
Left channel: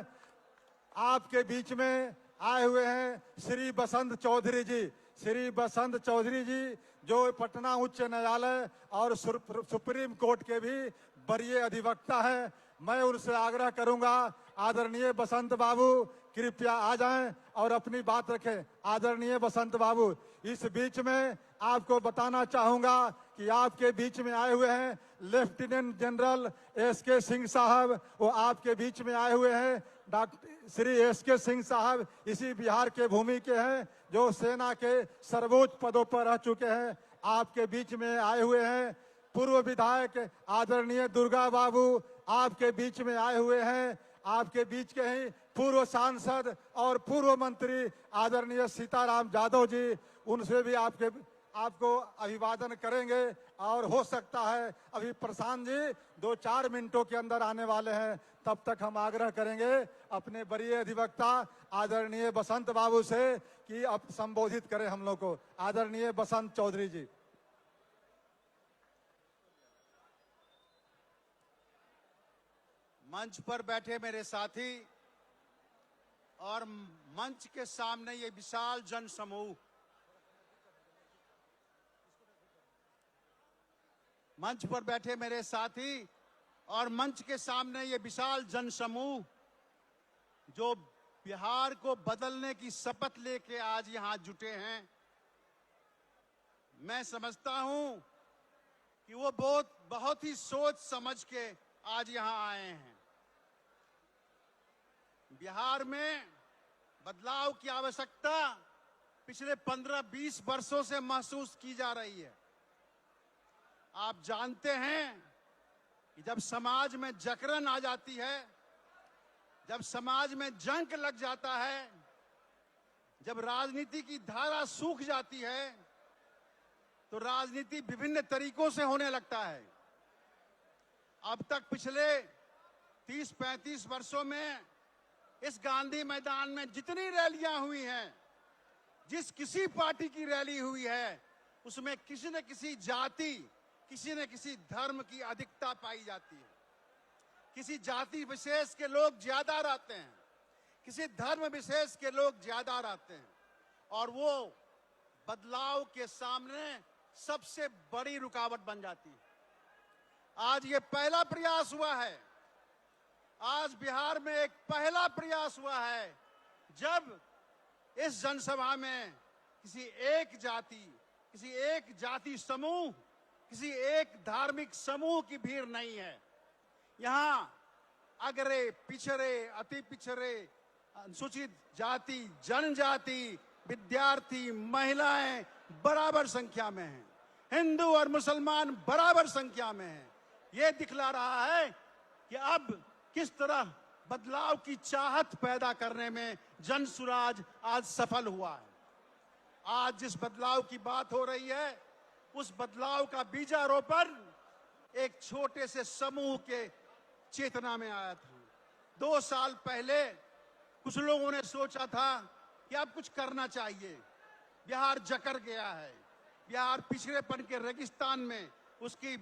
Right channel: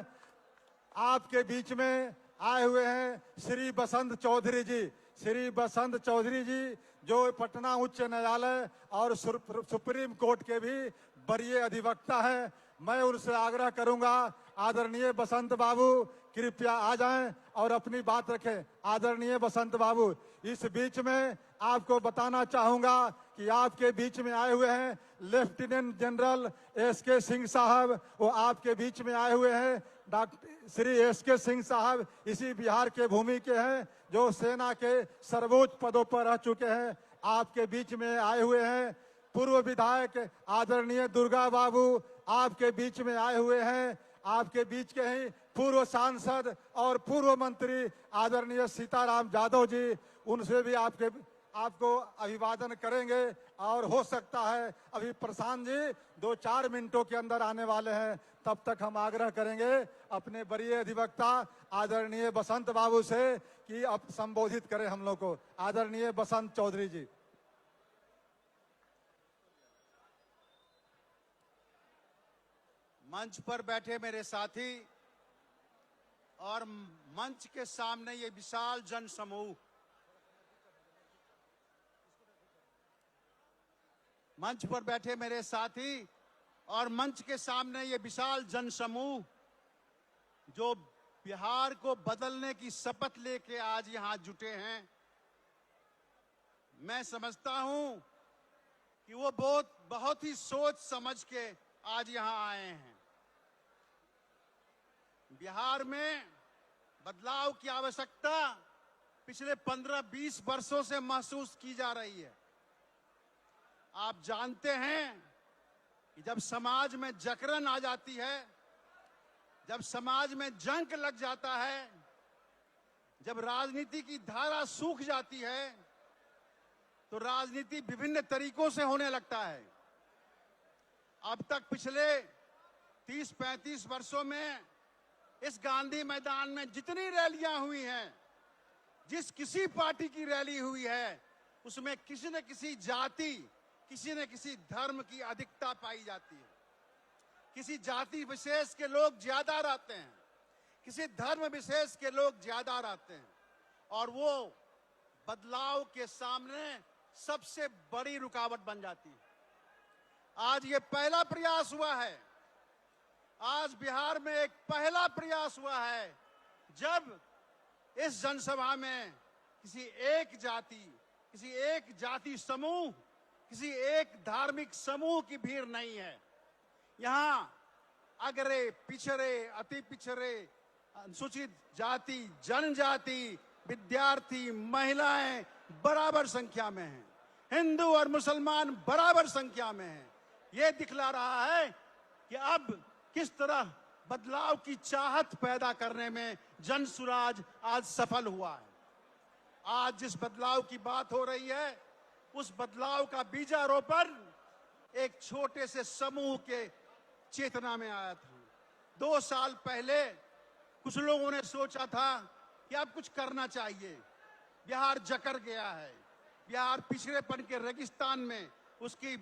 आपके बीच में आए हुए हैं श्री बसंत चौधरी जी। श्री बसंत चौधरी जी जो पटना उच्च न्यायालय और सुप्रीम कोर्ट के भी वरीय अधिवक्ता हैं। मैं उनसे आग्रह करूंगा, आदरणीय बसंत बाबू कृपया आ जाएं और अपनी बात रखें। आदरणीय बसंत बाबू, इस बीच में आपको बताना चाहूंगा कि आपके बीच में आए हुए हैं लेफ्टिनेंट जनरल एस.के. सिंह साहब, वो आपके बीच में आए हुए हैं। Doctor Shri SK. सिंह साहब इसी बिहार के भूमि के हैं, जो सेना के सर्वोच्च पदों पर रह चुके हैं, आपके बीच में आए हुए हैं। पूर्व विधायक आदरणीय दुर्गा बाबू आपके बीच में आए हुए हैं। आपके बीच के ही पूर्व सांसद और पूर्व मंत्री आदरणीय सीताराम यादव जी, उनसे भी आपको अभिवादन करेंगे। और हो सकता है अभी प्रशांत जी 2-4 मिनटों के अंदर आने वाले हैं, तब तक हम आग्रह करेंगे अपने वरीय अधिवक्ता आदरणीय बसंत बाबू से कि अब संबोधित करें हम लोग को। आदरणीय बसंत चौधरी जी। मंच पर बैठे मेरे साथी और मंच के सामने ये विशाल जन समूह, मंच पर बैठे मेरे साथी और मंच के सामने ये विशाल जन समूह जो बिहार को बदलने की शपथ लेके आज यहां जुटे हैं, मैं समझता हूं कि वो बहुत ही सोच समझ के आज यहां आए हैं। बिहार में बदलाव की आवश्यकता पिछले 15-20 वर्षों से महसूस की जा रही है। आप जानते हैं कि जब समाज में जकड़न आ जाती है, जब समाज में जंक लग जाता है, जब राजनीति की धारा सूख जाती है, तो राजनीति विभिन्न तरीकों से होने लगता है। अब तक पिछले 30-35 वर्षों में इस गांधी मैदान में जितनी रैलियां हुई हैं, जिस किसी पार्टी की रैली हुई है, उसमें किसी न किसी जाति, किसी न किसी धर्म की अधिकता पाई जाती है। किसी जाति विशेष के लोग ज्यादा रहते हैं, किसी धर्म विशेष के लोग ज्यादा रहते हैं, और वो बदलाव के सामने सबसे बड़ी रुकावट बन जाती है। आज ये पहला प्रयास हुआ है, आज बिहार में एक पहला प्रयास हुआ है जब इस जनसभा में किसी एक जाति समूह, किसी एक धार्मिक समूह की भीड़ नहीं है। यहाँ अगरे, पिछड़े, अति पिछड़े, अनुसूचित जाति, जनजाति, विद्यार्थी, महिलाएं बराबर संख्या में हैं, हिंदू और मुसलमान बराबर संख्या में हैं। ये दिखला रहा है कि अब किस तरह बदलाव की चाहत पैदा करने में जन सुराज आज सफल हुआ है। आज जिस बदलाव की बात हो रही है, उस बदलाव का बीजारोपण एक छोटे से समूह के चेतना में आया था। 2 साल पहले कुछ लोगों ने सोचा था कि अब कुछ करना चाहिए, बिहार जकड़ गया है, बिहार पिछड़ेपन के रेगिस्तान में उसकी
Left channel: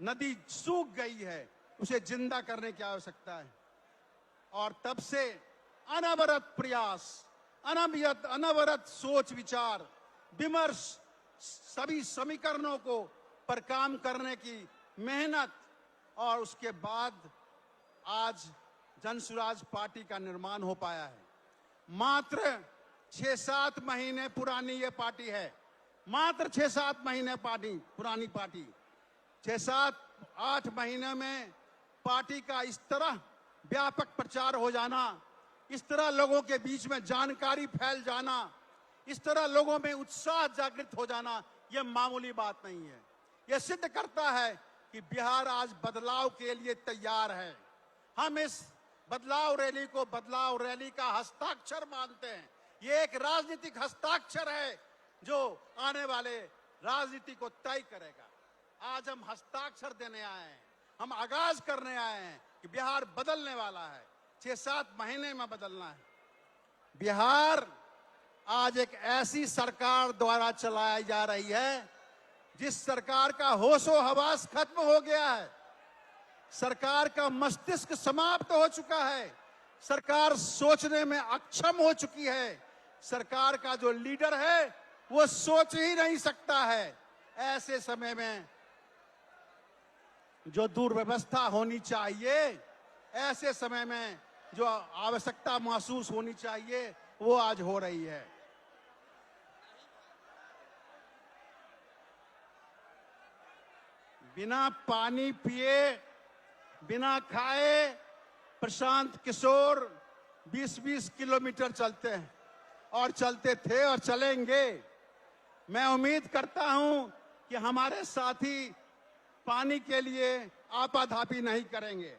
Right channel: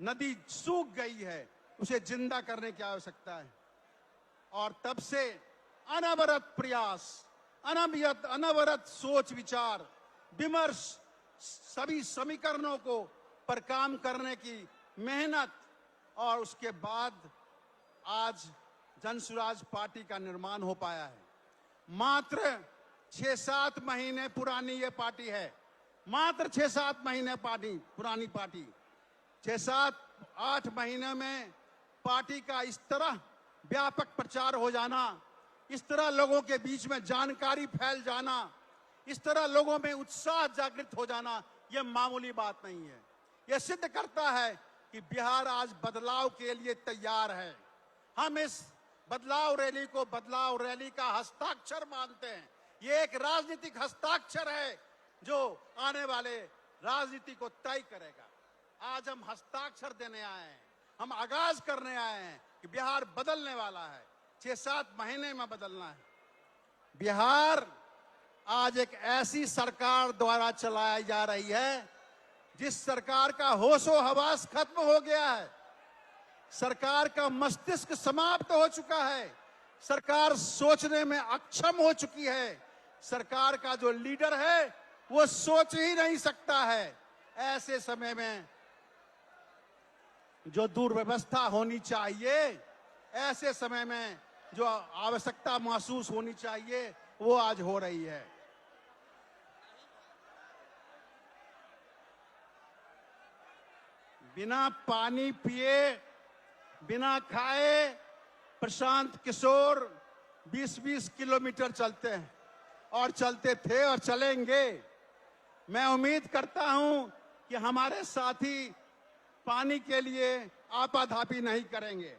नदी सूख गई है, उसे जिंदा करने की आवश्यकता है। और तब से अनवरत प्रयास, अनवरत सोच विचार विमर्श, सभी समीकरणों को पर काम करने की मेहनत, और उसके बाद आज जनसुराज पार्टी का निर्माण हो पाया है। मात्र 6-7 महीने पुरानी ये पार्टी है, मात्र 6-7 महीने पुरानी पार्टी। 6-7-8 महीने में पार्टी का इस तरह व्यापक प्रचार हो जाना, इस तरह लोगों के बीच में जानकारी फैल जाना, इस तरह लोगों में उत्साह जागृत हो जाना, यह मामूली बात नहीं है। यह सिद्ध करता है कि बिहार आज बदलाव के लिए तैयार है। हम इस बदलाव रैली को बदलाव रैली का हस्ताक्षर मानते हैं। ये एक राजनीतिक हस्ताक्षर है जो आने वाले राजनीति को तय करेगा। आज हम हस्ताक्षर देने आए हैं, हम आगाज करने आए हैं कि बिहार बदलने वाला है, 6-7 महीने में बदलना है। बिहार आज एक ऐसी सरकार द्वारा चलाई जा रही है जिस सरकार का होशो हवास खत्म हो गया है, सरकार का मस्तिष्क समाप्त हो चुका है, सरकार सोचने में अक्षम हो चुकी है, सरकार का जो लीडर है वो सोच ही नहीं सकता है। ऐसे समय में जो दुर्व्यवस्था होनी चाहिए, ऐसे समय में जो आवश्यकता महसूस होनी चाहिए, वो आज हो रही है। बिना पानी पिए, बिना खाए प्रशांत किशोर 20-20 किलोमीटर चलते हैं और चलते थे और चलेंगे। मैं उम्मीद करता हूं कि हमारे साथी पानी के लिए आपाधापी नहीं करेंगे।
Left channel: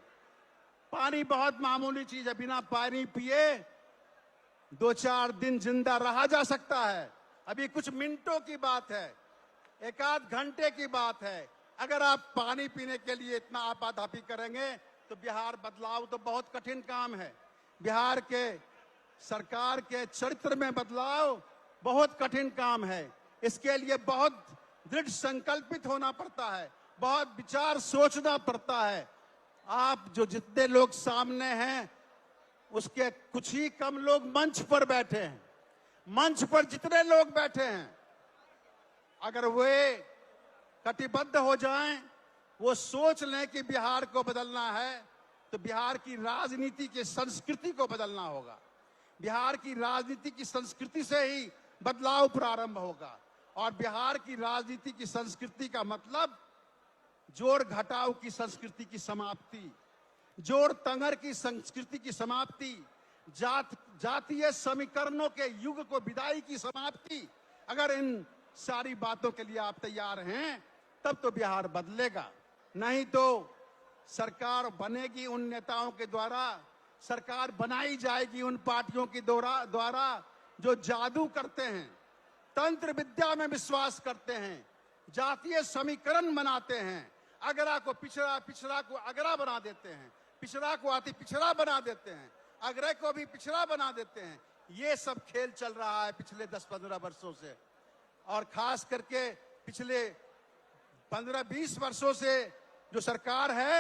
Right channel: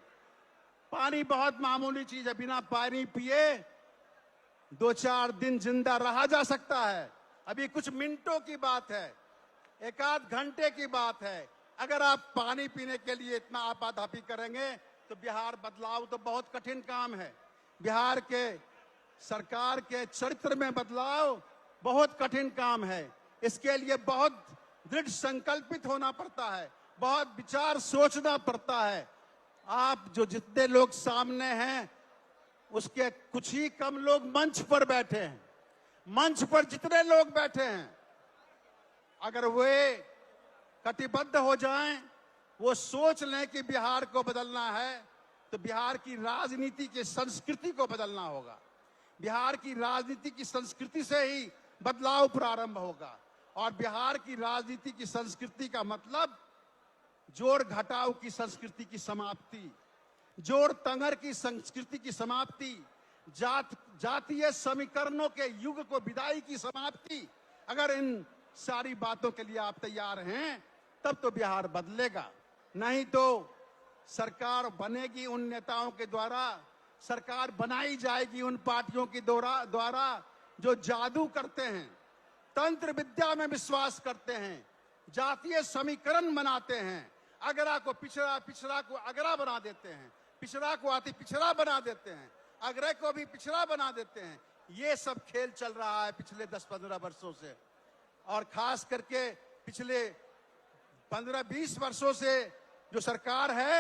पानी बहुत मामूली चीज है, बिना पानी पिए 2-4 दिन जिंदा रहा जा सकता है। अभी कुछ मिनटों की बात है, 1-8 घंटे की बात है। अगर आप पानी पीने के लिए इतना आपाधापी करेंगे तो बिहार बदलाव तो बहुत कठिन काम है। बिहार के सरकार के चरित्र में बदलाव बहुत कठिन काम है। इसके लिए बहुत दृढ़ संकल्पित होना पड़ता है, बहुत विचार सोचना पड़ता है। आप जो जितने लोग सामने हैं उसके कुछ ही कम लोग मंच पर बैठे हैं। मंच पर जितने लोग बैठे हैं, अगर वे कटिबद्ध हो जाएं, वो सोच लें कि बिहार को बदलना है, तो बिहार की राजनीति की संस्कृति को बदलना होगा। बिहार की राजनीति की संस्कृति से ही बदलाव प्रारंभ होगा। और बिहार की राजनीति की संस्कृति का मतलब जोर घटाव की संस्कृति की समाप्ति, जोर तंगर की संस्कृति की समाप्ति, जातीय समीकरणों के युग को विदाई की समाप्ति। अगर इन सारी बातों के लिए आप तैयार हैं तब तो बिहार बदलेगा, नहीं तो सरकार बनेगी उन नेताओं के द्वारा, सरकार बनाई जाएगी उन पार्टियों के द्वारा जो जादू करते हैं, तंत्र विद्या में विश्वास करते हैं, जातीय समीकरण बनाते हैं, अगरा को पिछड़ा, पिछड़ा को अगरा बना देते हैं, पिछड़ा को अति पिछड़ा बना देते हैं, अगरे को भी पिछड़ा बना देते हैं। ये सब खेल चल रहा है पिछले 10-15 वर्षों से, और खास करके पिछले 15-20 वर्षों से जो सरकार है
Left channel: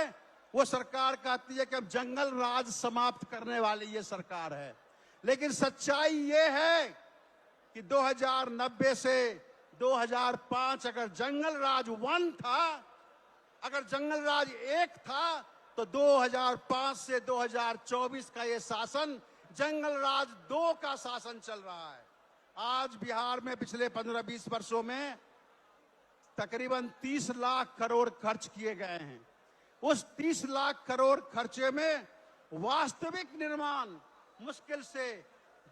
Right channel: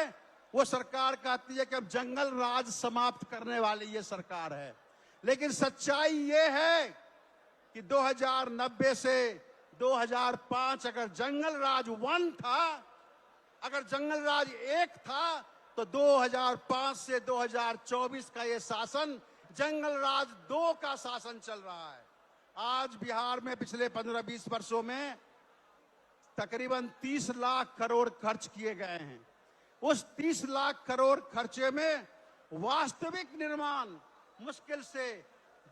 वो सरकार कहती है कि अब जंगल राज समाप्त करने वाली ये सरकार है। लेकिन सच्चाई ये है कि 2090 से 2005 अगर जंगल राज 1 था, अगर जंगल राज 1 था, तो 2005 से 2024 का ये शासन जंगल राज 2 का शासन चल रहा है। आज बिहार में पिछले 15-20 वर्षों में तकरीबन 30 लाख करोड़ खर्च किए गए हैं। उस 30 लाख करोड़ खर्चे में वास्तविक निर्माण मुश्किल से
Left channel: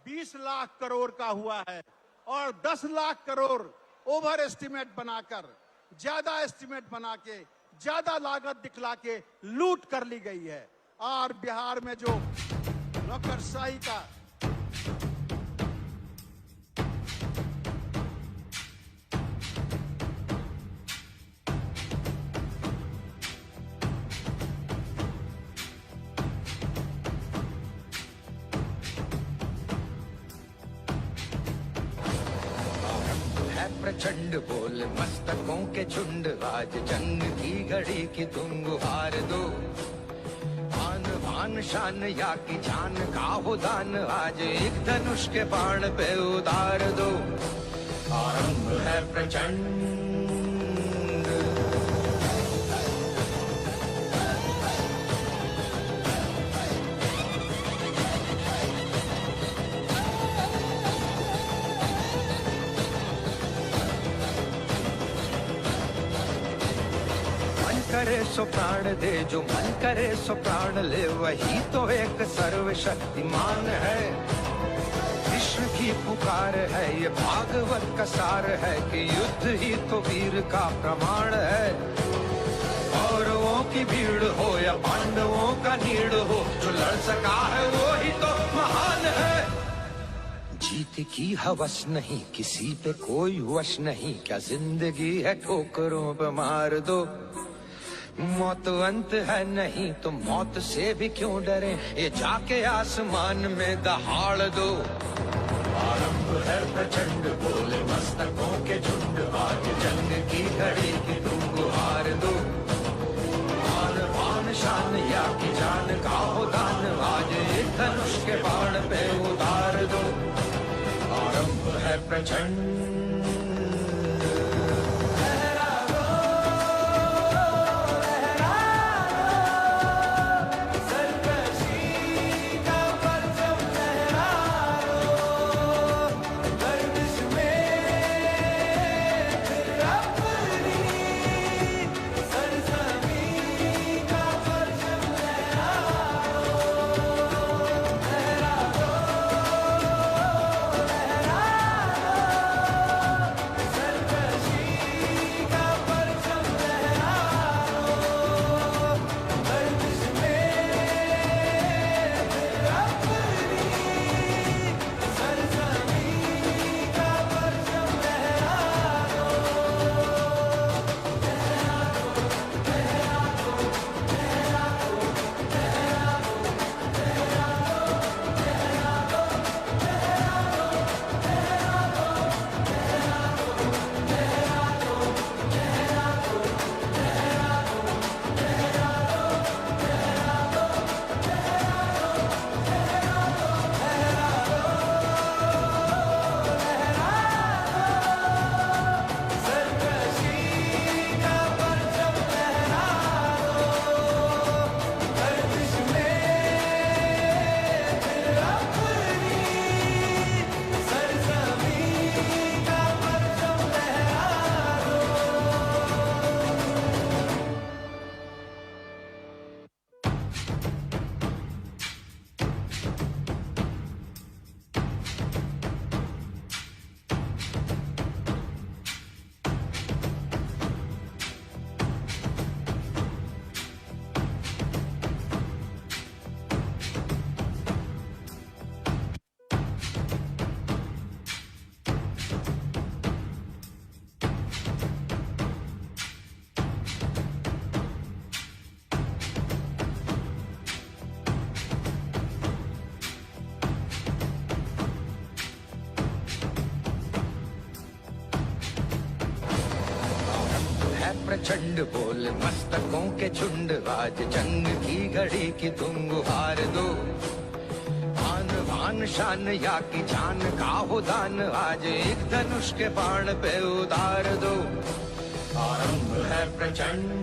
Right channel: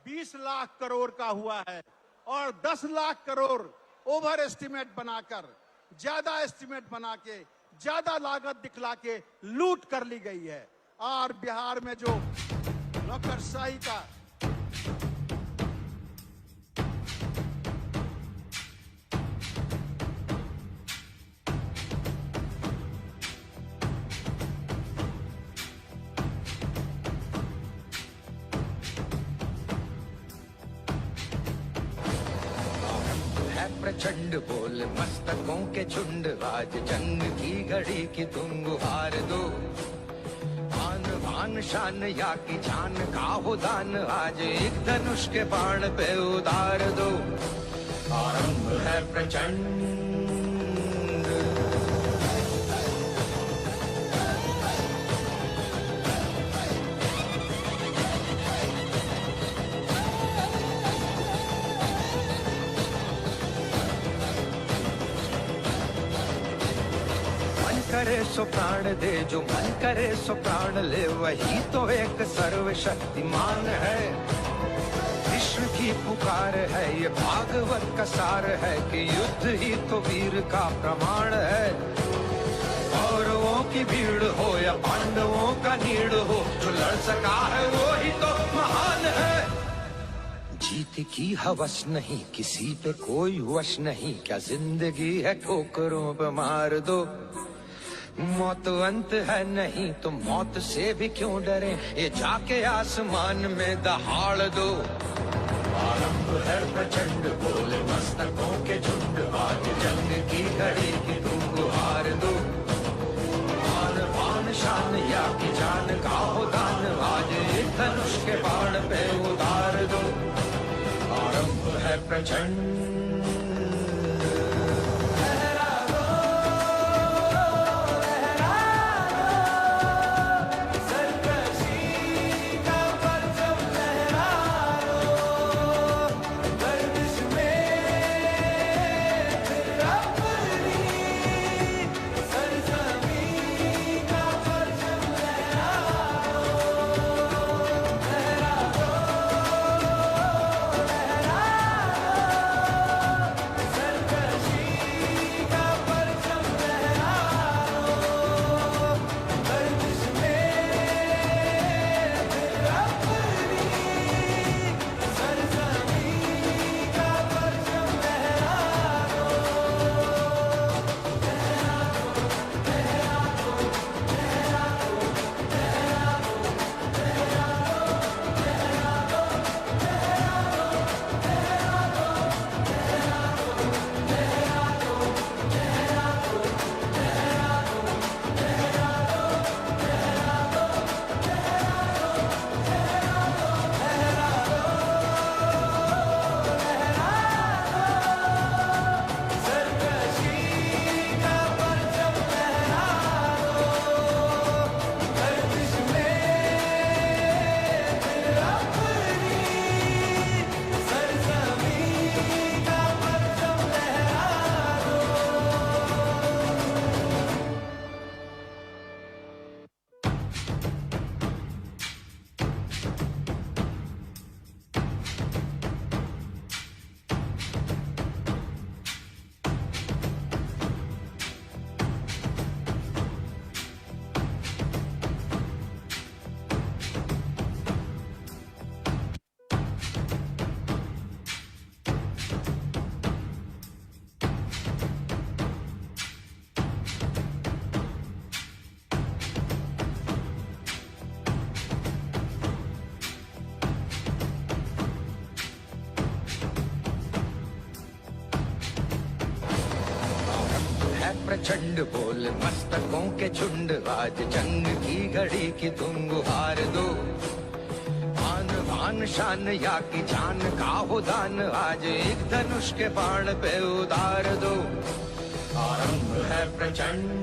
20 लाख करोड़ का हुआ है, और 10 लाख करोड़ ओवर एस्टिमेट बनाकर, ज्यादा एस्टिमेट बना के, ज्यादा लागत दिखला के लूट कर ली गई है। और बिहार में जो नौकरशाही का प्रचंड बोल मस्तकों के झुंड, आज जंग की घड़ी की तुम गुहार दो। आन बान शान या की जान का हो दान, आज एक धनुष के बाण पे उतार दो। आरंभ है प्रचंड, सो प्राण दे, जो मन करे सो प्राण ले, वही तो एक सर्वशक्तिमान है। विश्व की पुकार है, ये भागवत का सार है कि युद्ध ही तो वीर का प्रमाण है। कौरवों की भीड़ हो या पांडवों का नीड़ हो, जो लड़ सका है वो ही तो महान है। जीत की हवस नहीं, किसी पे कोई वश नहीं, क्या जिंदगी है ठोकरों पे मार दो। मौत अंत है नहीं तो मौत से भी क्यों डरे, ये जाके आसमान में दहाड़ दो। आरंभ है प्रचंड बोले मस्तकों के झुंड, आज जंग की घड़ी की तुम गुहार दो। मान पान शान या की जान का हो दान, आज एक धनुष के बाण पे उतार दो। आरंभ है प्रचंड प्रचंड बोल मस्तकों के झुंड, आज जंग की घड़ी की तुम गुहार दो। आन बान शान या की जान का हो दान, आज एक धनुष के बाण पे उतार दो। आरंभ है प्रचंड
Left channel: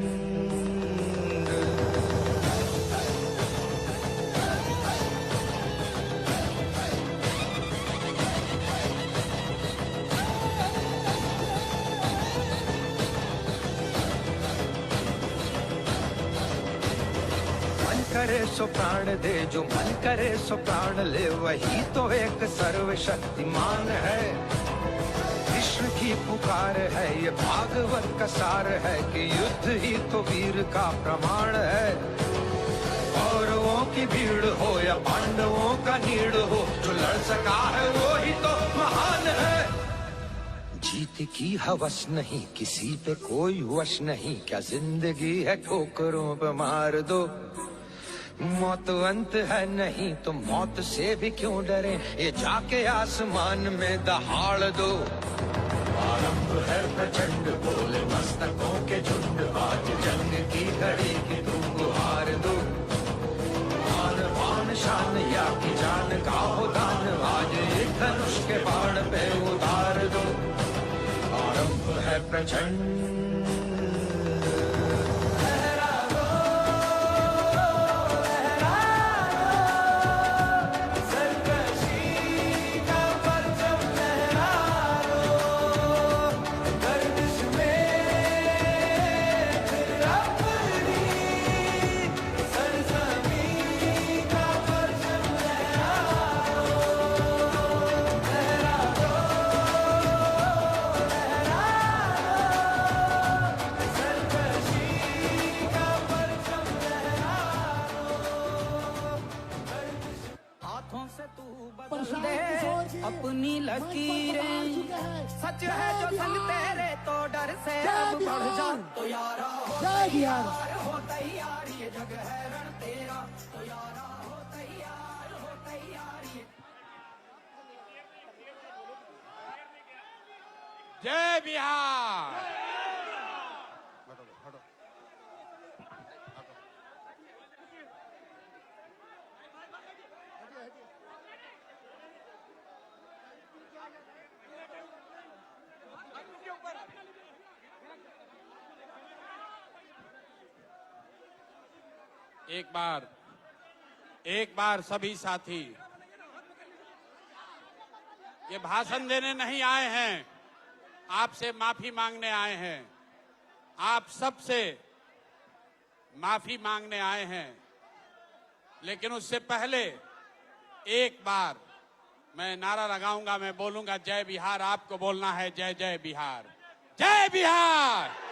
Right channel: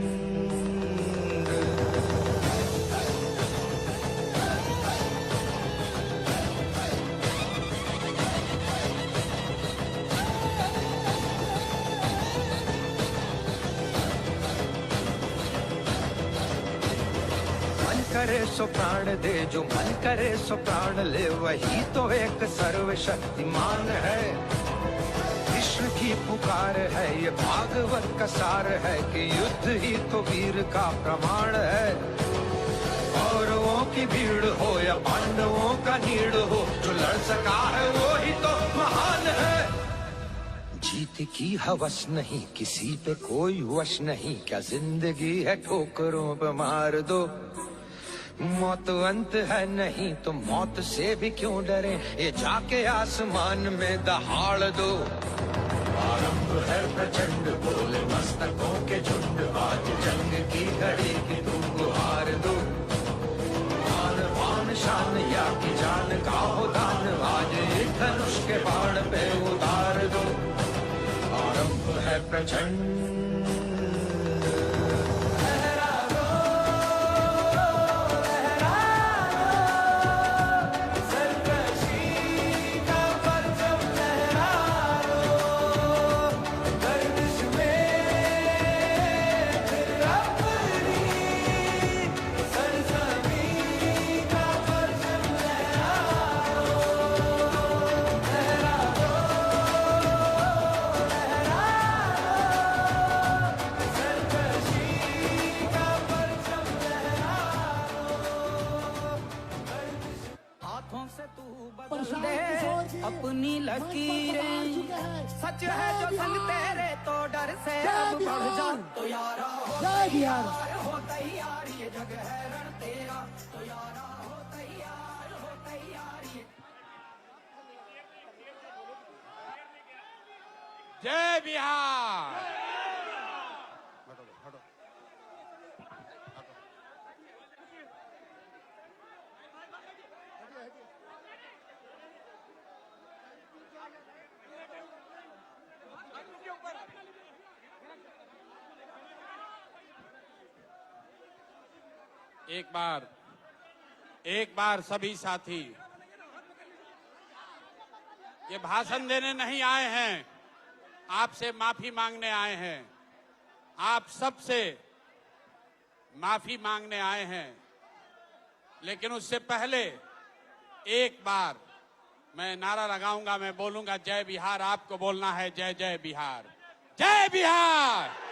सो प्राण दे, जो मन करे सो प्राण ले, वही तो एक सर्वशक्तिमान है। विश्व की पुकार है, ये भागवत का सार है कि युद्ध ही तो वीर का प्रमाण है। कौरवों की भीड़ हो या पांडवों का नीड़ हो, जो लड़ सका है वो ही तो महान है। जीत की हवस नहीं, किसी पे कोई वश नहीं, क्या जिंदगी है ठोकरों पे मार दो। मौत अंत है नहीं तो मौत से भी क्यों डरे, ये जाके आसमान में दहाड़ दो। आरंभ है प्रचंड बोले मस्तकों के झुंड, आज जंग की घड़ी की तुम गुहार दो। मान पान शान या की जान का हो दान, आज एक धनुष के बाण पे उतार दो। आरंभ है प्रचंड अपनी लकीरें सच है जो संग तेरे तो डर से अब बढ़ जा तो यारा हो तैयार ये जग है रण तेरा तो यारा हो तैयार ये जय बिहार। एक बार सभी साथी ये भाषण देने नहीं आए हैं, आपसे माफी मांगने आए हैं। आप सबसे माफी मांगने आए हैं, लेकिन उससे पहले एक बार मैं नारा लगाऊंगा, मैं बोलूंगा जय बिहार, आपको बोलना है जय जय बिहार, जय बिहार।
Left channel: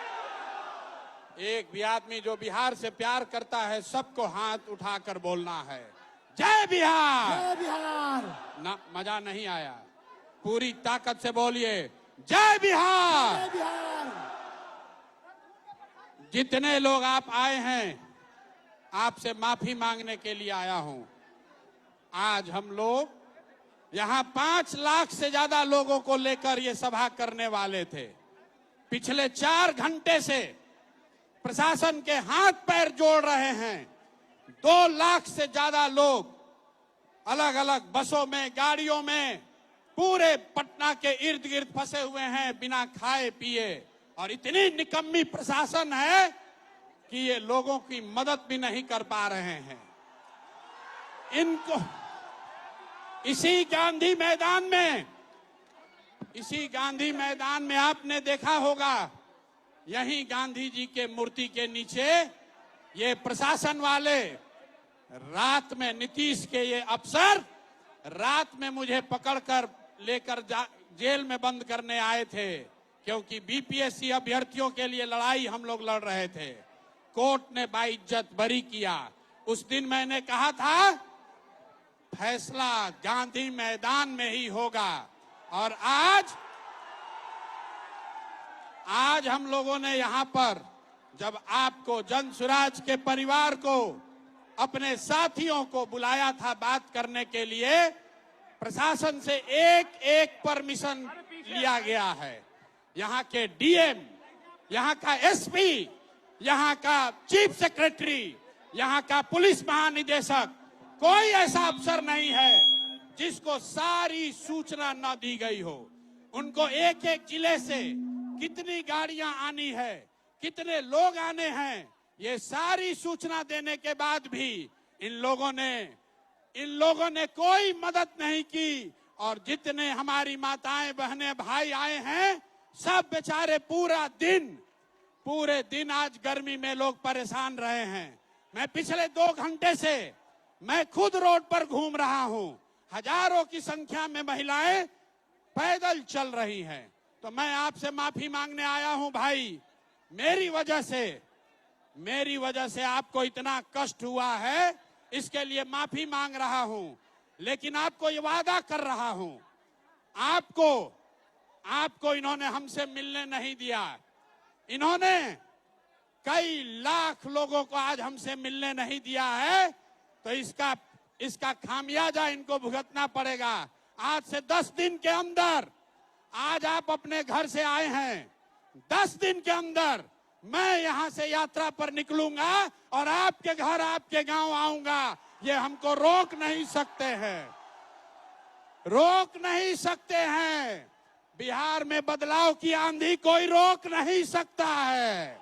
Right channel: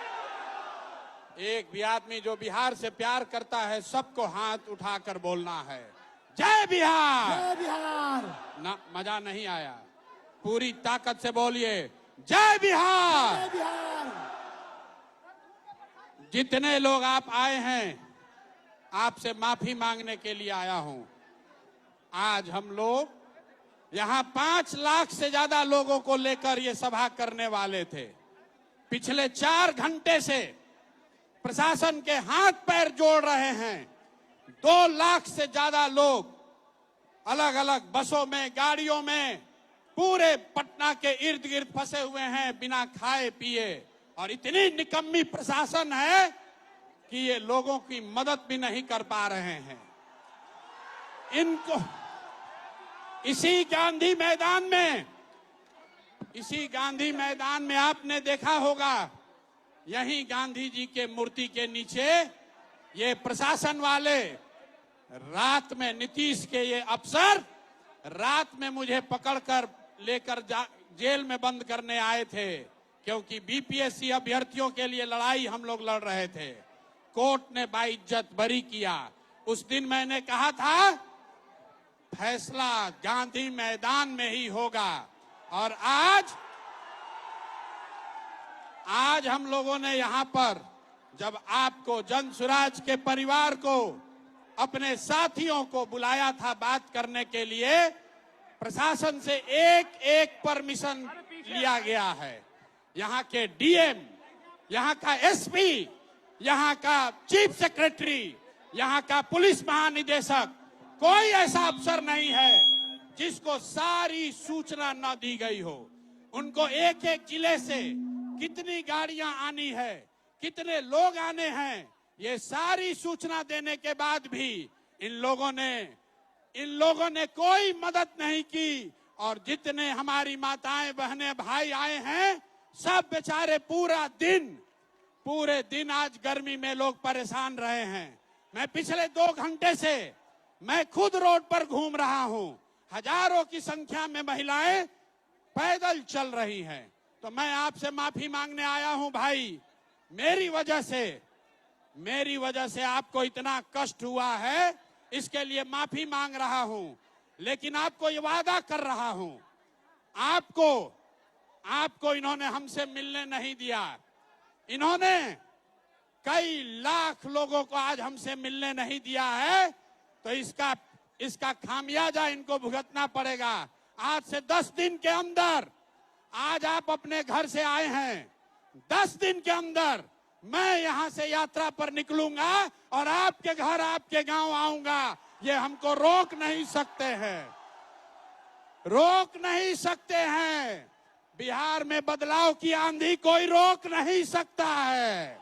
एक भी आदमी जो बिहार से प्यार करता है सबको हाथ उठाकर बोलना है जय बिहार। जय बिहार। ना मजा नहीं आया, पूरी ताकत से बोलिए जय बिहार। जय बिहार। जितने लोग आप आए हैं, आपसे माफी मांगने के लिए आया हूं। आज हम लोग यहां 5 लाख से ज्यादा लोगों को लेकर ये सभा करने वाले थे। पिछले 4 घंटे से प्रशासन के हाथ पैर जोड़ रहे हैं। 2 लाख से ज्यादा लोग अलग अलग बसों में, गाड़ियों में पूरे पटना के इर्द गिर्द फंसे हुए हैं बिना खाए पिए, और इतनी निकम्मी प्रशासन है कि ये लोगों की मदद भी नहीं कर पा रहे हैं। इनको इसी गांधी मैदान में आपने देखा होगा, यही गांधी जी के मूर्ति के नीचे ये प्रशासन वाले रात में, नीतीश के ये अफसर रात में मुझे पकड़कर लेकर जेल में बंद करने आए थे, क्योंकि बीपीएससी अभ्यर्थियों के लिए लड़ाई हम लोग लड़ रहे थे। कोर्ट ने बाइज्जत बरी किया। उस दिन मैंने कहा था फैसला गांधी मैदान में ही होगा, और आज हम लोगों ने यहाँ पर जब आपको, जनसुराज के परिवार को, अपने साथियों को बुलाया था बात करने के लिए, प्रशासन से एक परमिशन लिया गया है। यहाँ के डीएम, यहाँ का एसपी, यहाँ का चीफ सेक्रेटरी, यहाँ का पुलिस महानिदेशक, कोई ऐसा अफसर नहीं है जिसको सारी सूचना न दी गई हो। उनको एक एक जिले से कितनी गाड़ियां आनी है, कितने लोग आने हैं, ये सारी सूचना देने के बाद भी इन लोगों ने कोई मदद नहीं की। और जितने हमारी माताएं, बहनें, भाई आए हैं, सब बेचारे पूरे दिन आज गर्मी में लोग परेशान रहे हैं। मैं पिछले 2 घंटे से मैं खुद रोड पर घूम रहा हूं। हजारों की संख्या में महिलाएं पैदल चल रही हैं। तो मैं आपसे माफी मांगने आया हूं भाई। मेरी वजह से आपको इतना कष्ट हुआ है, इसके लिए माफी मांग रहा हूं। लेकिन आपको ये वादा कर रहा हूं, आपको इन्होंने हमसे मिलने नहीं दिया। इन्होंने कई लाख लोगों को आज हमसे मिलने नहीं दिया है, तो इसका खामियाजा इनको भुगतना पड़ेगा। आज से 10 दिन के अंदर, आज आप अपने घर से आए हैं, 10 दिन के अंदर मैं यहां से यात्रा पर निकलूंगा और आपके घर, आपके गांव आऊंगा। ये हमको रोक नहीं सकते हैं। बिहार में बदलाव की आंधी कोई रोक नहीं सकता है।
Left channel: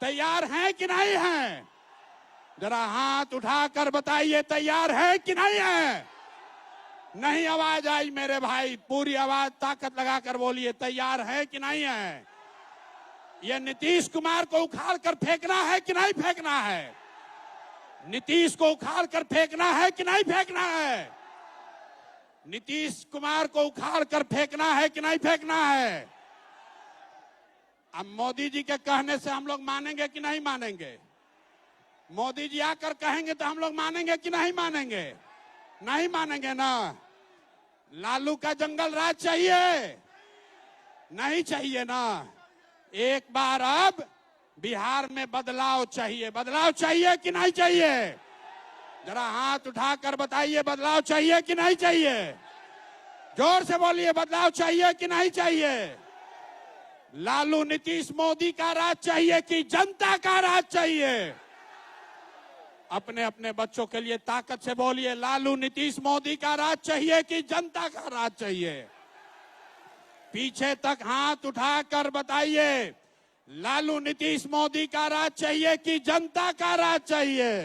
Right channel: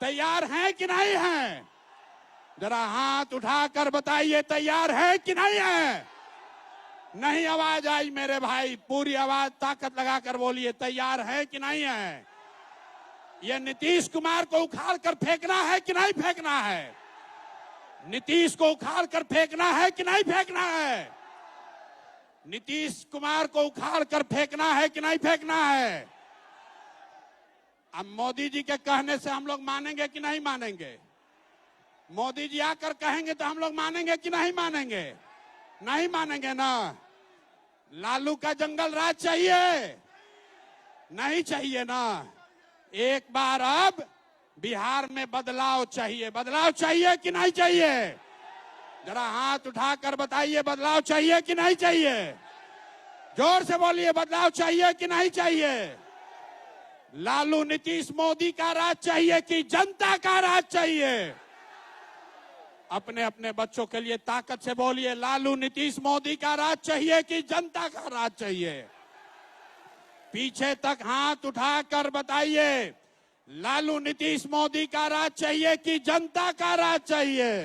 तैयार हैं कि नहीं है? जरा हाथ उठाकर बताइए, तैयार है कि नहीं है? नहीं आवाज आई मेरे भाई, पूरी आवाज ताकत लगाकर बोलिए, तैयार है कि नहीं है? ये नीतीश कुमार को उखाड़ कर फेंकना है कि नहीं फेंकना है? नीतीश को उखाड़ कर फेंकना है कि नहीं फेंकना है? नीतीश कुमार को उखाड़ कर फेंकना है कि नहीं फेंकना है? अब मोदी जी के कहने से हम लोग मानेंगे कि नहीं मानेंगे? मोदी जी आकर कहेंगे तो हम लोग मानेंगे कि नहीं मानेंगे? नहीं मानेंगे ना। लालू का जंगल राज चाहिए? नहीं चाहिए ना। एक बार अब बिहार में बदलाव चाहिए। बदलाव चाहिए कि नहीं चाहिए? जरा हाथ उठाकर बताइए, बदलाव चाहिए कि नहीं चाहिए? जोर से बोलिए, बदलाव चाहिए कि नहीं चाहिए? लालू नीतीश मोदी का राज चाहिए कि जनता का राज चाहिए? अपने अपने बच्चों के लिए ताकत से बोलिए, लालू नीतीश मोदी का राज चाहिए कि जनता का राज चाहिए? पीछे तक हाथ उठाकर बताइए, लालू नीतीश मोदी का राज चाहिए कि जनता का राज चाहिए?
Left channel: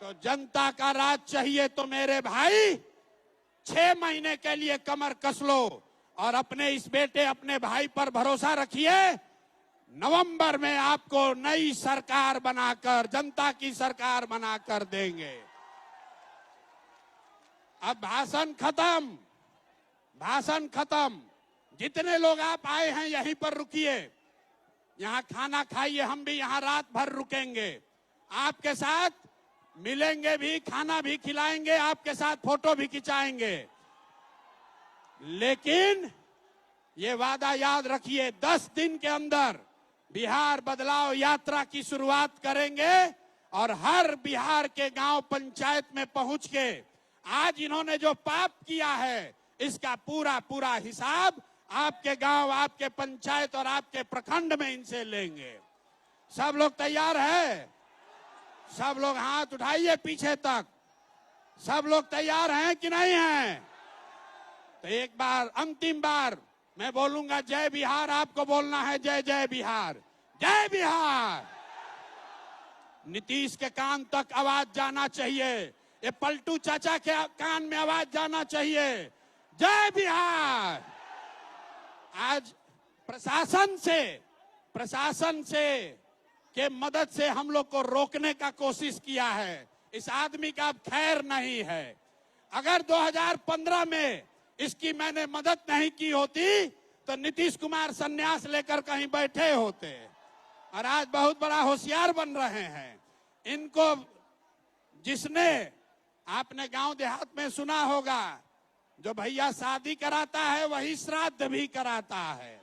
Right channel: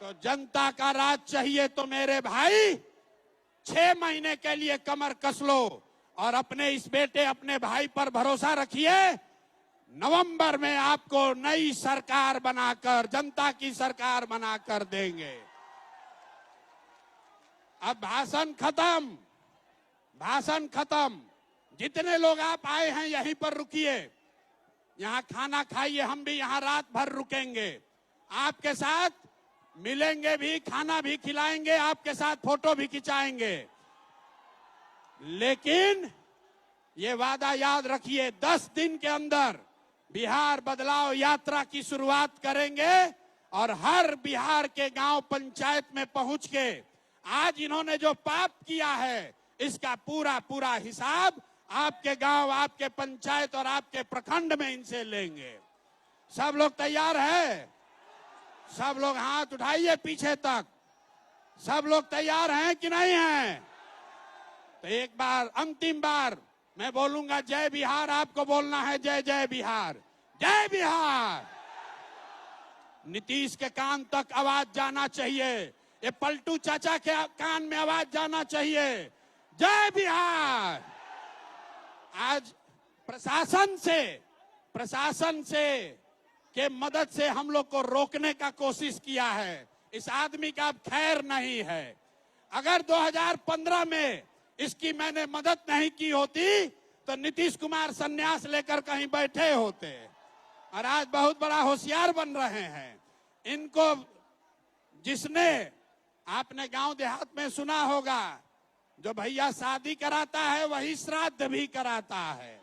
तो जनता का राज चाहिए तो मेरे भाई 6 महीने के लिए कमर कस लो और अपने इस बेटे, अपने भाई पर भरोसा रखिए। नवंबर में आपको नई सरकार बनाकर, जनता की सरकार बनाकर देंगे। अब भाषण खत्म, भाषण खत्म। जितने लोग आप आए हैं यहीं पर रुकिए, यहाँ खाना खाइए। हम भी यहाँ रात भर रुकेंगे, आपके साथ मिलेंगे भी, खाना भी खिलाएंगे, आपके साथ फोटो भी खिंचाएंगे। लेकिन ये वादा याद रखिए, 10 दिन के अंदर बिहार बदलाव यात्रा की शुरुआत करेंगे और हर बिहार के गांव पंचायत में पहुंच के आज इन्होंने जो पाप किया है इसका पूरा पूरा हिसाब आपके गांव, आपके पंचायत और आपके प्रखंड में इनसे लेंगे। सब लोग तैयार हैं? सब लोग हाथ उठाइए पीछे तक। सब लोग तैयार हैं कि नहीं हैं? तो एक बार, अंतिम बार मैं बोलूंगा जय बिहार, आपको बोलना है जय जय बिहार, जय बिहार। नीतीश के कान तक आवाज जाना चाहिए, ये पलटू चाचा के कान में आवाज जाना चाहिए, जय बिहार। आज प्रशासन से के मदद से हम लोग को रोकने का कोशिश किया है। इस आदमी का अब खैर नहीं है। अगर 2015 में इसकी मैंने मदद नहीं की होती तो नीतीश कुमार संन्यास लेकर कहीं बैठे होते और आज बहुत बड़ा होशियार बन रहे हैं। इनको जिसने, आपने गांव देहात में सुना होगा, जो भैया शादी कराता है वही श्राद्ध भी कराता है,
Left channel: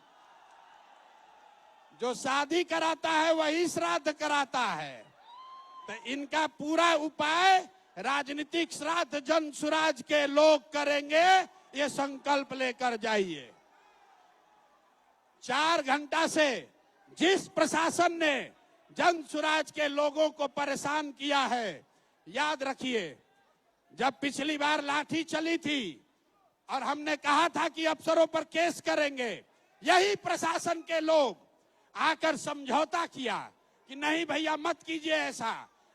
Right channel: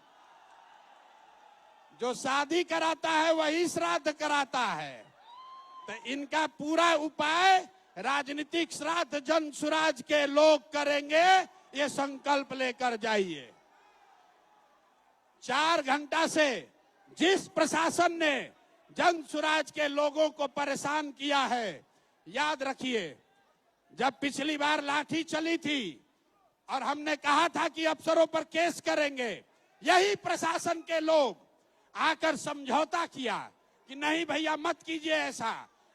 जो शादी कराता है वही श्राद्ध कराता है। तो इनका पूरा उपाय राजनीतिक श्राद्ध जन सुराज के लोग करेंगे, ये संकल्प लेकर जाइए। 4 घंटा से जिस प्रशासन ने जन सुराज के लोगों को परेशान किया है, याद रखिए, जब पिछली बार लाठी चली थी और हमने कहा था कि अफसरों पर केस करेंगे, यही प्रशासन के लोग आकर समझौता किया कि नहीं भैया मत कीजिए ऐसा,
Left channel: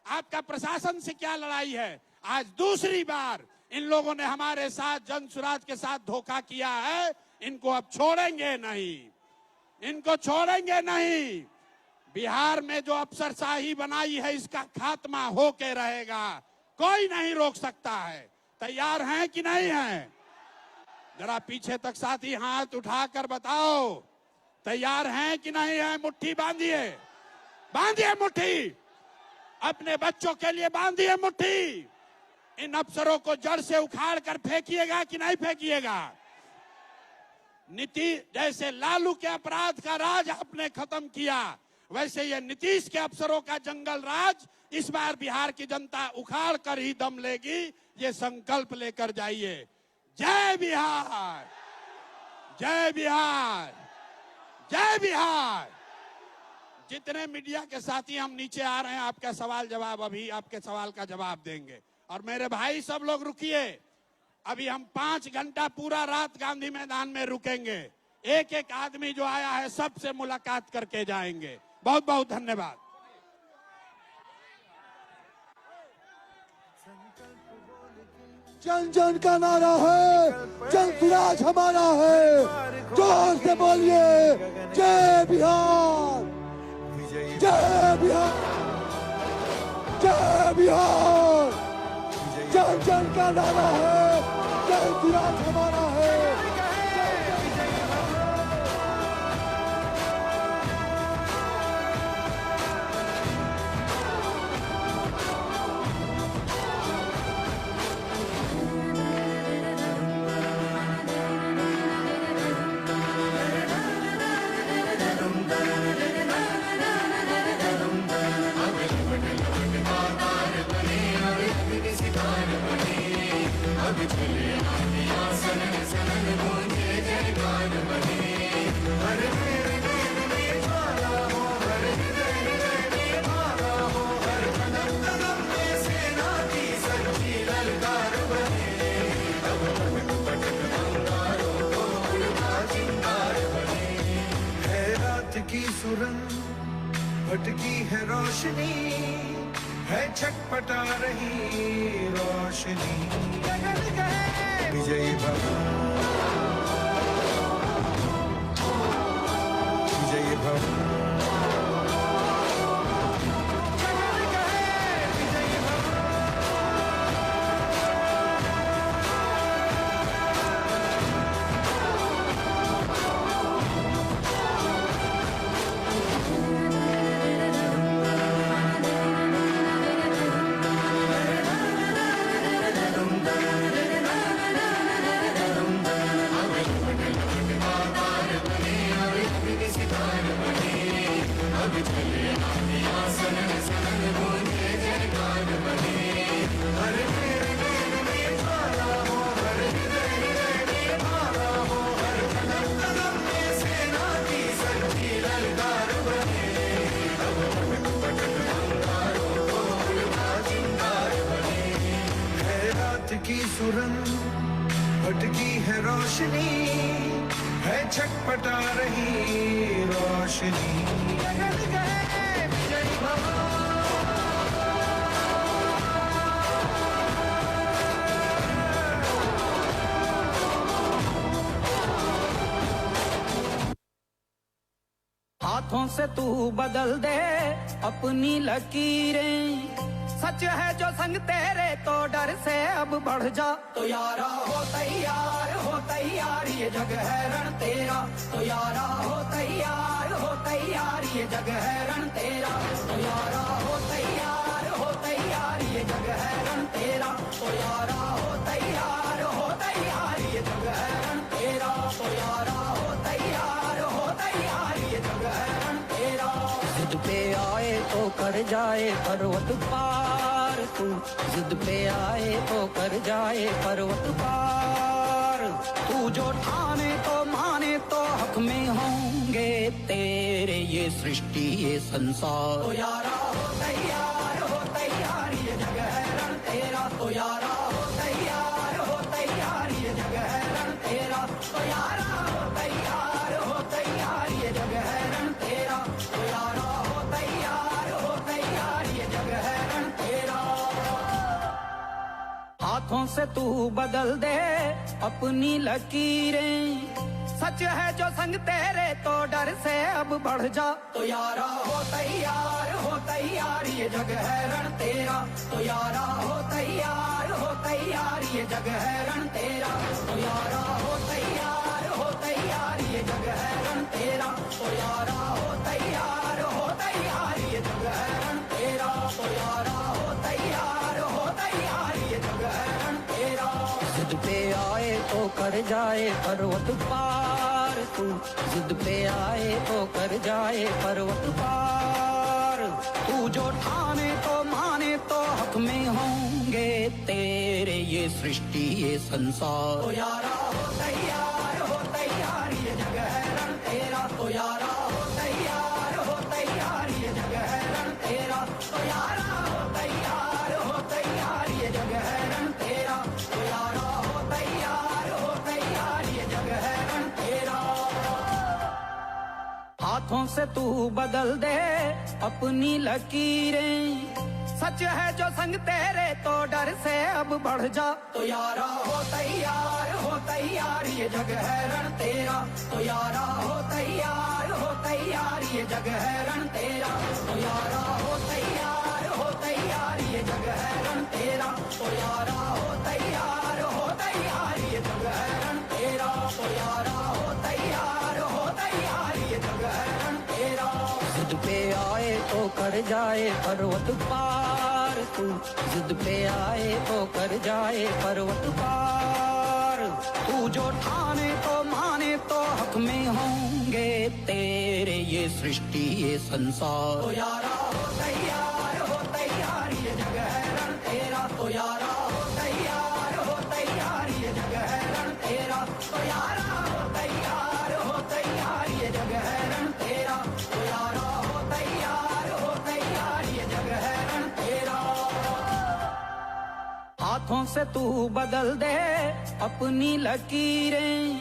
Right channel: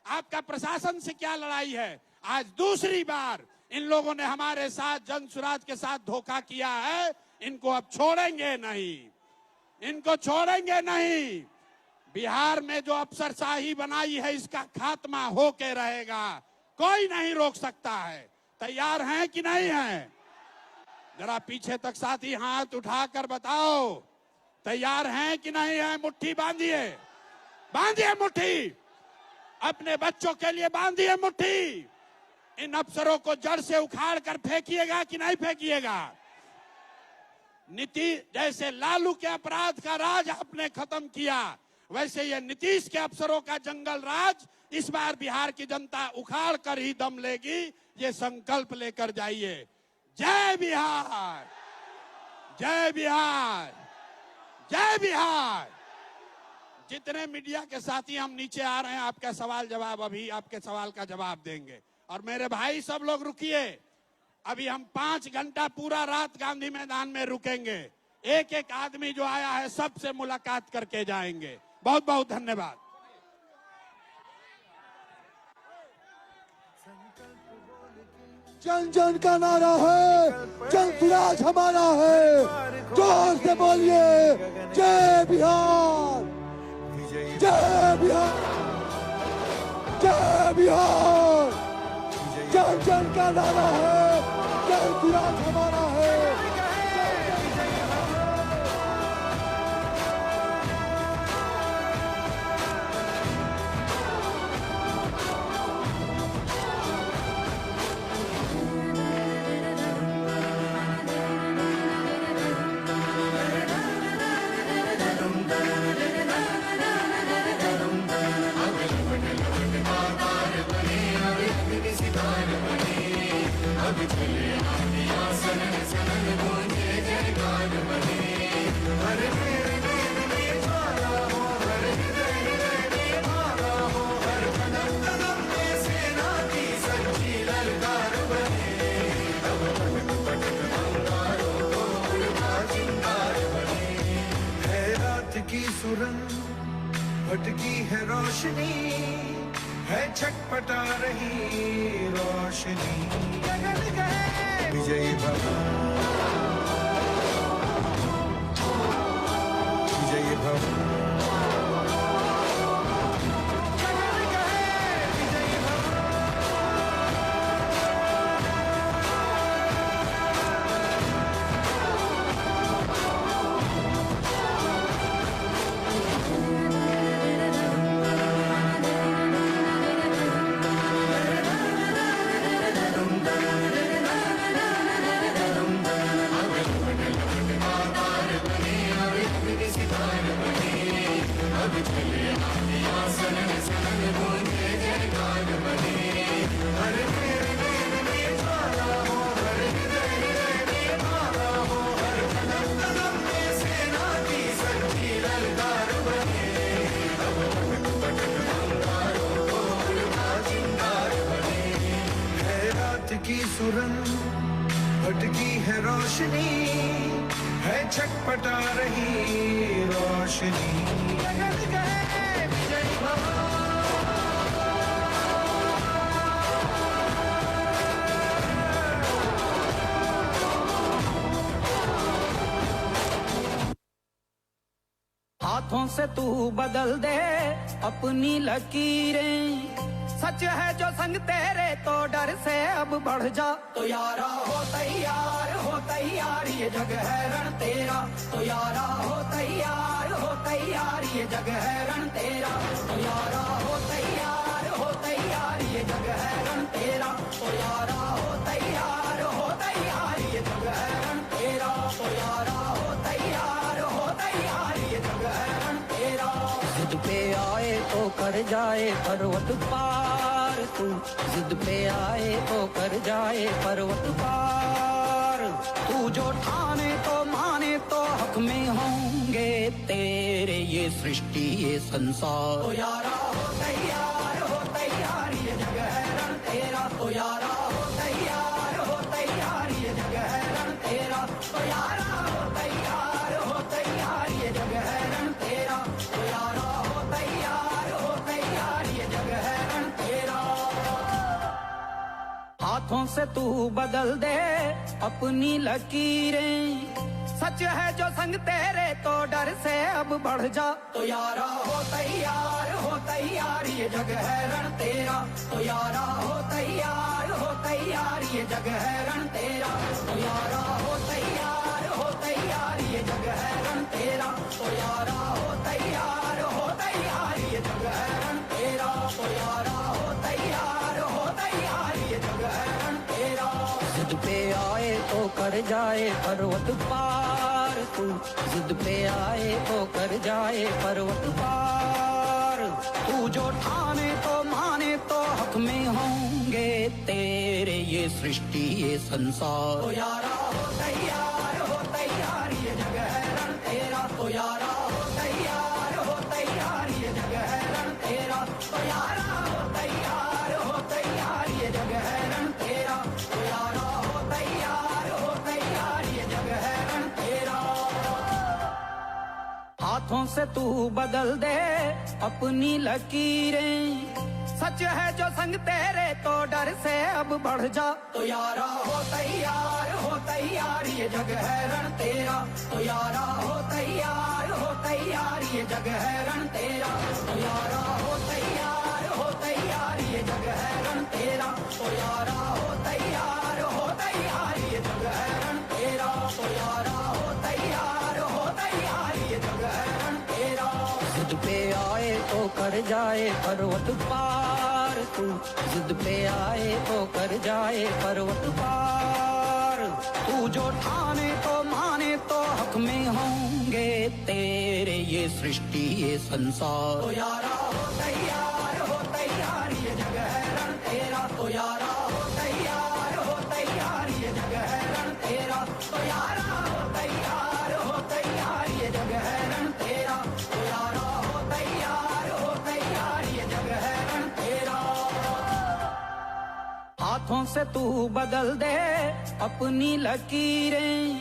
आपका प्रशासन से क्या लड़ाई है। आज दूसरी बार इन लोगों ने हमारे साथ, जन सुराज के साथ धोखा किया है। इनको अब छोड़ेंगे नहीं, इनको छोड़ेंगे नहीं। बिहार में जो अफसरशाही बनाई है इसका खात्मा होके रहेगा, कोई नहीं रोक सकता है। तैयार हैं कि नहीं हैं? जरा पीछे तक साथी हाथ उठाकर बताओ, तैयार हैं कि नहीं है? मुट्ठी बांधिए, बांधिए मुट्ठी, अपने बच्चों के लिए बांधिए मुट्ठी। इन अफसरों को जड़ से उखाड़ कर फेंकिएगा कि नहीं फेंकिएगा? नीतीश, जैसे लालू के अपराध का राज आपने खत्म किया, वैसे ये नीतीश के अफसरों का जंगल राज इस बार बिहार की जनता उखाड़ कर ही दम लेगी। ये संकल्प लेकर जाइए। जय बिहार, जय बिहार, जय बिहार। जितने मीडिया के साथी हम नीचे आ रहे हैं, आपके सवाल जवाब, अभी आपके सवाल का जवाब देंगे। और मेरे भाई सब लोग रुकिए, अभी हम 5 घंटा पूरा रात गांधी मैदान में रुकेंगे। एक एक आदमी जो आया है सबसे मुलाकात करके जाएंगे। बहुत बहुत धन्यवाद। जन जन का नारा है, जन सुराज हमारा है। जोर से बोलिए, जय बिहार, जय बिहार, जय बिहार। जन जन का नारा है, जन सुराज हमारा है। रोशनी है, छटपटा रही रोशनी। विजयी भव, विजयी भव। भटकी है रोशनी है, छटपटा रही रोशनी। हाथों से तू बदल दे अपनी लकीरें, सच है जो संग तेरे तो डर से अब बढ़ जा। तो यारा हो तैयार ये जग है रण तेरा। तो यारा हो तैयार ये जग है रण तेरा। तो यारा हो तैयार ये जग है रण तेरा। तो यारा हो तैयार ये जग है रण तेरा। तो यारा हो तैयार ये जग है रण तेरा। जिद पे आए तो कर जाए पर्वत पार तू, जिद पे आए तो कर जाए पर्वत पार। तू जो ठाने तो माने तो हक में होंगे तेरे ये सृष्टि ये संसार। तो यारा हो तैयार ये जग है रण तेरा। तो यारा हो तैयार ये जग है रण तेरा। तो यारा हो तैयार ये जग है रण तेरा। तो यारा हो तैयार ये जग है रण तेरा। हाथों से तू बदल दे अपनी लकीरें, सच है जो संग तेरे तो डर से अब बढ़ जा। तो यारा हो तैयार ये जग है रण तेरा। तो यारा हो तैयार ये जग है रण तेरा। तो यारा हो तैयार ये जग है रण तेरा। तो यारा हो तैयार ये जग है रण तेरा। तो यारा हो तैयार ये जग है रण तेरा। जिद पे आए तो कर जाए पर्वत पार तू, जिद पे आए तो कर जाए पर्वत पार। तू जो ठाने तो माने तो हक में होंगे तेरे ये सृष्टि ये संसार। तो यारा हो तैयार ये जग है रण तेरा। तो यारा हो तैयार ये जग है रण तेरा। तो यारा हो तैयार ये जग है रण तेरा। तो यारा हो तैयार ये जग है रण तेरा। हाथों से तू बदल दे अपनी लकीरें, सच है जो संग तेरे तो डर से अब बढ़ जा। तो यारा हो तैयार ये जग है रण तेरा। तो यारा हो तैयार ये जग है रण तेरा। तो यारा हो तैयार ये जग है रण तेरा। तो यारा हो तैयार ये जग है रण तेरा। तो यारा हो तैयार ये जग है रण तेरा। जिद पे आए तो कर जाए पर्वत पार तू, जिद पे आए तो कर जाए पर्वत पार। तू जो ठाने तो माने तो हक में होंगे तेरे ये सृष्टि ये संसार। तो यारा हो तैयार ये जग है रण तेरा। तो यारा हो तैयार ये जग है रण तेरा। तो यारा हो तैयार ये जग है रण तेरा। तो यारा हो तैयार ये जग है रण तेरा। हाथों से तू बदल दे अपनी लकीरें,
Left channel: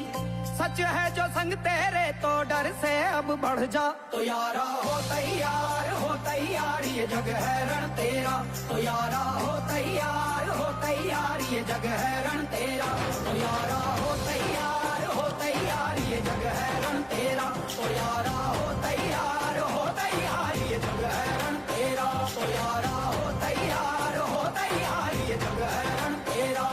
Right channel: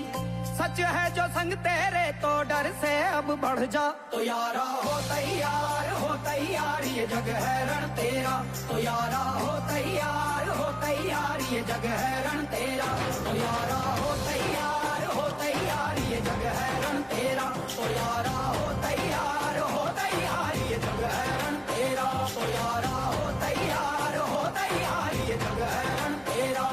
सच है जो संग तेरे तो डर से अब बढ़ जा। तो यारा हो तैयार ये जग है रण तेरा। तो यारा हो तैयार ये जग है रण तेरा। तो यारा हो तैयार ये जग है रण तेरा। तो यारा हो तैयार ये जग है रण तेरा। तो यारा हो तैयार ये जग है रण तेरा।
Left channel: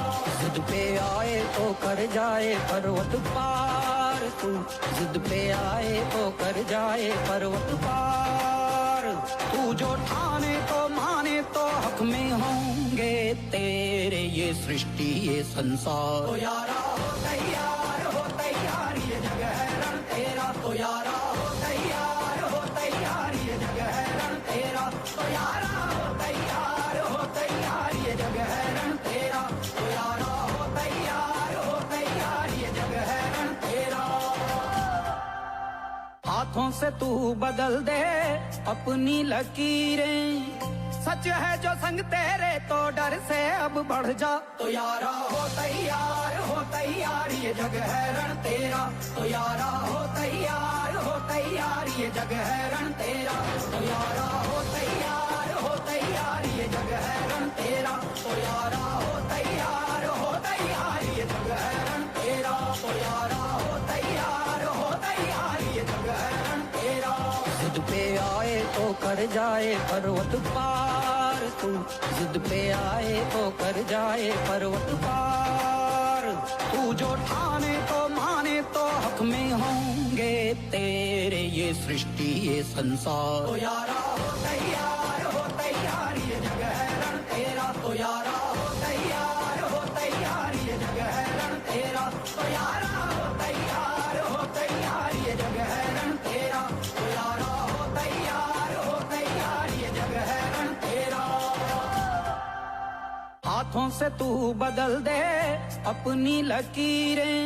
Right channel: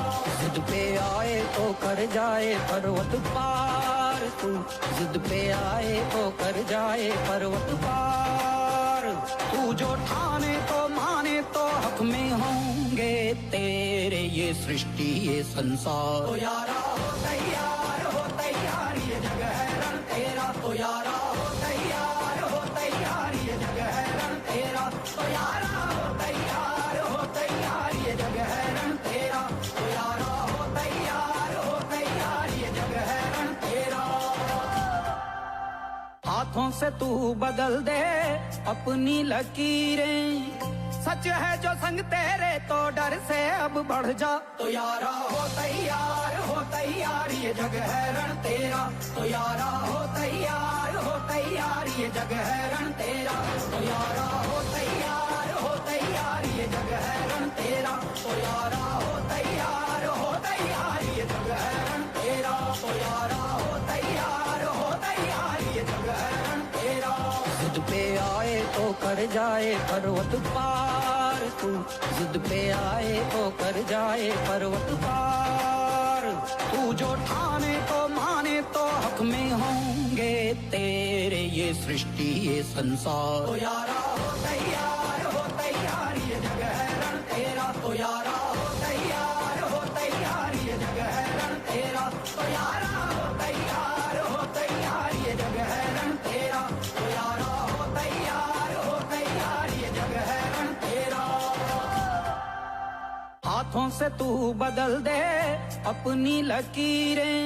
जिद पे आए तो कर जाए पर्वत पार तू। जिद पे आए तो कर जाए पर्वत पार। तू जो ठाने तो माने तो हक में होंगे तेरे ये सृष्टि ये संसार। तो यारा हो तैयार ये जग है रण तेरा। तो यारा हो तैयार ये जग है रण तेरा। तो यारा हो तैयार ये जग है रण तेरा। तो यारा हो तैयार ये जग है रण तेरा। हाथों से तू बदल दे अपनी लकीरें। सच है जो संग तेरे तो डर से अब बढ़ जा। तो यारा हो तैयार ये जग है रण तेरा। तो यारा हो तैयार ये जग है रण तेरा। तो यारा हो तैयार ये जग है रण तेरा। तो यारा हो तैयार ये जग है रण तेरा। तो यारा हो तैयार ये जग है रण तेरा। जिद पे आए तो कर जाए पर्वत पार तू। जिद पे आए तो कर जाए पर्वत पार। तू जो ठाने तो माने तो हक में होंगे तेरे ये सृष्टि ये संसार। तो यारा हो तैयार ये जग है रण तेरा। तो यारा हो तैयार ये जग है रण तेरा। तो यारा हो तैयार ये जग है रण तेरा। तो यारा हो तैयार ये जग है रण तेरा। हाथों से तू बदल दे अपनी लकीरें।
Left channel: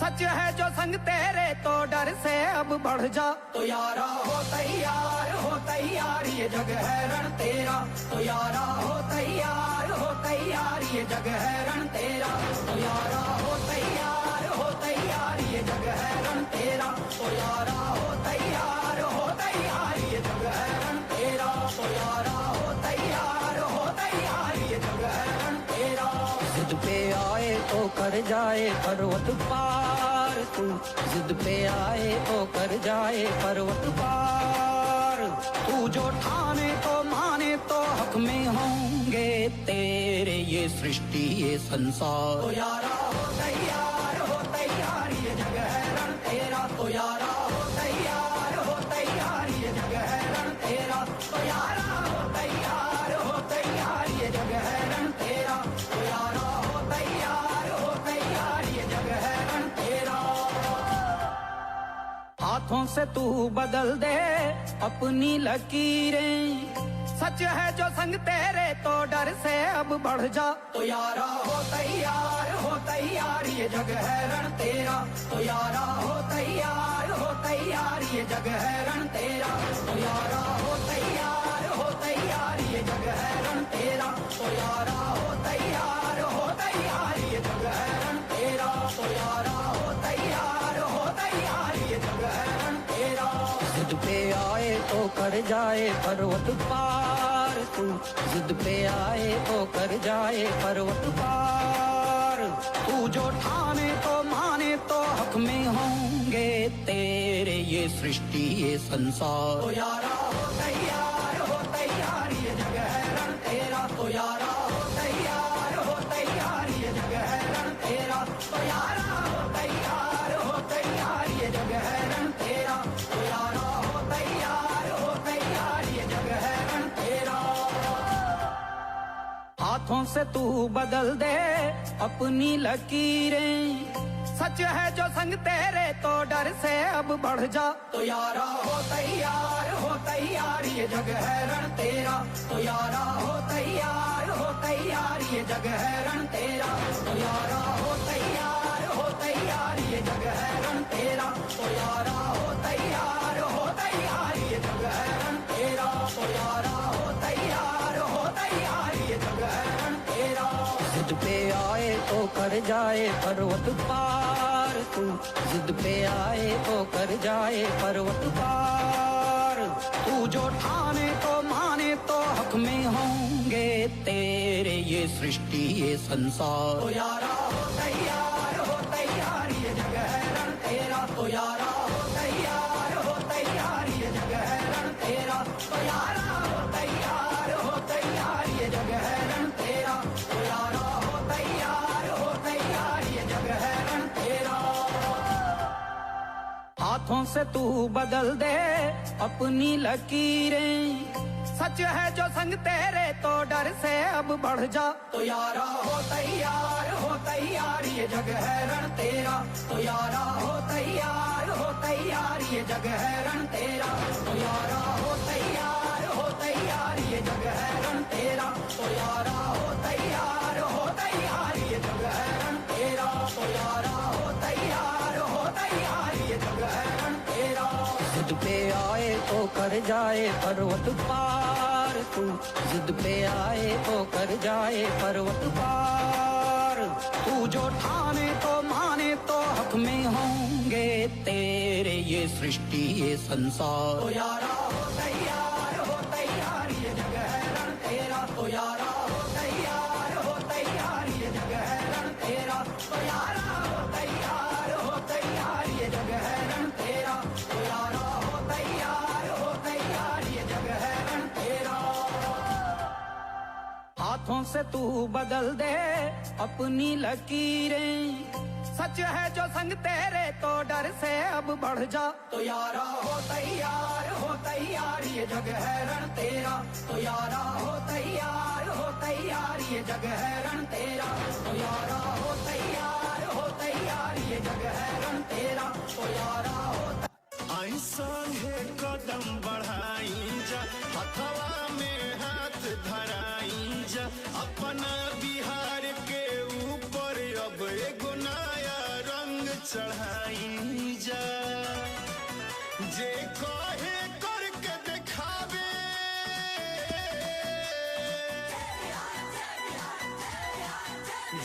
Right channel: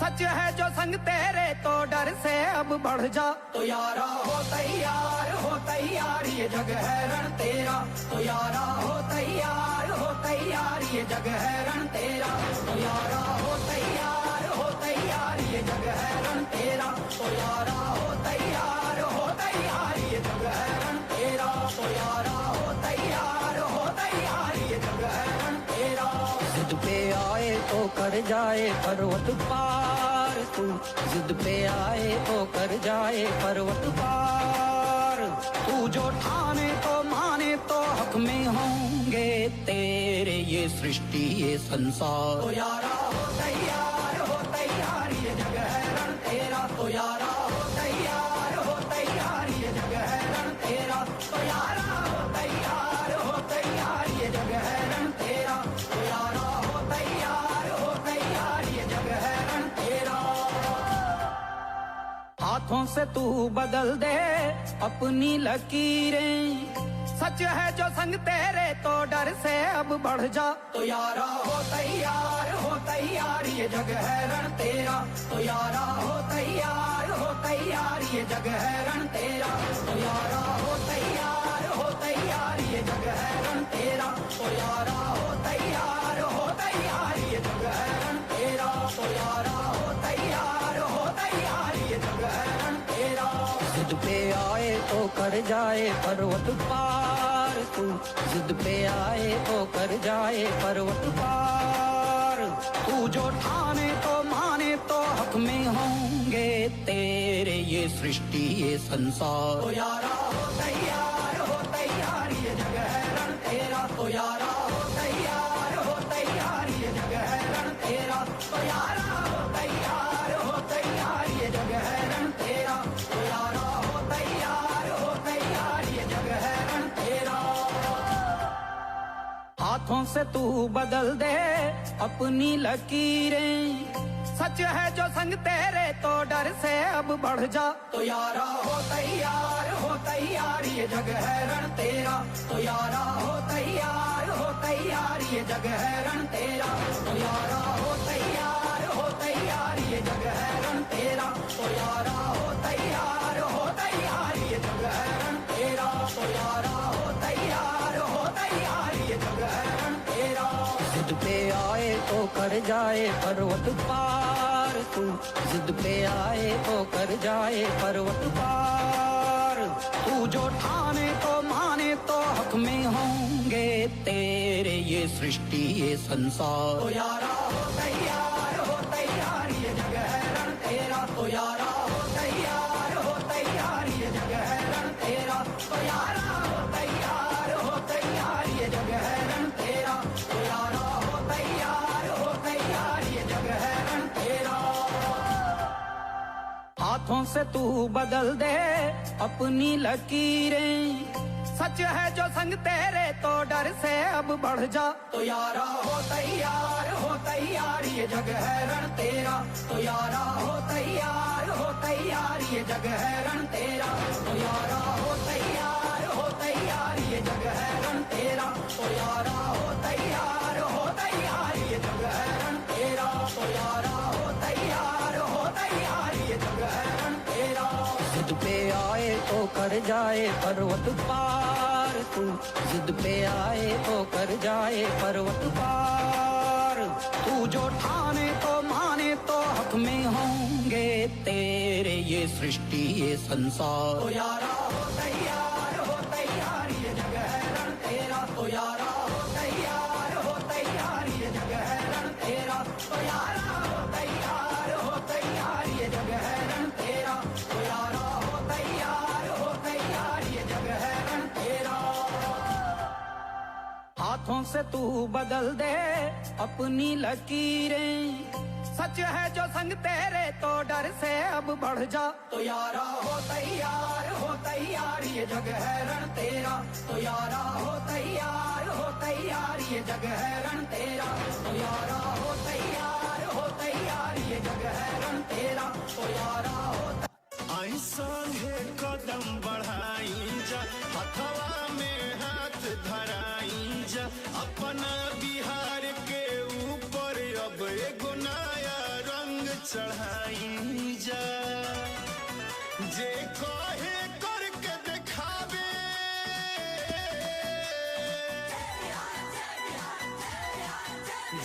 सच है जो संग तेरे तो डर से अब बढ़ जा। तो यारा हो तैयार ये जग है रण तेरा। तो यारा हो तैयार ये जग है रण तेरा। तो यारा हो तैयार ये जग है रण तेरा। तो यारा हो तैयार ये जग है रण तेरा। तो यारा हो तैयार ये जग है रण तेरा। जिद पे आए तो कर जाए पर्वत पार तू। जिद पे आए तो कर जाए पर्वत पार। तू जो ठाने तो माने तो हक में होंगे तेरे ये सृष्टि ये संसार। तो यारा हो तैयार ये जग है रण तेरा। तो यारा हो तैयार ये जग है रण तेरा। तो यारा हो तैयार ये जग है रण तेरा। तो यारा हो तैयार ये जग है रण तेरा। हाथों से तू बदल दे अपनी लकीरें। सच है जो संग तेरे तो डर से अब बढ़ जा। तो यारा हो तैयार ये जग है रण तेरा। तो यारा हो तैयार ये जग है रण तेरा। तो यारा हो तैयार ये जग है रण तेरा। तो यारा हो तैयार ये जग है रण तेरा। तो यारा हो तैयार ये जग है रण तेरा। जिद पे आए तो कर जाए पर्वत पार तू। जिद पे आए तो कर जाए पर्वत पार। तू जो ठाने तो माने तो हक में होंगे तेरे ये सृष्टि ये संसार। तो यारा हो तैयार ये जग है रण तेरा। तो यारा हो तैयार ये जग है रण तेरा। तो यारा हो तैयार ये जग है रण तेरा। तो यारा हो तैयार ये जग है रण तेरा। हाथों से तू बदल दे अपनी लकीरें। सच है जो संग तेरे तो डर से अब बढ़ जा। तो यारा हो तैयार ये जग है रण तेरा। तो यारा हो तैयार ये जग है रण तेरा। तो यारा हो तैयार ये जग है रण तेरा। तो यारा हो तैयार ये जग है रण तेरा। तो यारा हो तैयार ये जग है रण तेरा। जिद पे आए तो कर जाए पर्वत पार तू जिद पे आए तो कर जाए पर्वत पार। तू जो ठाने तो माने तो हक में होंगे तेरे ये सृष्टि ये संसार। तो यारा हो तैयार ये जगह है रण तेरा। तो यारा हो तैयार ये जगह है रण तेरा। तो यारा हो तैयार ये जगह है रण तेरा। तो यारा हो तैयार ये जगह है रण तेरा। हाथों से तू बदल दे अपनी लकीरें, सच है जो संग तेरे तो डर से अब बढ़ जा। तो यारा हो तैयार ये जगह है रण तेरा। तो यारा हो तैयार ये जगह है रण तेरा। तो यारा हो तैयार ये जगह है रण तेरा। तो यारा हो तैयार ये जगह है रण तेरा। तो यारा हो तैयार ये जगह है रण तेरा। जिद पे आए तो कर जाए पर्वत पार। तू जिद पे आए तो कर जाए पर्वत पार। तू जो ठाने तो माने तो हक में होंगे तेरे ये सृष्टि ये संसार। तो यारा हो तैयार ये जगह है रण तेरा। तो यारा हो तैयार ये जगह है रण तेरा। तो यारा हो तैयार ये जगह है रण तेरा। तो यारा हो तैयार ये जगह है रण तेरा। हाथों से तू बदल दे अपनी लकीरें, सच है जो संग तेरे तो डर से अब बढ़ जा। तो यारा हो तैयार ये जगह है रण तेरा। तो यारा हो तैयार ये जगह है रण तेरा। तो यारा हो तैयार ये जगह है रण तेरा। तो यारा हो ऐसा है कदम बढ़ाई जा, हथवा में हाथ धराई जा, अपना बिहार के ऊपर अब एक नया रंग चढ़ाई जा। जे कहे करके दिखावे,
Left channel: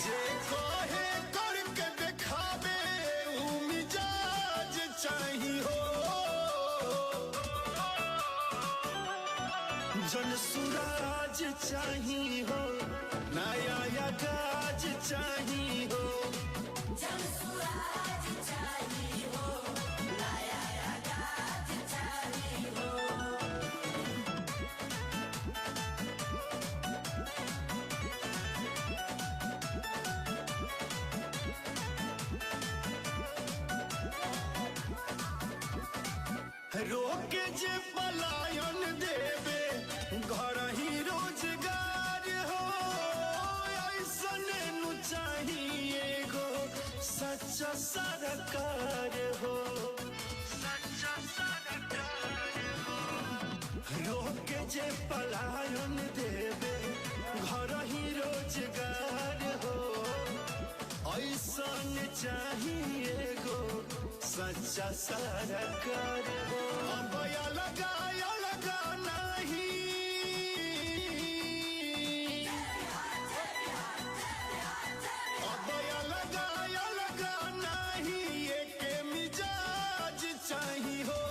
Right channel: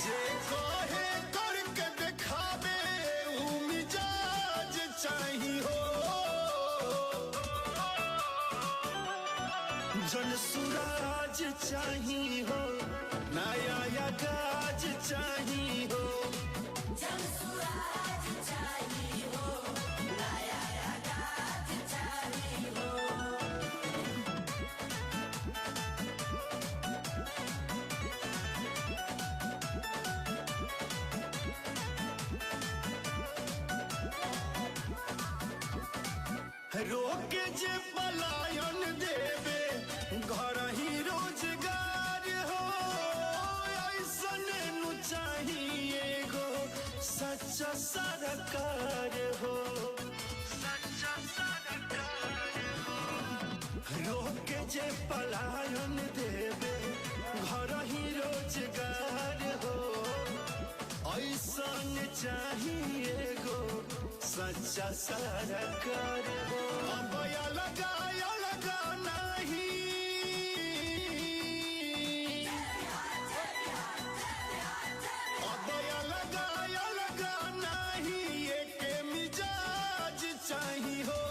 जे कहे करके दिखावे, ऊ मिजाज चाहिए हो। जग सुराज चाहिए हो, नया या गाज चाहिए हो। रोक जे पलायन देवे घर ही रोजगार हो। ऐसन नु चाहिए गो सच्चा सरकार हो। रोक जे पलायन देवे घर ही रोजगार हो। ऐसन चाहिए गो सच्चा सरकार हो। अब लगा नहीं, अब लगा नहीं, एक मिजाज चाहिए हो।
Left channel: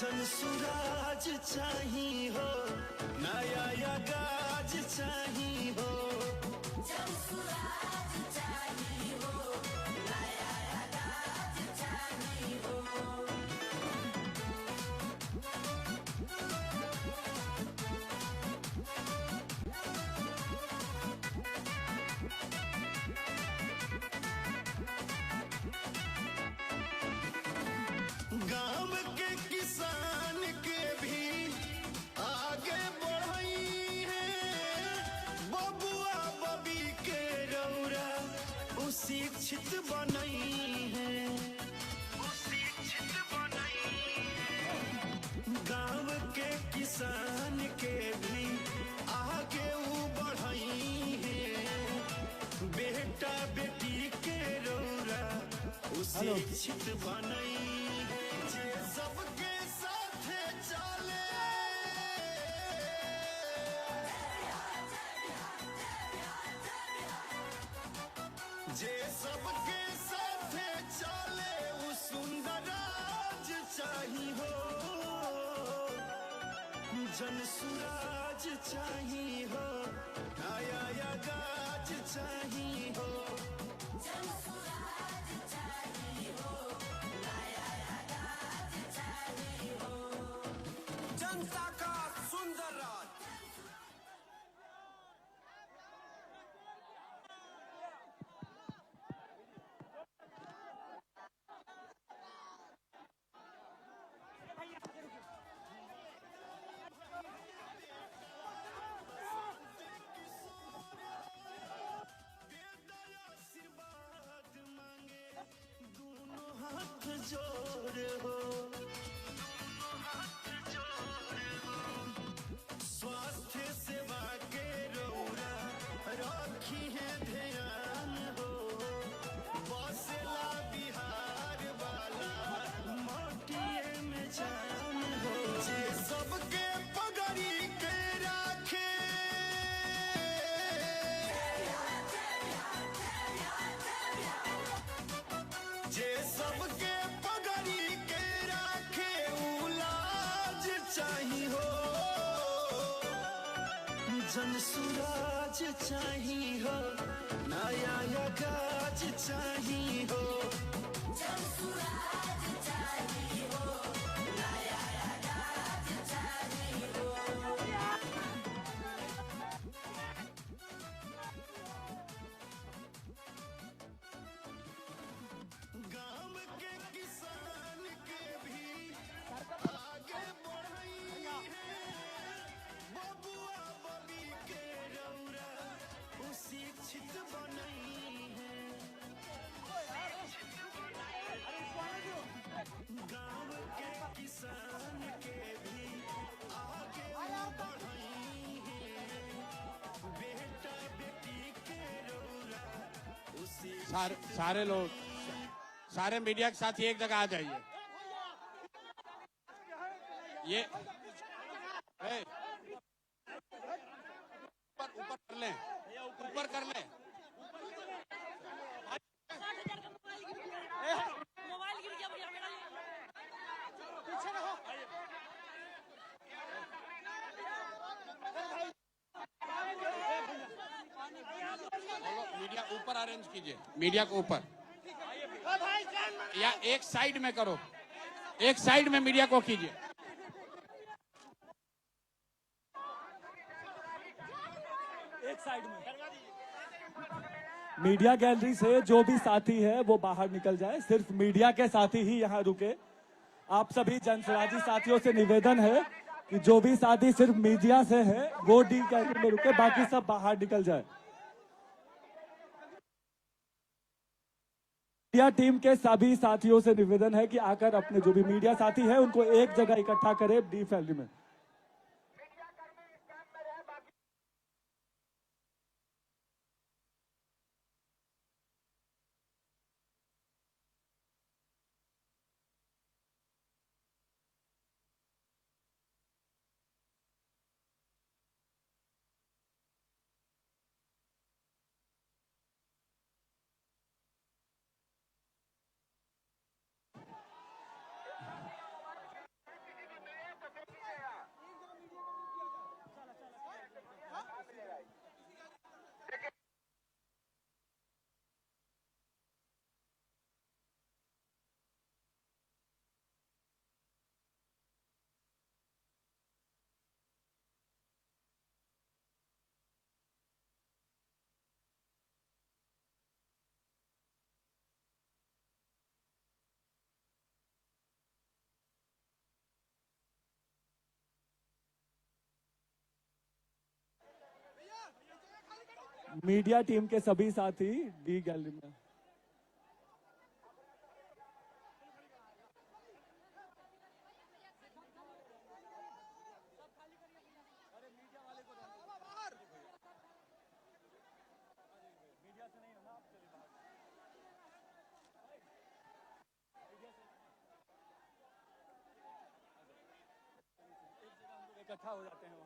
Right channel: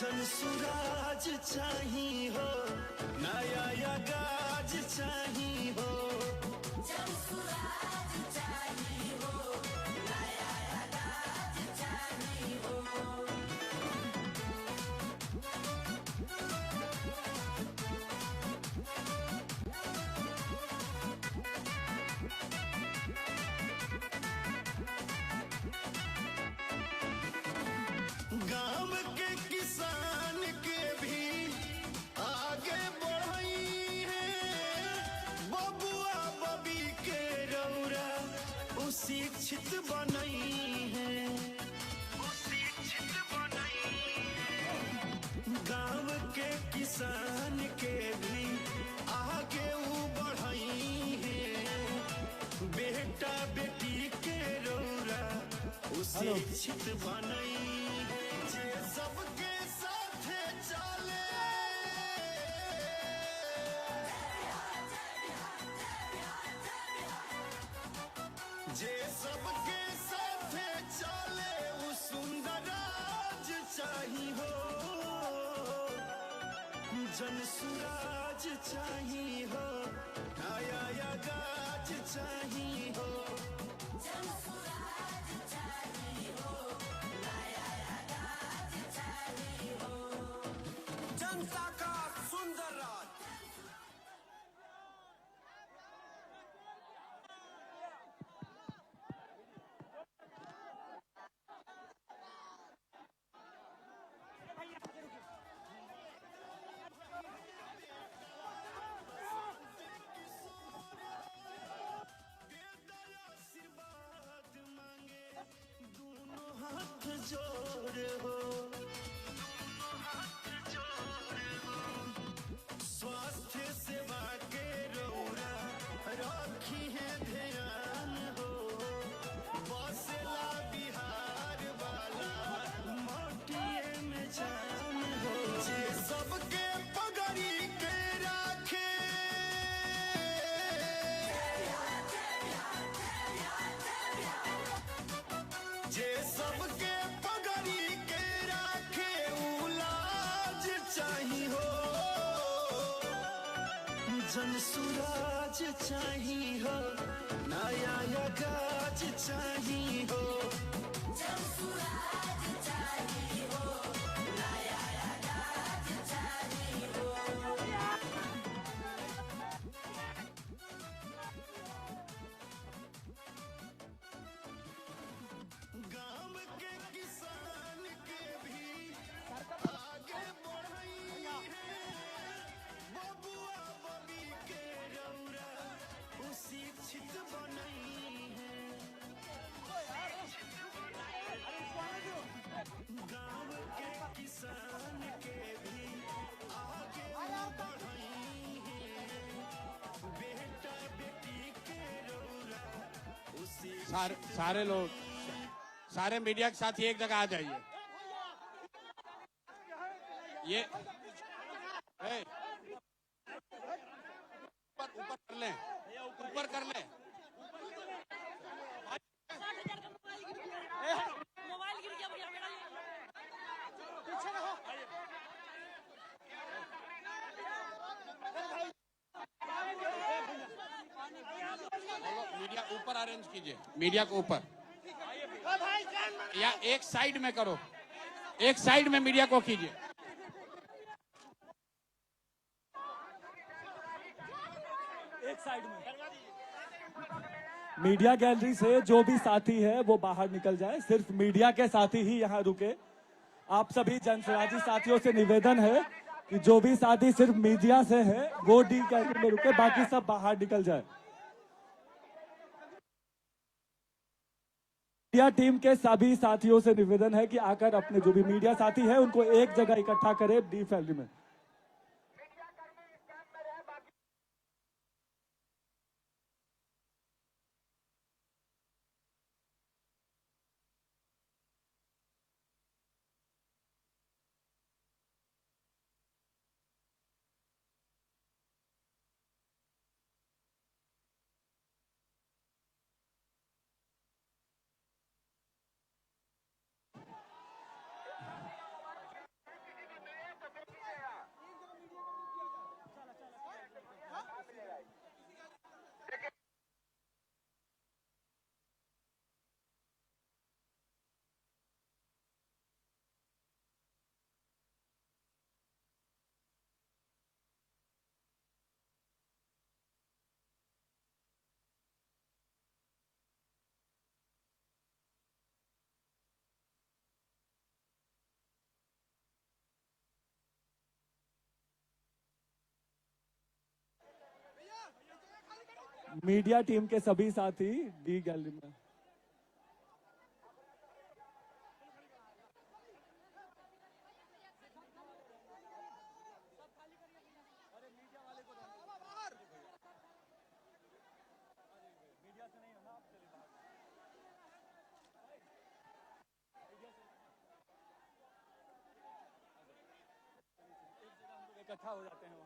जब सुराज चाहिए हो, नया या गाज चाहिए हो। गांव के किसान के भी आगे बढ़ी है। बबुआ बबी के रौरा शिक्षित बनई है। गांव के किसान के भी आगे बढ़ई है। बेटा बेटी के रौरा शिक्षित बनई, जे सबके साथ चले। जनसुराज चाहिए हो, नया गाज चाहिए हो, जनता का सुंदर राज। आशीर्वाद मांगे दोनों हाथ जोड़े हो, स्वास्थ्य सेवा के रोड़ा राखी है ध्यान हो, बसला बिहार वाला माटिए में जान हो, जे सबके पगड़ी के राखे, जे सबके पगड़ी के राखे उलाज चाहिए हो, जनसुराज चाहिए हो, नया गाज चाहिए हो, गाँव के किसान के भी आगे बढ़ई है, बबुआ बली के रौरा शिक्षित बनई है, गाँव के किसान के भी आगे बढ़ई है, बेटा बेटी के रौरा सारे लोग, सारे मीडिया के साथी एक जगह आ जाइए। ये ऊपर कर लें, ऊपर कर लें। मीडिया ऊपर अरेंज कीजिए, मीडिया को ऊपर, या एक साइड में करो, एक साइड में मीडिया को कीजिए। एक साइड में मीडिया गैलरी से जो भी साथी है वो बाहर निकल जाए, सिर्फ मीडिया के साथी ही यहाँ रुके। आप सभी जनसुराजी साथियों से निवेदन है कि जो भी साथी सिर्फ मीडिया से है वो डी गैलरी में रुके, बाकी सब बाहर निकल जाए। मीडिया टीम के सभी साथियों से निवेदन है कि आकर अपने जो भी मीडिया साथी है उनको एक जगह इकट्ठा करें डी गैलरी में। मीडिया टीम के सभी साथी डी गैलरी में। इकट्ठा हो जाते हैं।